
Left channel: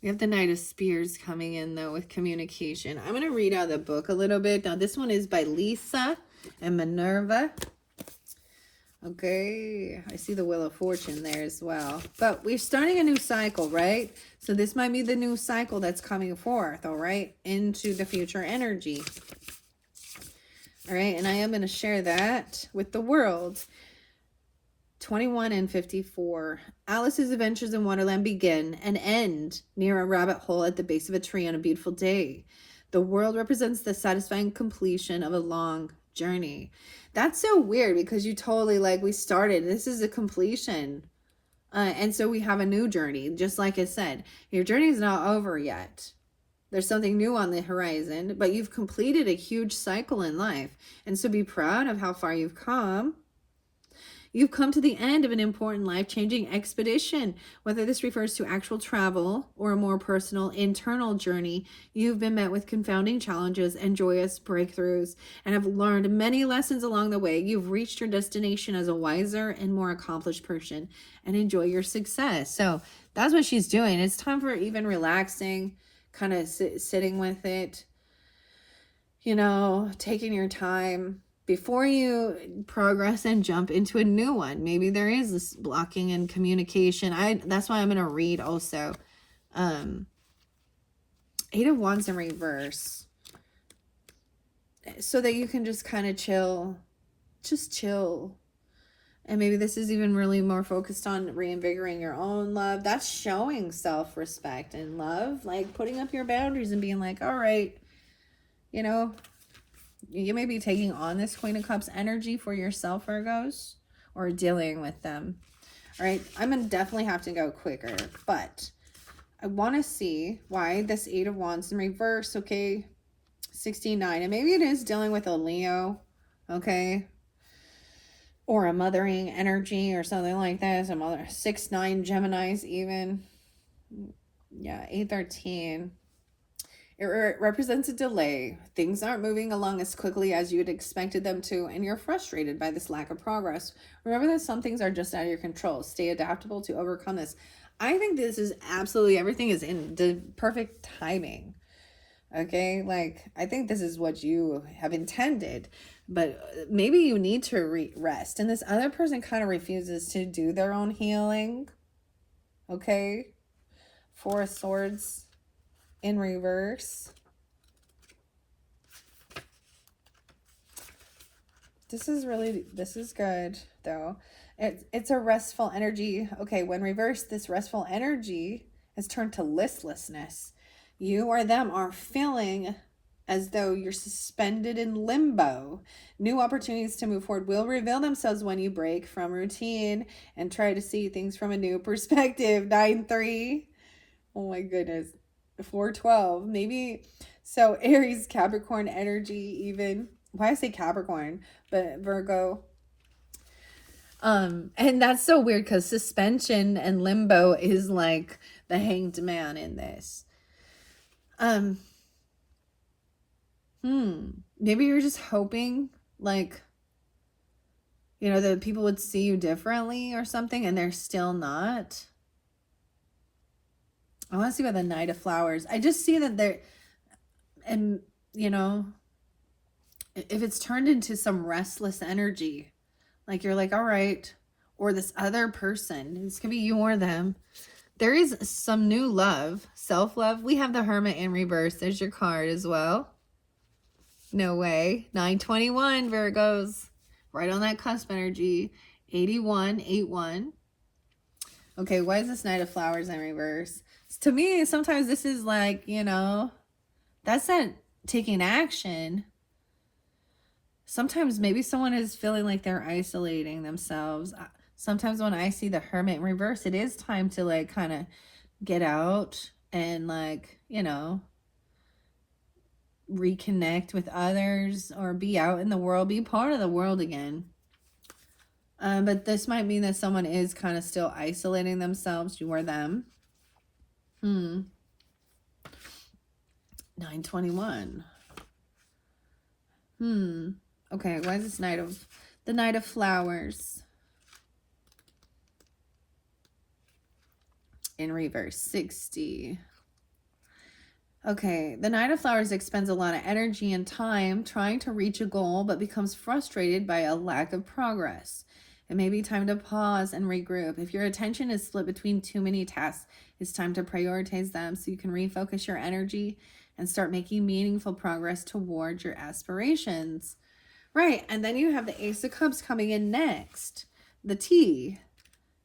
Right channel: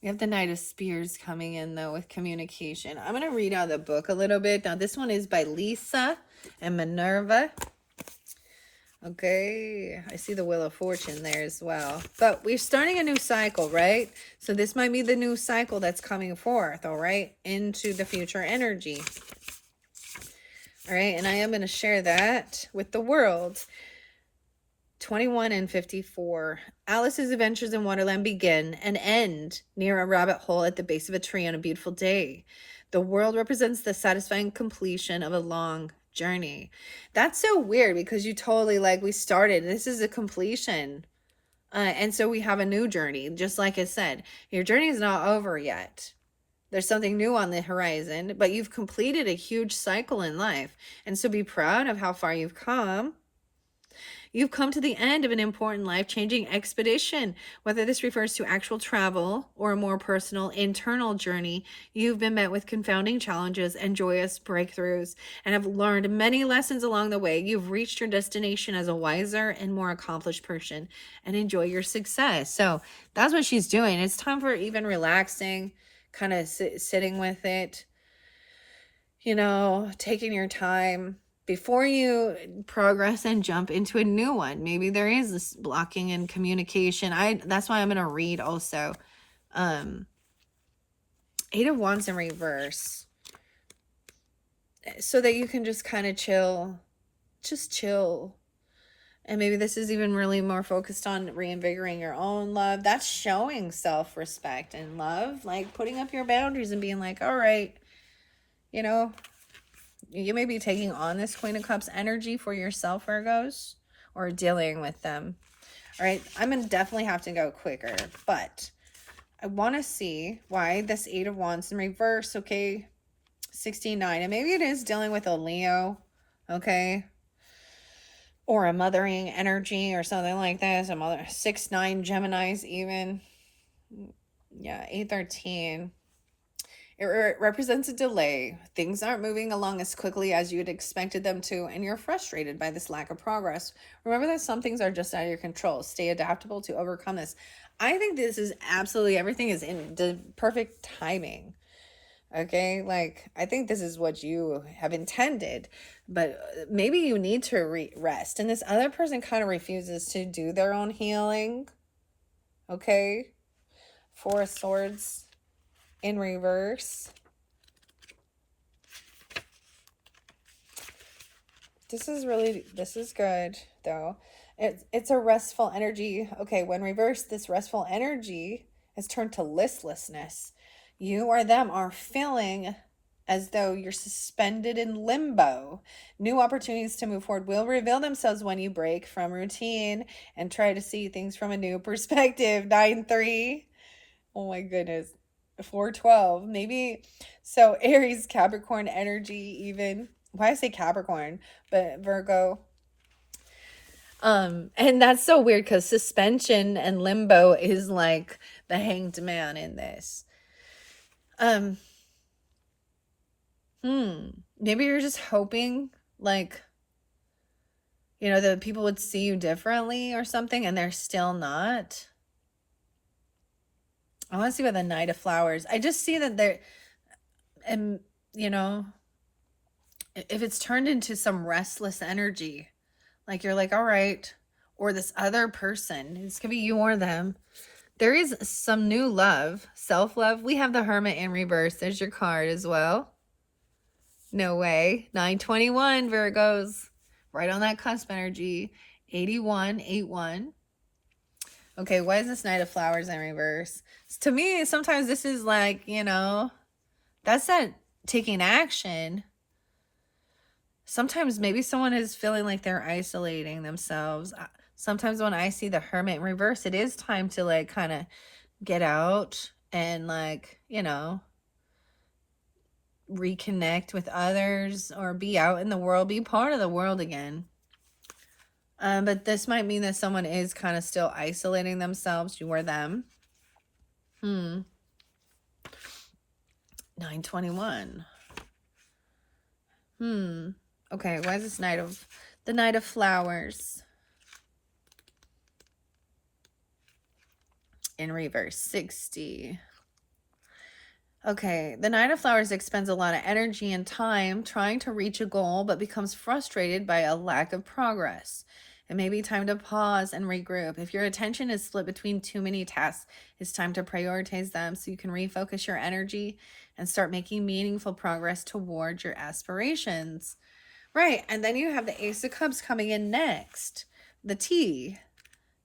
We have the Knight of Spears coming in, though, with communication. I'm going to read out the book a little bit. Now, this one is by Lisa and Minerva. Okay, I see the Wheel of Fortune there as well. But we're starting a new cycle, right? So this might be the new cycle that's coming forth, all right, into the future energy. All right, and I am going to share that with the world. 21 and 54. Alice's adventures in Wonderland begin and end near a rabbit hole at the base of a tree on a beautiful day. The world represents the satisfying completion of a long journey. That's so weird, because you totally, like, we started, this is a completion. And so we have a new journey. Just like I said, your journey is not over yet. There's something new on the horizon, but you've completed a huge cycle in life. And so be proud of how far you've come. You've come to the end of an important life-changing expedition. Whether this refers to actual travel or a more personal internal journey, you've been met with confounding challenges and joyous breakthroughs, and have learned many lessons along the way. You've reached your destination as a wiser and more accomplished person, and enjoy your success. So that's what she's doing. It's time for even relaxing, kind of sitting with it, you know, taking your time before you progress and jump into a new one. Maybe there is this blocking in communication. That's why I'm going to read also 8 of Wands in reverse, so that you can just kind of chill. And maybe this is even really more focused on reinvigorating your own love. That's showing self-respect and love, like putting up your boundaries and being like, all right, you know, you may be taking on this Queen of Cups energy for yourself, Virgos, or dealing with them. All right, I'm going to definitely have to go quicker, but I want to see why this 8 of Wands in reverse, okay, 69. And maybe it is dealing with a Leo, okay, or a mothering energy or something like this. A mother, 6-9 Geminis even. Yeah, 8-13. It represents a delay. Things aren't moving along as quickly as you had expected them to, and you're frustrated by this lack of progress. Remember that some things are just out of your control. Stay adaptable to overcome this. I think this is absolutely, everything is in the perfect timing. Okay, like, I think this is what you have intended, but maybe you need to rest. And this other person kind of refuses to do their own healing. Okay, 4 of Swords in reverse. This is good though. It's a restful energy. Okay, when reversed, this restful energy has turned to listlessness. You or them are feeling as though you're suspended in limbo. New opportunities to move forward will reveal themselves when you break from routine and try to see things from a new perspective. 9-3. Oh my goodness. 412. Maybe, so Aries, Capricorn energy even. Why I say Capricorn, but Virgo. And that's so weird because suspension and limbo is like the hanged man in this. Maybe you're just hoping, like, you know, that people would see you differently or something, and they're still not. I want to see about the Knight of Flowers. I just see that they're, and, you know, if it's turned into some restless energy, like you're like, all right, or this other person, this could be you or them. There is some new love, self-love. We have the Hermit in reverse. There's your card as well. No way. 921 Virgos. Right on that cusp energy. 81, 81. Okay, why is this Knight of Flowers in reverse? To me, sometimes this is like, you know, that's not taking action. Sometimes maybe someone is feeling like they're isolating themselves. Sometimes when I see the Hermit in reverse, it is time to like kind of get out and like, you know, reconnect with others or be out in the world, be part of the world again. But this might mean that someone is kind of still isolating themselves, you or them. 921. Okay, why is this the Knight of Flowers in reverse? 60. Okay, the Knight of Flowers expends a lot of energy and time trying to reach a goal, but becomes frustrated by a lack of progress. It may be time to pause and regroup. If your attention is split between too many tasks, it's time to prioritize them so you can refocus your energy and start making meaningful progress towards your aspirations. Right, and then you have the Ace of Cups coming in next. The T.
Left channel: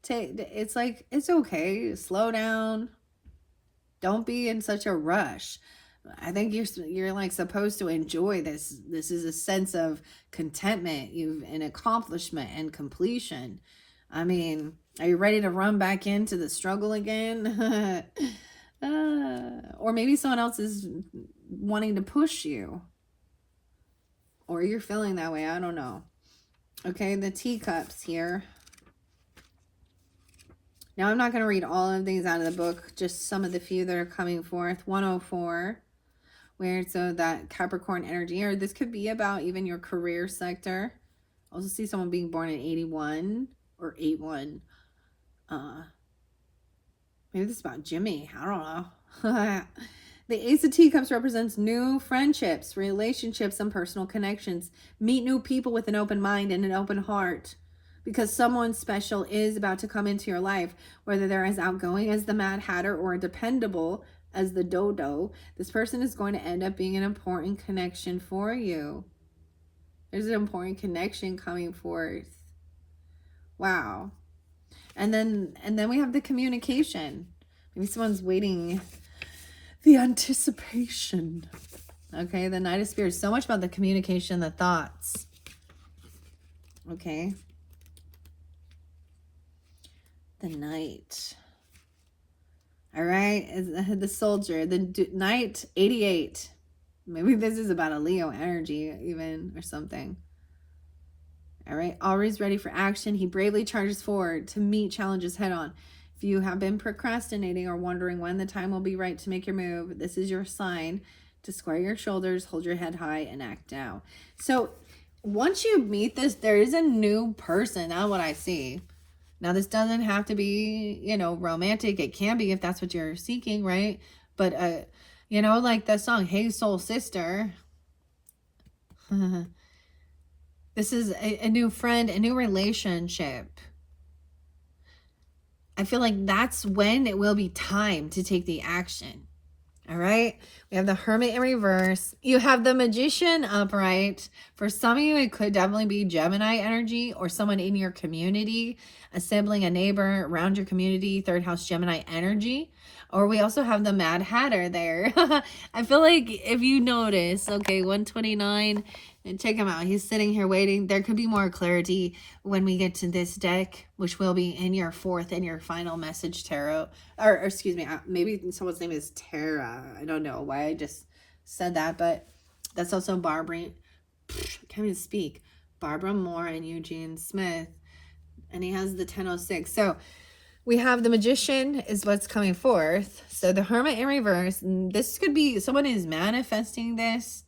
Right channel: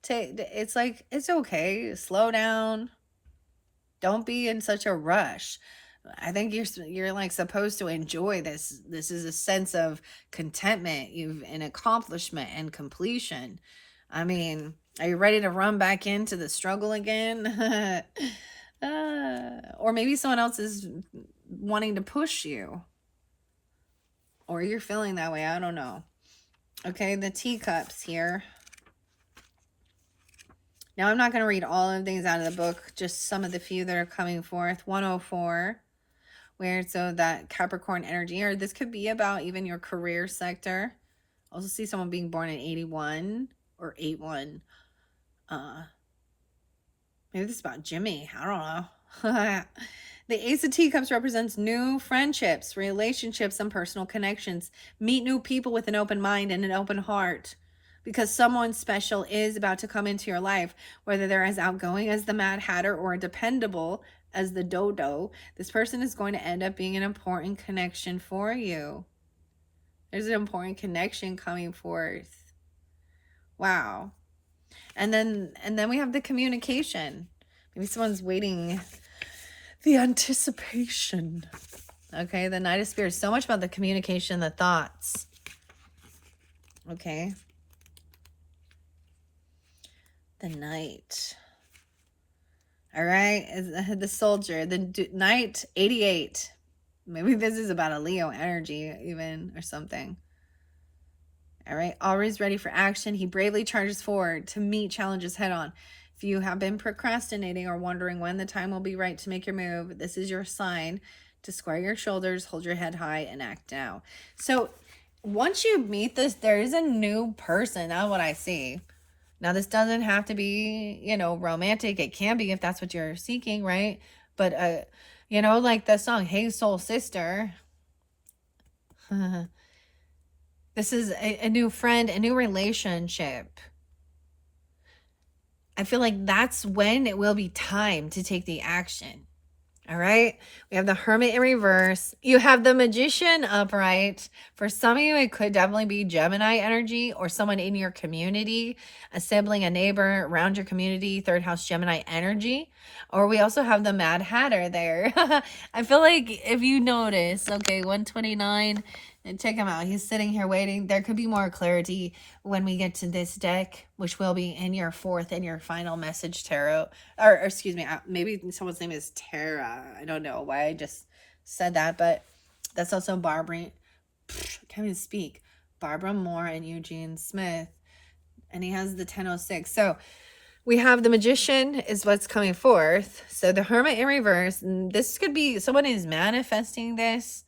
It's like, it's okay. Slow down. Don't be in such a rush. I think you're like supposed to enjoy this. This is a sense of contentment, an accomplishment and completion. I mean, are you ready to run back into the struggle again? Or maybe someone else is wanting to push you. Or you're feeling that way. I don't know. Okay, the teacups here. Now, I'm not going to read all of these out of the book, just some of the few that are coming forth. 104, where so that Capricorn energy, or this could be about even your career sector. Also see someone being born in 81 or 81. Maybe this is about Jimmy. I don't know. The Ace of Teacups represents new friendships, relationships, and personal connections. Meet new people with an open mind and an open heart, because someone special is about to come into your life, whether they're as outgoing as the Mad Hatter or dependable as the Dodo. This person is going to end up being an important connection for you. There's an important connection coming forth. Wow. And then we have the communication. Maybe someone's waiting. The anticipation. Okay, the Knight of Spirits. So much about the communication, the thoughts. Okay. The Knight. All right, the Soldier. The Knight, 88. Maybe this is about a Leo energy even or something. All right, always ready for action. He bravely charges forward to meet challenges head on. If you have been procrastinating or wondering when the time will be right to make your move, this is your sign to square your shoulders, hold your head high, and act now. So once you meet this, there is a new person. That's what I see. Now, this doesn't have to be, you know, romantic. It can be if that's what you're seeking, right? But, you know, like the song, Hey Soul Sister. This is a new friend, a new relationship. I feel like that's when it will be time to take the action. All right. We have the Hermit in reverse. You have the Magician upright. For some of you, it could definitely be Gemini energy or someone in your community, a sibling, a neighbor around your community, third house Gemini energy. Or we also have the Mad Hatter there. I feel like if you notice, okay, 129, And check him out. He's sitting here waiting. There could be more clarity when we get to this deck, which will be in your fourth and your final message tarot. Or excuse me, maybe someone's name is Tara. I don't know why I just said that, but that's also Barbara. Can't even speak. Barbara Moore and Eugene Smith. And he has the 1006. So we have the Magician is what's coming forth. So the Hermit in reverse. This could be someone is manifesting this.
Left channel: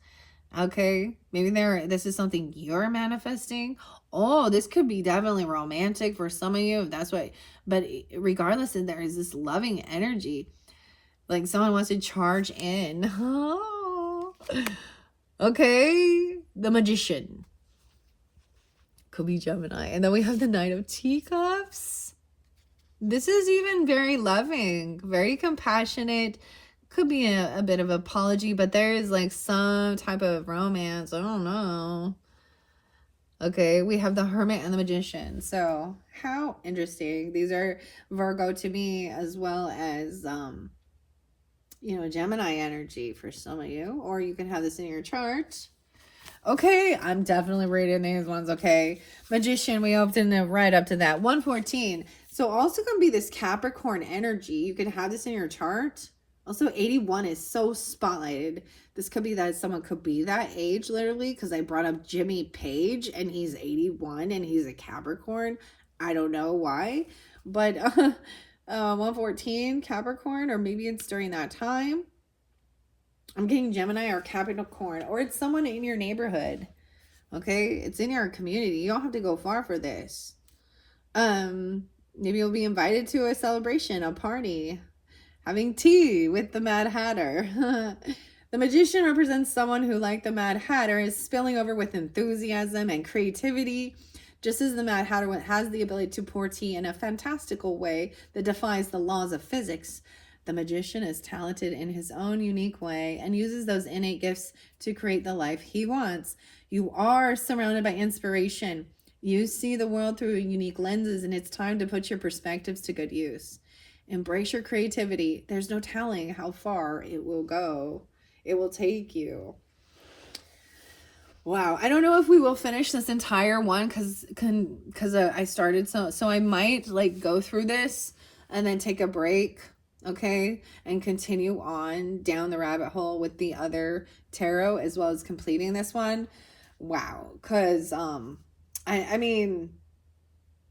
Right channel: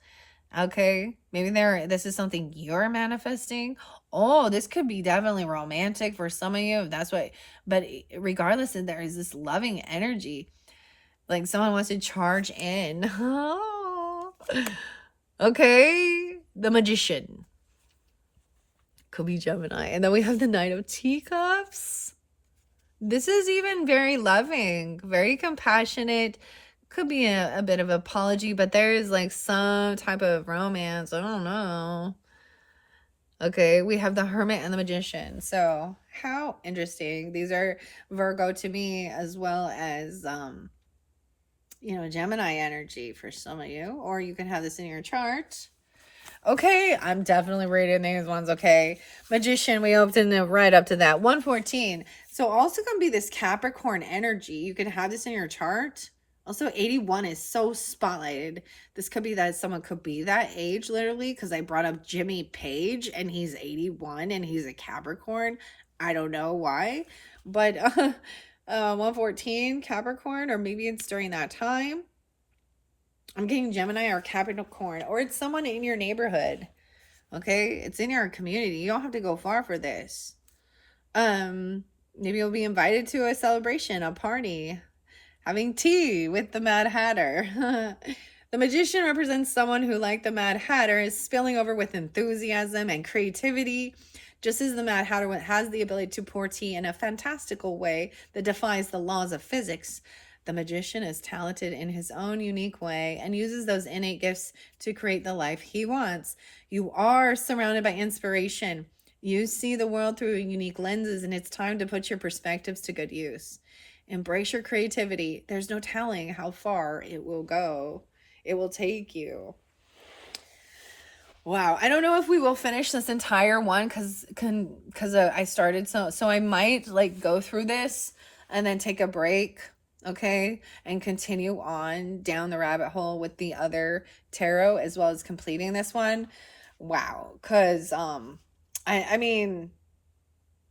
Okay, maybe this is something you're manifesting. Oh, this could be definitely romantic for some of you. That's what, but regardless, there is this loving energy. Like someone wants to charge in. Oh. Okay, the Magician. Could be Gemini. And then we have the Knight of Teacups. This is even very loving, very compassionate. Could be a bit of apology, but there is like some type of romance. I don't know. Okay, we have the Hermit and the Magician. So how interesting. These are Virgo to me, as well as Gemini energy for some of you, or you can have this in your chart. Okay, I'm definitely reading these ones. Okay, Magician, we opened it right up to that 114. So also gonna be this Capricorn energy. You can have this in your chart. Also, 81 is so spotlighted. This could be that someone could be that age, literally, because I brought up Jimmy Page, and he's 81, and he's a Capricorn. I don't know why, but 114 Capricorn, or maybe it's during that time. I'm getting Gemini or Capricorn, or it's someone in your neighborhood. Okay, it's in your community. You don't have to go far for this. Maybe you'll be invited to a celebration, a party, having tea with the Mad Hatter. The Magician represents someone who, like the Mad Hatter, is spilling over with enthusiasm and creativity, just as the Mad Hatter has the ability to pour tea in a fantastical way that defies the laws of physics. The Magician is talented in his own unique way and uses those innate gifts to create the life he wants. You are surrounded by inspiration. You see the world through unique lenses, and it's time to put your perspectives to good use. Embrace your creativity. There's no telling how far it will go. It will take you. Wow, I don't know if we will finish this entire one because I started so I might like go through this and then take a break, okay, and continue on down the rabbit hole with the other tarot as well as completing this one. Wow, because I mean,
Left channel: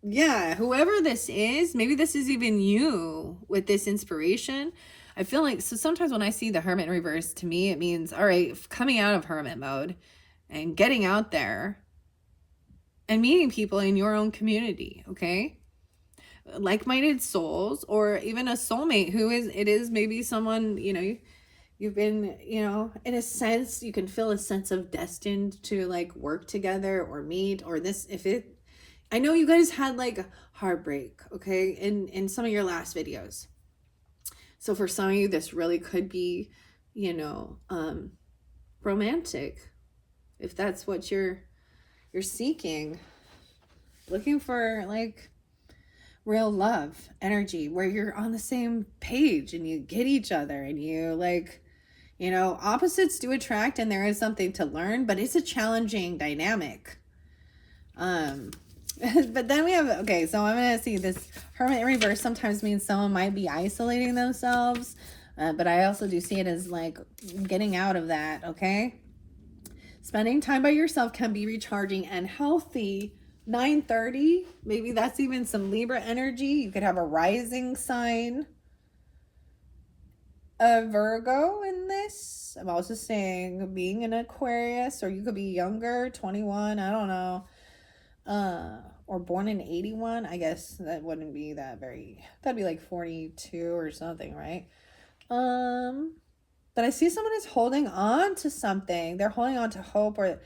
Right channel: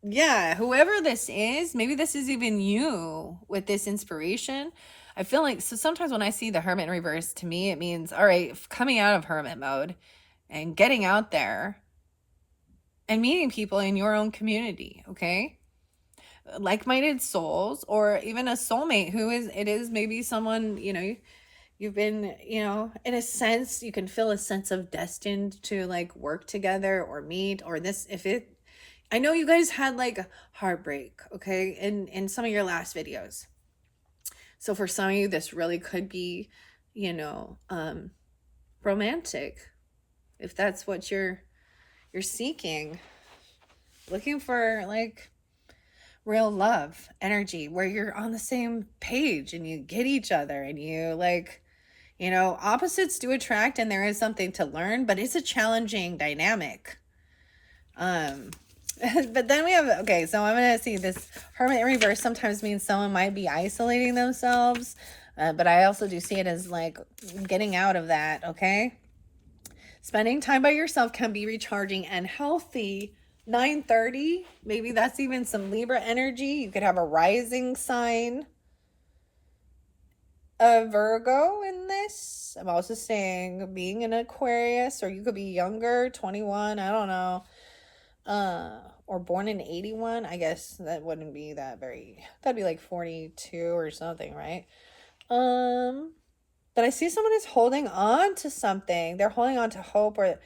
yeah, whoever this is, maybe this is even you with this inspiration. I feel like, so sometimes when I see the Hermit in reverse, to me, it means, all right, coming out of Hermit mode and getting out there and meeting people in your own community, okay? Like-minded souls, or even a soulmate it is maybe someone, you've been, in a sense, you can feel a sense of destined to like work together or meet, or this, I know you guys had like heartbreak, okay, in some of your last videos. So for some of you, this really could be, romantic, if that's what you're seeking, looking for like real love energy where you're on the same page and you get each other and you like, opposites do attract, and there is something to learn, but it's a challenging dynamic. But then we have, okay, so I'm going to see this Hermit in reverse sometimes means someone might be isolating themselves, but I also do see it as like getting out of that, okay? Spending time by yourself can be recharging and healthy. 9:30, maybe that's even some Libra energy. You could have a rising sign of Virgo in this. I'm also saying being an Aquarius, or you could be younger, 21, I don't know. Or born in 81. I guess that wouldn't be that'd be like 42 or something, right? But I see someone is holding on to something. They're holding on to hope, or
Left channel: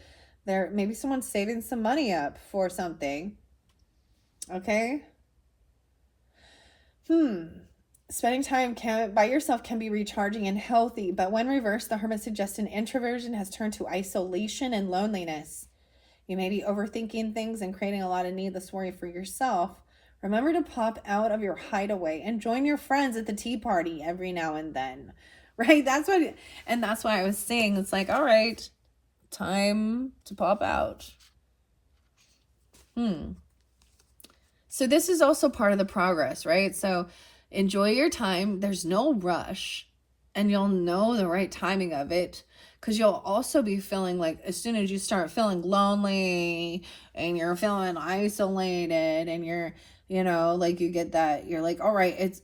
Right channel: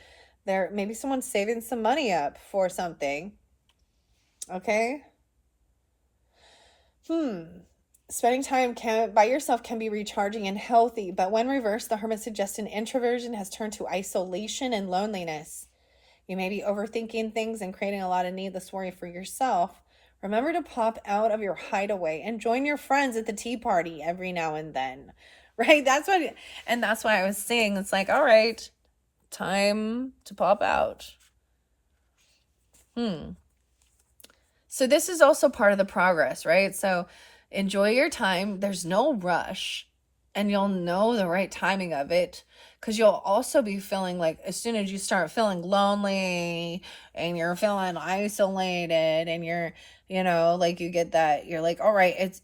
maybe someone's saving some money up for something. Okay. Spending time by yourself can be recharging and healthy, but when reversed, the Hermit suggests an introversion has turned to isolation and loneliness. You may be overthinking things and creating a lot of needless worry for yourself. Remember to pop out of your hideaway and join your friends at the tea party every now and then, right? That's why I was saying, it's like, all right, Time to pop out. So this is also part of the progress, right? So enjoy your time. There's no rush, and you'll know the right timing of it, because you'll also be feeling like, as soon as you start feeling lonely and you're feeling isolated and you're, like, you get that, you're like, all right,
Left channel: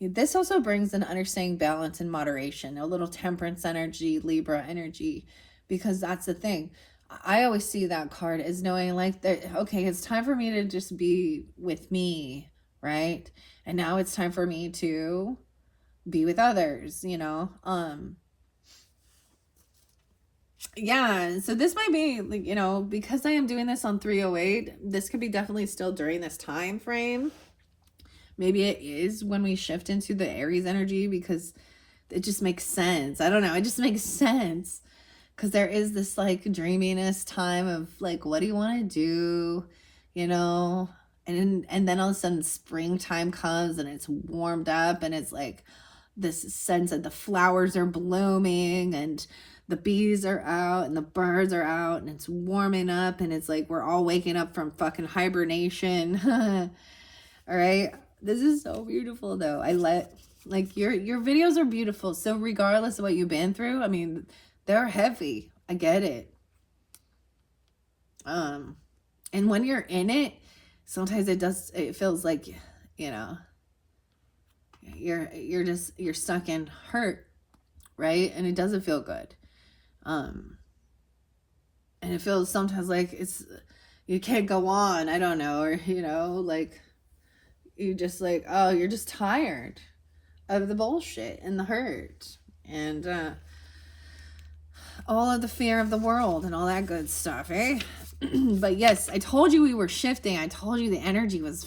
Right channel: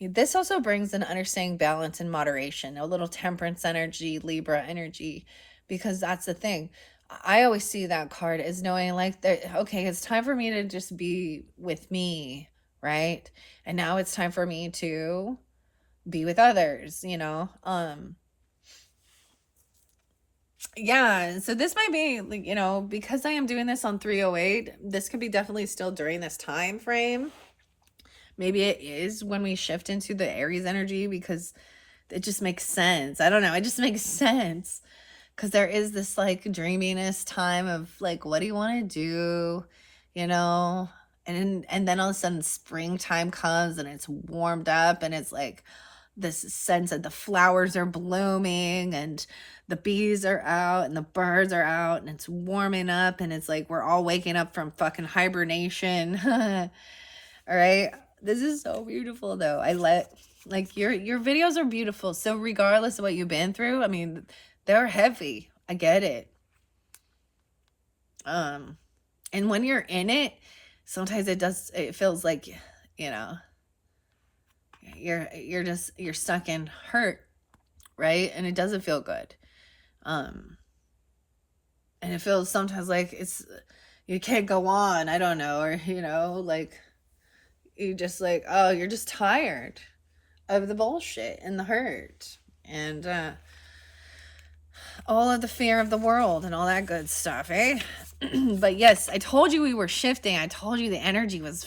this also brings an understanding, balance, and moderation, a little temperance energy, Libra energy, because that's the thing. I always see that card as knowing, like, that, okay, it's time for me to just be with me, right? And now it's time for me to be with others, yeah. So this might be, like, because I am doing this on 308, this could be definitely still during this time frame. Maybe it is when we shift into the Aries energy, because it just makes sense. I don't know, it just makes sense, because there is this, like, dreaminess time of, like, what do you want to do, and then all of a sudden springtime comes and it's warmed up, and it's like this sense that the flowers are blooming and the bees are out and the birds are out and it's warming up, and it's like we're all waking up from fucking hibernation. All right, this is so beautiful, though. Like, your videos are beautiful, so regardless of what you've been through, I mean, they're heavy. I get it. And when you're in it, sometimes it feels like, you're stuck in hurt, right? And it doesn't feel good. And it feels sometimes like you can't go on, I don't know, or, like, you just like, oh, you're just tired of the bullshit and the hurt and all of the fear of the world and all that good stuff, eh? But yes, I told you we were shifting. I told you the energy was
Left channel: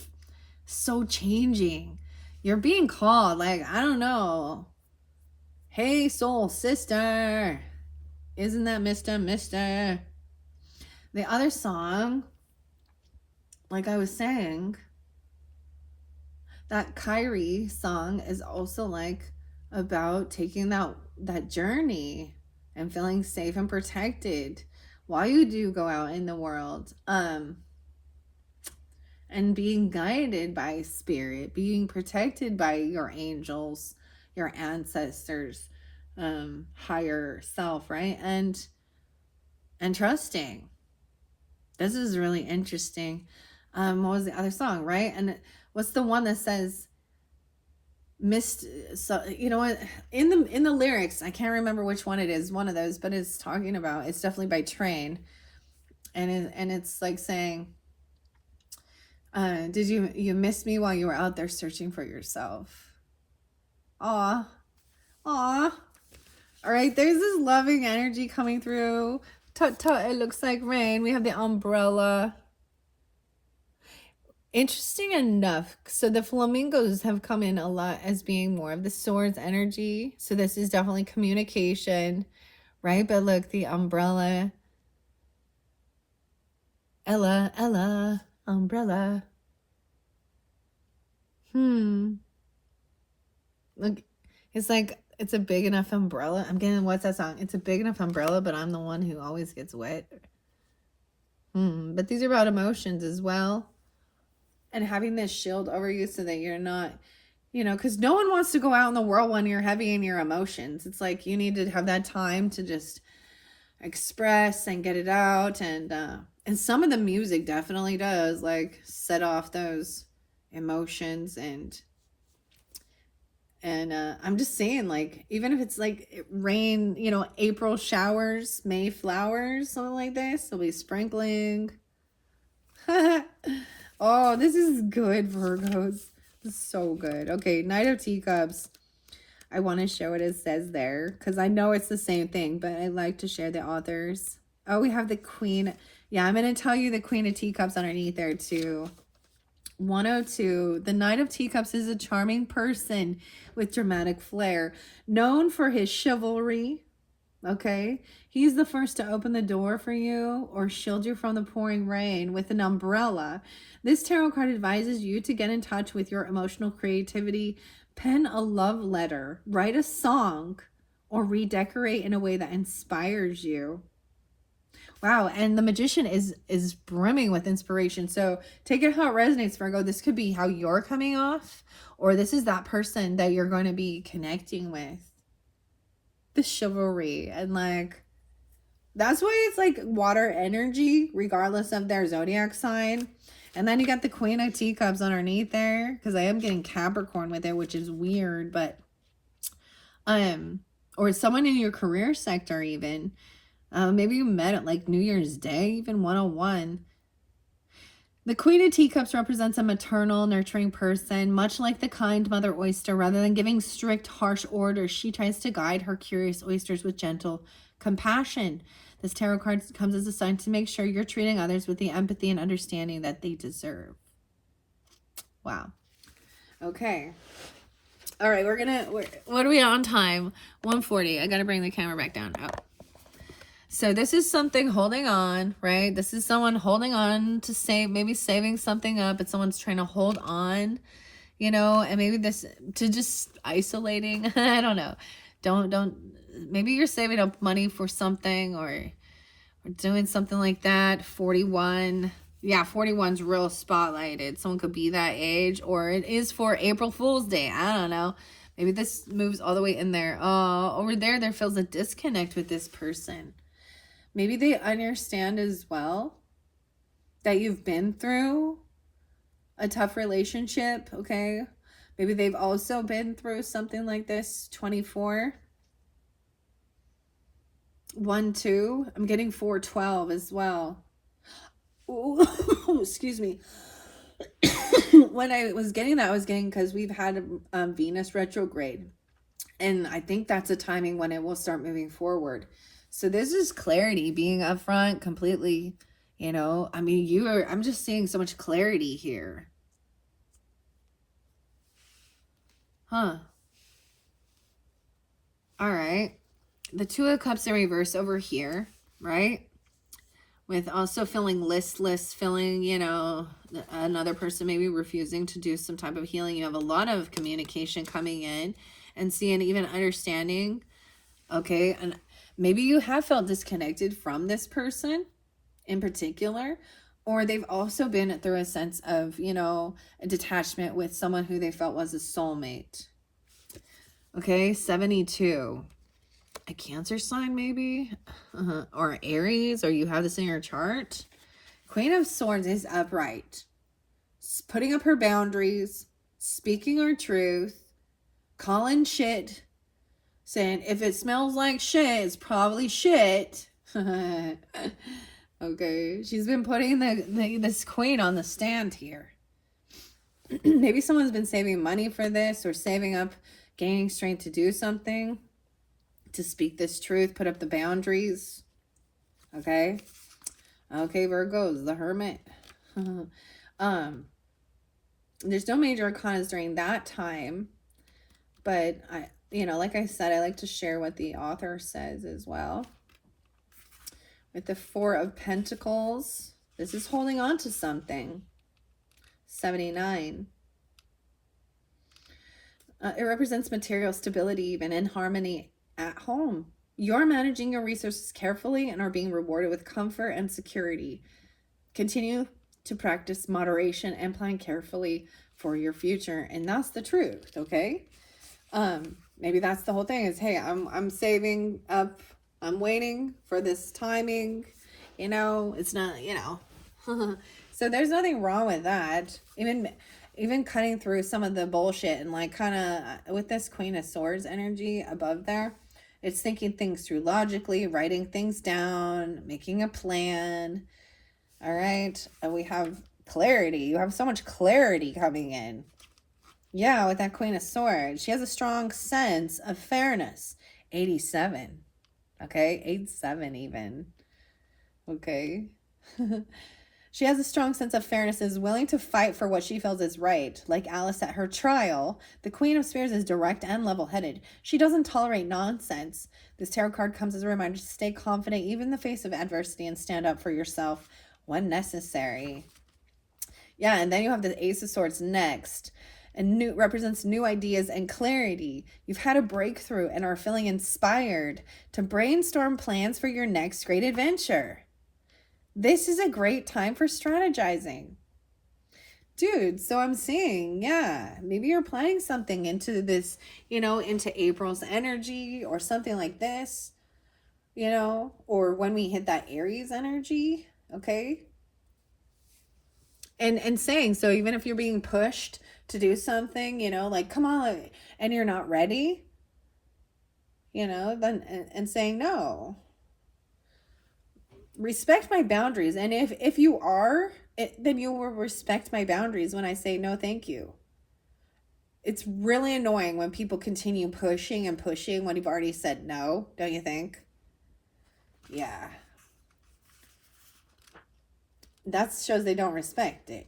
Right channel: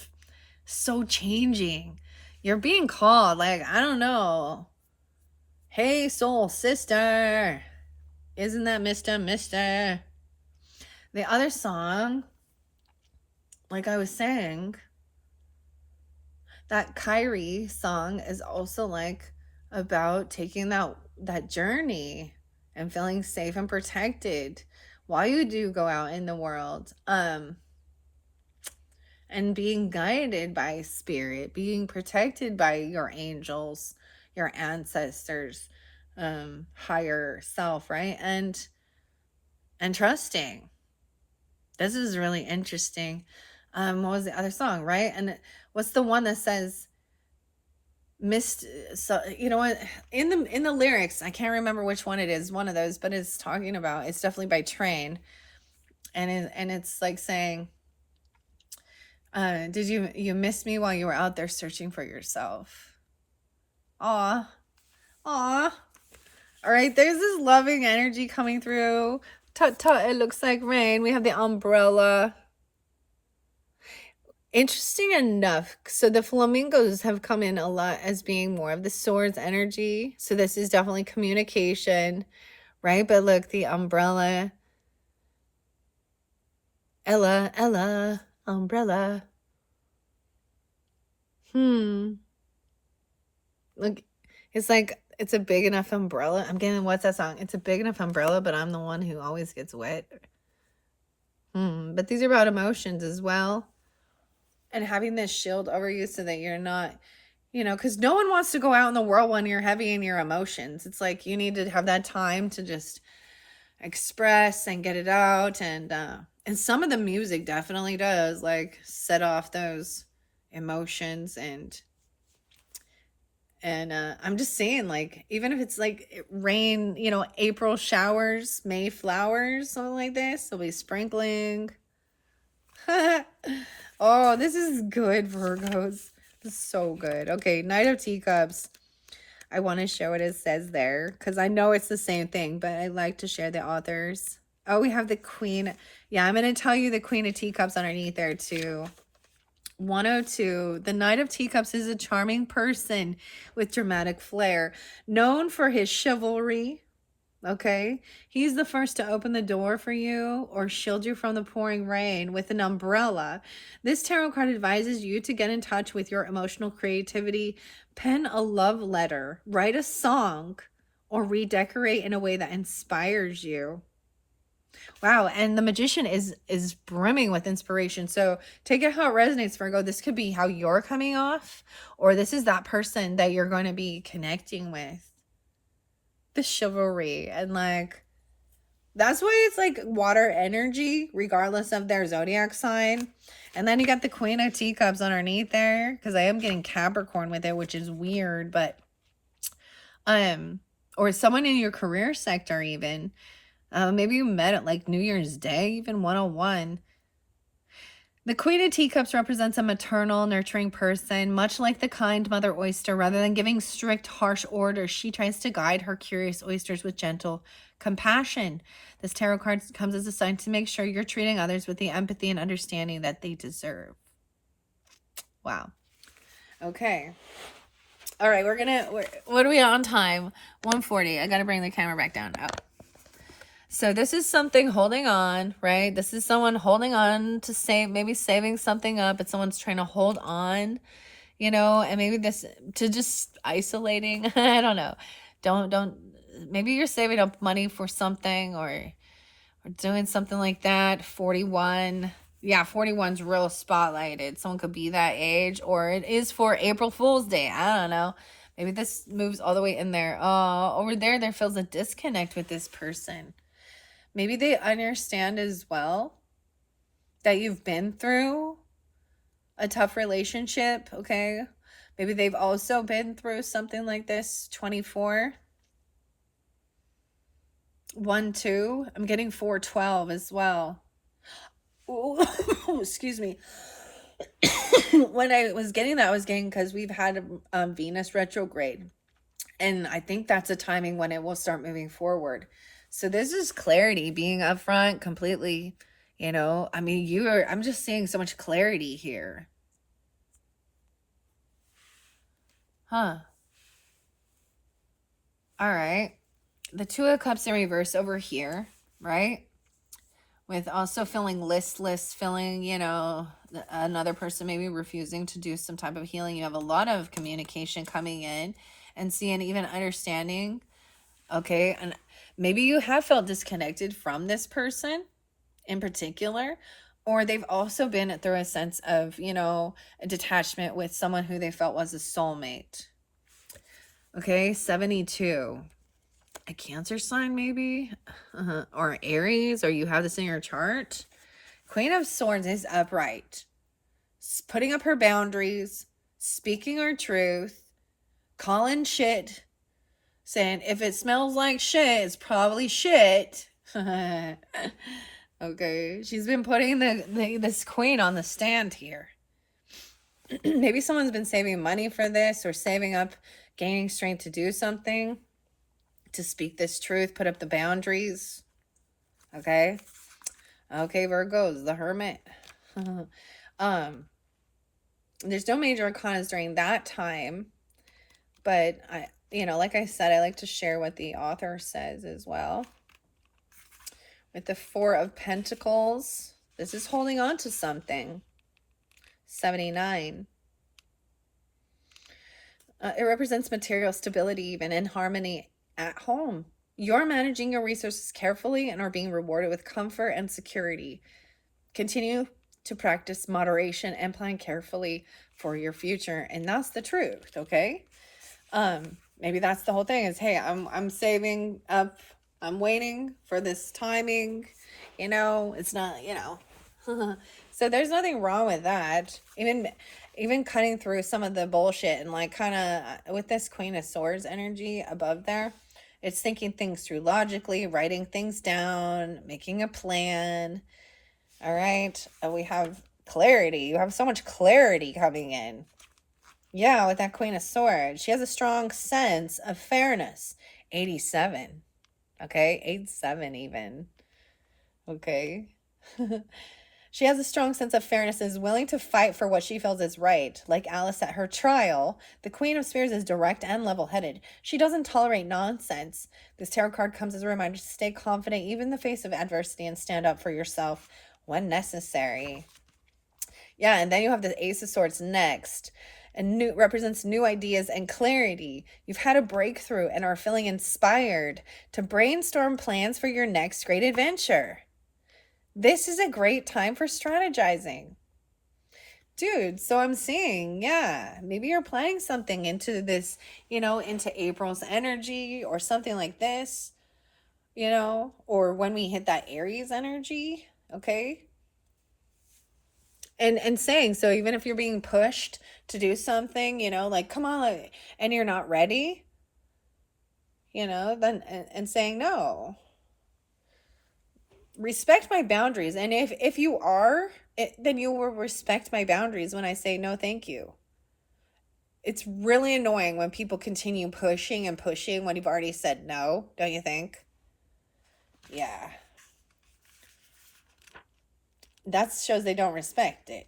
so changing. You're being called, like, I don't know. Hey, soul sister. Isn't that Mister? The other song, like I was saying, that Kyrie song is also, like, about taking that journey and feeling safe and protected while you do go out in the world, and being guided by spirit, being protected by your angels, your ancestors, higher self, right? And trusting. This is really interesting. What was the other song, right? And what's the one that says missed? So, you know what, in the lyrics, I can't remember which one it is, one of those, but it's talking about, it's definitely by Train, and it's like saying, did you miss me while you were out there searching for yourself? Aw. All right, there's this loving energy coming through. Tut tut, it looks like rain. We have the umbrella. Interesting enough, so the flamingos have come in a lot as being more of the swords energy. So this is definitely communication, right? But look, the umbrella. Ella, umbrella. Look, it's like, it's a big enough umbrella. I'm getting, what's that song? It's a big enough umbrella, but I'm the one who always gets wet. But these are about emotions as well. And having this shield over you so that you're not, because no one wants to go out in the world when you're heavy in your emotions. It's like you need to have that time to just express and get it out. And some of the music definitely does, like, set off those emotions. And I'm just saying, like, even if it's like rain, April showers, May flowers, something like this, there'll be sprinkling. Oh, this is good, Virgos. This is so good. Okay, Knight of Teacups. I want to show what it says there, because I know it's the same thing, but I like to share the authors. Oh, we have the Queen. Yeah, I'm going to tell you the Queen of Teacups underneath there, too. 102. The Knight of Teacups is a charming person with dramatic flair, known for his chivalry. Okay, he's the first to open the door for you or shield you from the pouring rain with an umbrella. This tarot card advises you to get in touch with your emotional creativity, pen a love letter, write a song, or redecorate in a way that inspires you. Wow, and the Magician is brimming with inspiration. So take it how it resonates, Virgo. This could be how you're coming off, or this is that person that you're going to be connecting with. The chivalry, and like, that's why it's like water energy, regardless of their zodiac sign. And then you got the Queen of Teacups underneath there, because I am getting Capricorn with it, which is weird, but or someone in your career sector even. Maybe you met at like New Year's Day, even 101. The Queen of Teacups represents a maternal, nurturing person, much like the kind mother oyster. Rather than giving strict, harsh orders, she tries to guide her curious oysters with gentle compassion. This tarot card comes as a sign to make sure you're treating others with the empathy and understanding that they deserve. Wow. Okay. All right, what are we on time? 1:40. I got to bring the camera back down. Oh. So this is something holding on, right? This is someone holding on to save, maybe saving something up, but someone's trying to hold on, you know, and maybe this to just isolating. I don't know. Don't, maybe you're saving up money for something or doing something like that. 41. Yeah, 41's real spotlighted. Someone could be that age, or it is for April Fool's Day. I don't know. Maybe this moves all the way in there. Over there feels a disconnect with this person. Maybe they understand as well that you've been through a tough relationship, okay? Maybe they've also been through something like this. 24. 1, 2. I'm getting 412 as well. Ooh, excuse me. When I was getting that, I was getting because we've had Venus retrograde. And I think that's a timing when it will start moving forward. So this is clarity, being upfront, completely, you know, I mean, I'm just seeing so much clarity here. Huh. All right. The Two of Cups in reverse over here, right? With also feeling listless, feeling, you know, another person maybe refusing to do some type of healing. You have a lot of communication coming in and seeing, even understanding. Okay. And maybe you have felt disconnected from this person in particular, or they've also been through a sense of, you know, a detachment with someone who they felt was a soulmate. Okay, 72. A Cancer sign maybe, or Aries, or you have this in your chart. Queen of Swords is upright, putting up her boundaries, speaking her truth, calling shit, saying if it smells like shit, it's probably shit. Okay, she's been putting this queen on the stand here. Maybe someone's been saving money for this, or saving up, gaining strength to do something, to speak this truth, put up the boundaries. Okay. Okay, Virgos, the Hermit. There's no major arcanas during that time, but I, you know, like I said, I like to share what the author says as well. With the Four of Pentacles, this is holding on to something. 79. It represents material stability, even in harmony at home. You're managing your resources carefully and are being rewarded with comfort and security. Continue to practice moderation and plan carefully for your future. And that's the truth, okay? Maybe that's the whole thing is, hey, I'm saving up. I'm waiting for this timing, you know, it's not, you know. So there's nothing wrong with that. Even cutting through some of the bullshit and like kind of with this Queen of Swords energy above there, it's thinking things through logically, writing things down, making a plan. All right. We have clarity. You have so much clarity coming in. Yeah, with that Queen of Swords. She has a strong sense of fairness. 87. Okay, 87 even. Okay. She has a strong sense of fairness and is willing to fight for what she feels is right. Like Alice at her trial, the Queen of Spears is direct and level-headed. She doesn't tolerate nonsense. This tarot card comes as a reminder to stay confident even in the face of adversity and stand up for yourself when necessary. Yeah, and then you have the Ace of Swords next. And represents new ideas and clarity. You've had a breakthrough and are feeling inspired to brainstorm plans for your next great adventure. This is a great time for strategizing. Dude, so I'm seeing, yeah, maybe you're planning something into this, into April's energy or something like this, or when we hit that Aries energy, okay? And saying, so even if you're being pushed to do something, like, come on, like, and you're not ready, then, and saying no. Respect my boundaries. And if you are, then you will respect my boundaries when I say no, thank you. It's really annoying when people continue pushing and pushing when you've already said no, don't you think? Yeah. That shows they don't respect it.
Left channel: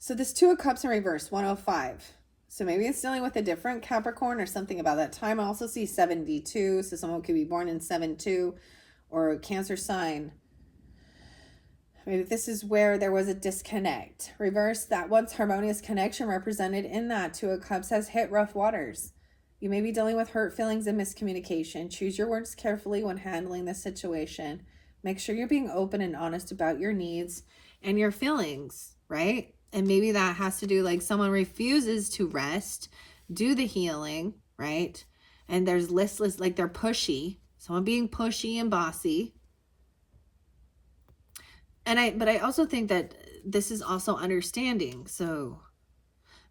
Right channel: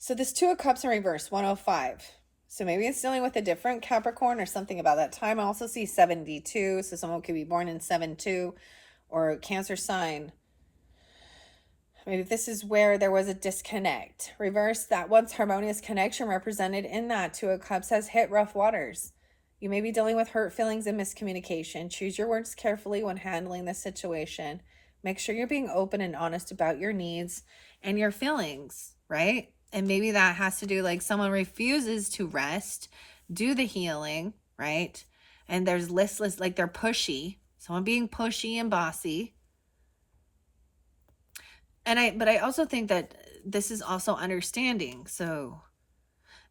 So this Two of Cups in reverse, 105. So maybe it's dealing with a different Capricorn or something about that time. I also see 72. So someone could be born in 7-2 or a Cancer sign. Maybe this is where there was a disconnect. Reverse, that once harmonious connection represented in that Two of Cups has hit rough waters. You may be dealing with hurt feelings and miscommunication. Choose your words carefully when handling this situation. Make sure you're being open and honest about your needs and your feelings, right? And maybe that has to do, like, someone refuses to rest, do the healing, right? And there's listless, like they're pushy. Someone being pushy and bossy. But I also think that this is also understanding. So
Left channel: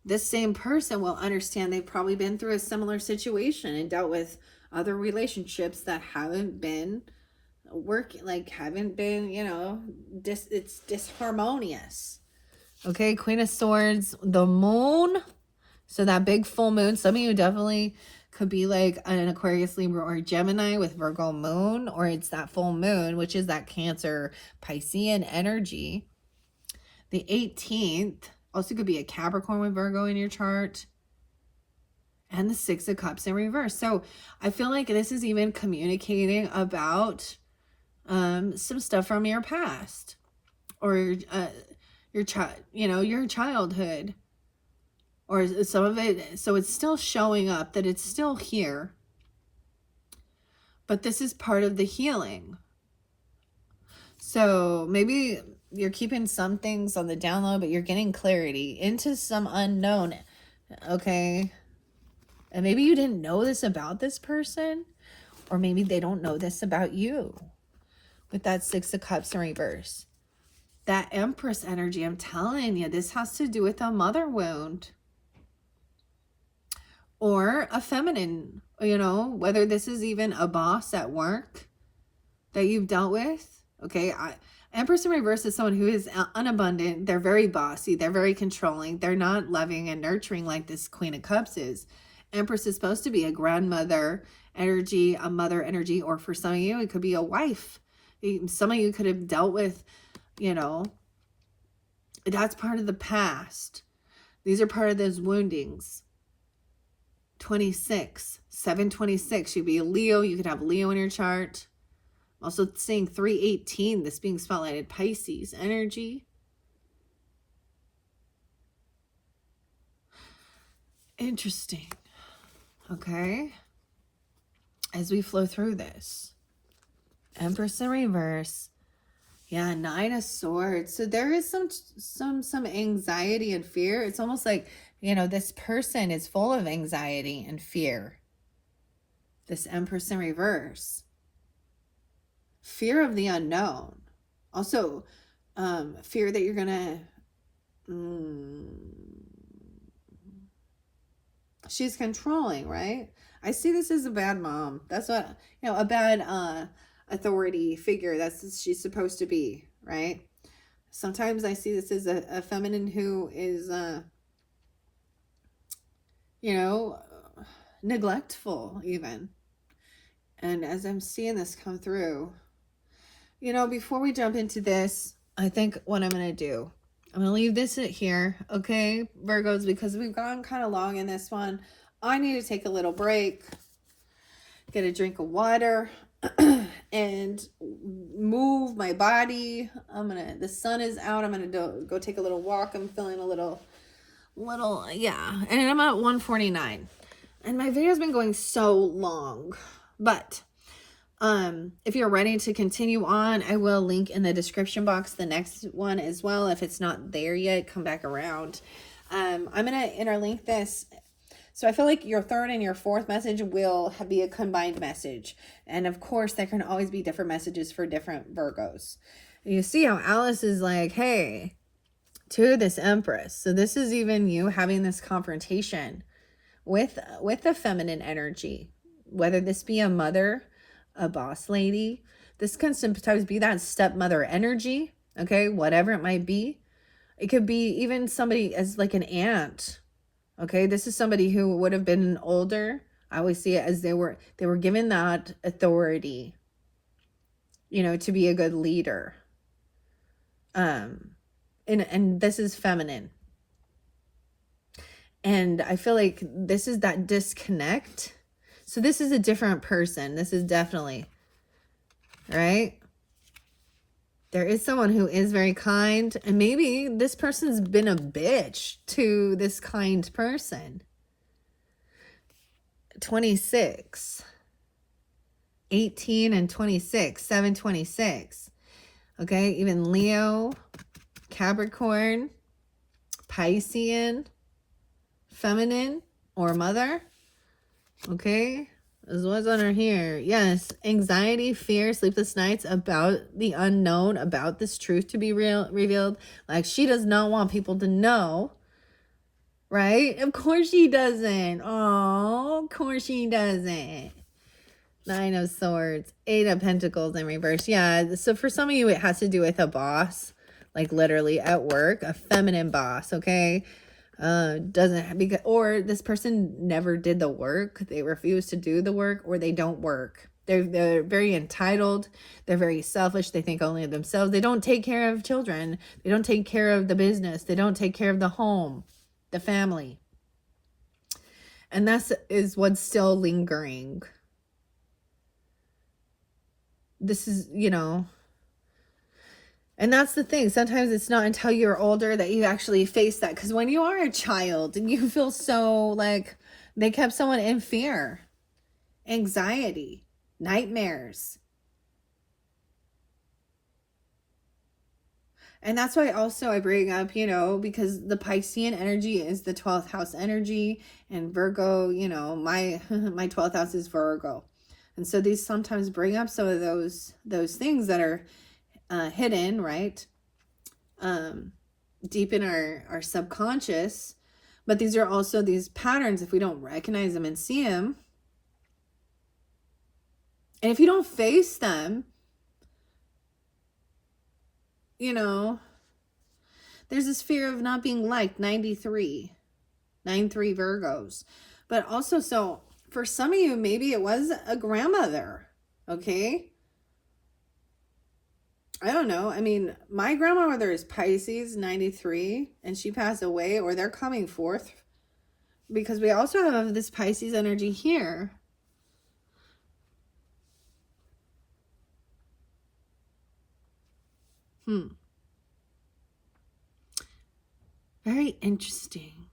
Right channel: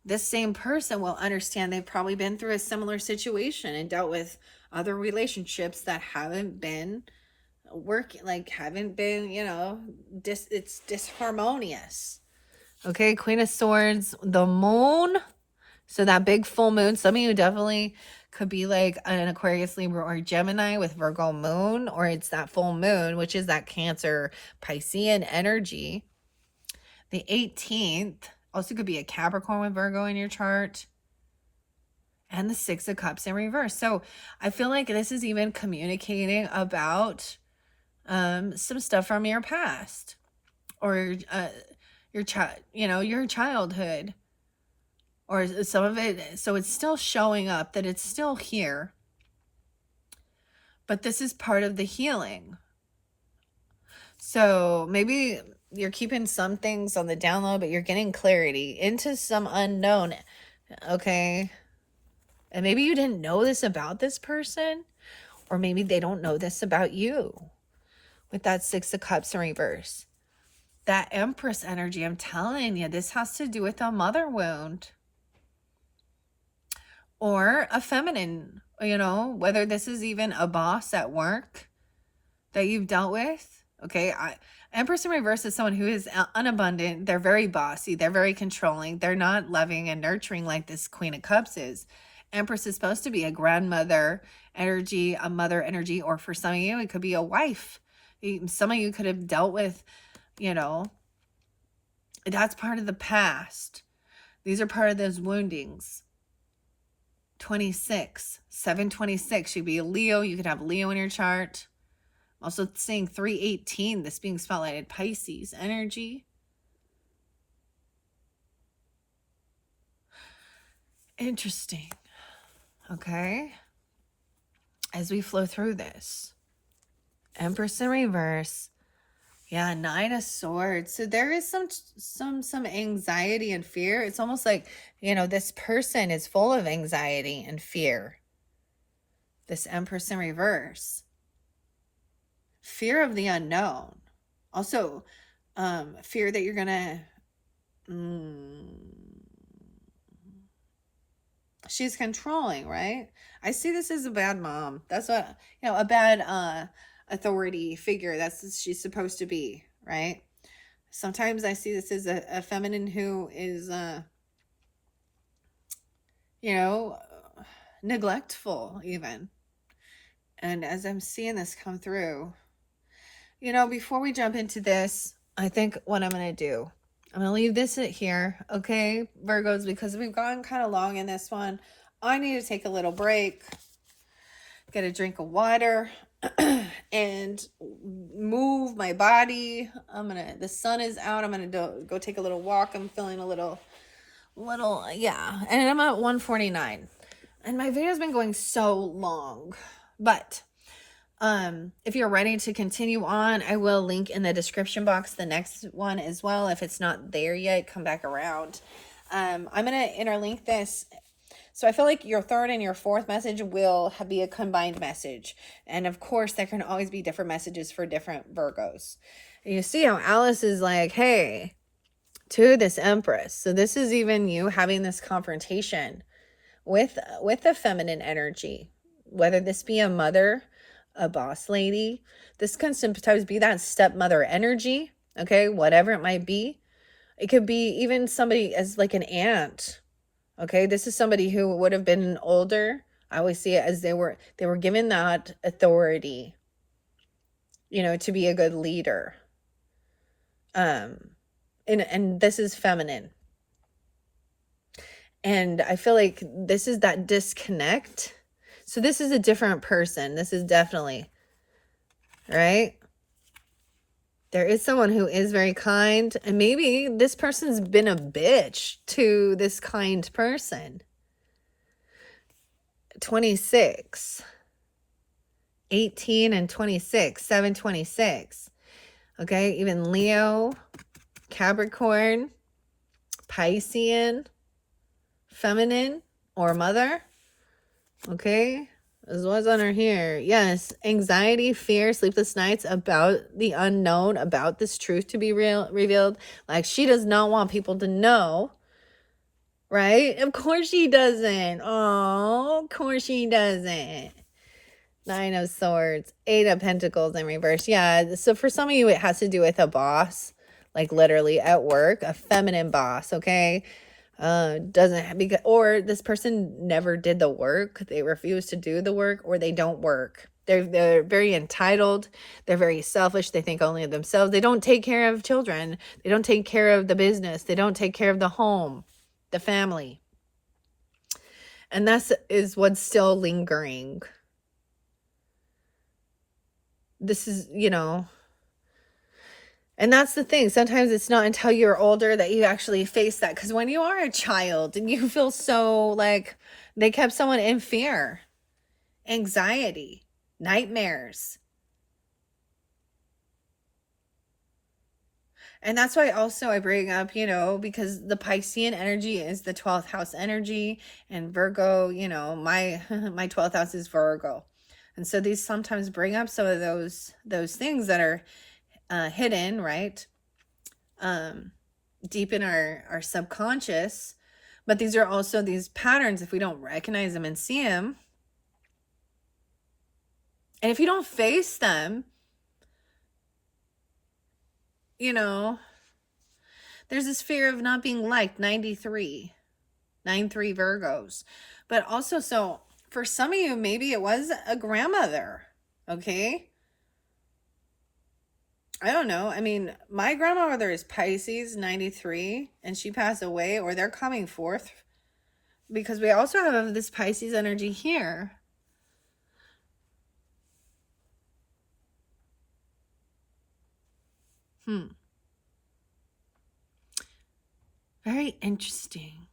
this same person will understand they've probably been through a similar situation and dealt with other relationships that haven't been working, like haven't been, it's disharmonious. Okay, Queen of Swords, the moon. So that big full moon, some of you definitely could be like an Aquarius, Libra, or Gemini with Virgo moon, or it's that full moon, which is that Cancer Piscean energy. The 18th also could be a Capricorn with Virgo in your chart. And the Six of Cups in reverse. So I feel like this is even communicating about some stuff from your past or your childhood. Or some of it, so it's still showing up, that it's still here. But this is part of the healing. So maybe you're keeping some things on the down low, but you're getting clarity into some unknown, okay? And maybe you didn't know this about this person, or maybe they don't know this about you. With that Six of Cups in reverse. That Empress energy, I'm telling you, this has to do with a mother wound. Or a feminine, whether this is even a boss at work that you've dealt with. Okay, Empress in reverse is someone who is unabundant. They're very bossy. They're very controlling. They're not loving and nurturing like this Queen of Cups is. Empress is supposed to be a grandmother energy, a mother energy, or for some of you, it could be a wife. Some of you could have dealt with, that's part of the past. These are part of those woundings. 26, 726. You'd be a Leo. You could have Leo in your chart. Also seeing 318, this being spotlighted, Pisces energy. Interesting. Okay. As we flow through this. Empress in reverse. Yeah, Nine of Swords. So there is some anxiety and fear. It's almost like, this person is full of anxiety and fear. This Empress in reverse. Fear of the unknown. Also, fear that you're gonna... she's controlling, right? I see this as a bad mom. That's what, a bad authority figure. That's what she's supposed to be, right? Sometimes I see this as a feminine who is, neglectful even. And as I'm seeing this come through, before we jump into this, I think what I'm going to do, I'm going to leave this at here, okay, Virgos, because we've gone kind of long in this one. I need to take a little break, get a drink of water, and move my body. The sun is out. I'm going to go take a little walk. I'm feeling a little, yeah. And I'm at 149. And my video's been going so long. But If you're ready to continue on, I will link in the description box the next one as well. If it's not there yet, come back around. I'm going to interlink this. So I feel like your third and your fourth message will be a combined message. And of course, there can always be different messages for different Virgos. And you see how Alice is like, hey, to this Empress. So this is even you having this confrontation with the feminine energy, whether this be a mother, a boss lady. This can sometimes be that stepmother energy, okay, whatever it might be. It could be even somebody as like an aunt, okay. This is somebody who would have been older. I always see it as they were given that authority, you know, to be a good leader. And this is feminine. And I feel like this is that disconnect. So this is a different person. This is definitely, right? There is someone who is very kind. And maybe this person's been a bitch to this kind person. 26. 18 and 26. 726. Okay, even Leo, Capricorn, Piscean, feminine or mother. Okay, as well as under here. Yes, anxiety, fear, sleepless nights about the unknown, about this truth to be revealed. Like she does not want people to know, right? Of course she doesn't. Oh, of course she doesn't. 9 of Swords, 8 of Pentacles in reverse. Yeah, so for some of you, it has to do with a boss, like literally at work, a feminine boss, okay? Doesn't, because, or this person never did the work. They refuse to do the work, or they don't work. They're very entitled. They're very selfish. They think only of themselves. They don't take care of children. They don't take care of the business. They don't take care of the home, the family. And that is what's still lingering. This is, you know, and that's the thing. Sometimes it's not until you're older that you actually face that. Because when you are a child and you feel so like they kept someone in fear, anxiety, nightmares. And that's why also I bring up, you know, because the Piscean energy is the 12th house energy, and Virgo, you know, my 12th house is Virgo. And so these sometimes bring up some of those things that are hidden, right? Deep in our subconscious. But these are also these patterns, if we don't recognize them and see them. And if you don't face them, you know, there's this fear of not being liked, 93 Virgos. But also, so for some of you, maybe it was a grandmother, okay? I don't know. I mean, my grandmother is Pisces, 93, and she passed away, or they're coming forth, because we also have this Pisces energy here. Very interesting.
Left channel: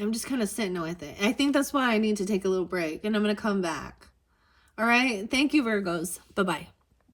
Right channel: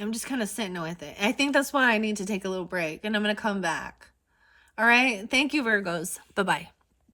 I'm just kind of sitting with it. I think that's why I need to take a little break, and I'm going to come back. All right. Thank you, Virgos. Bye-bye.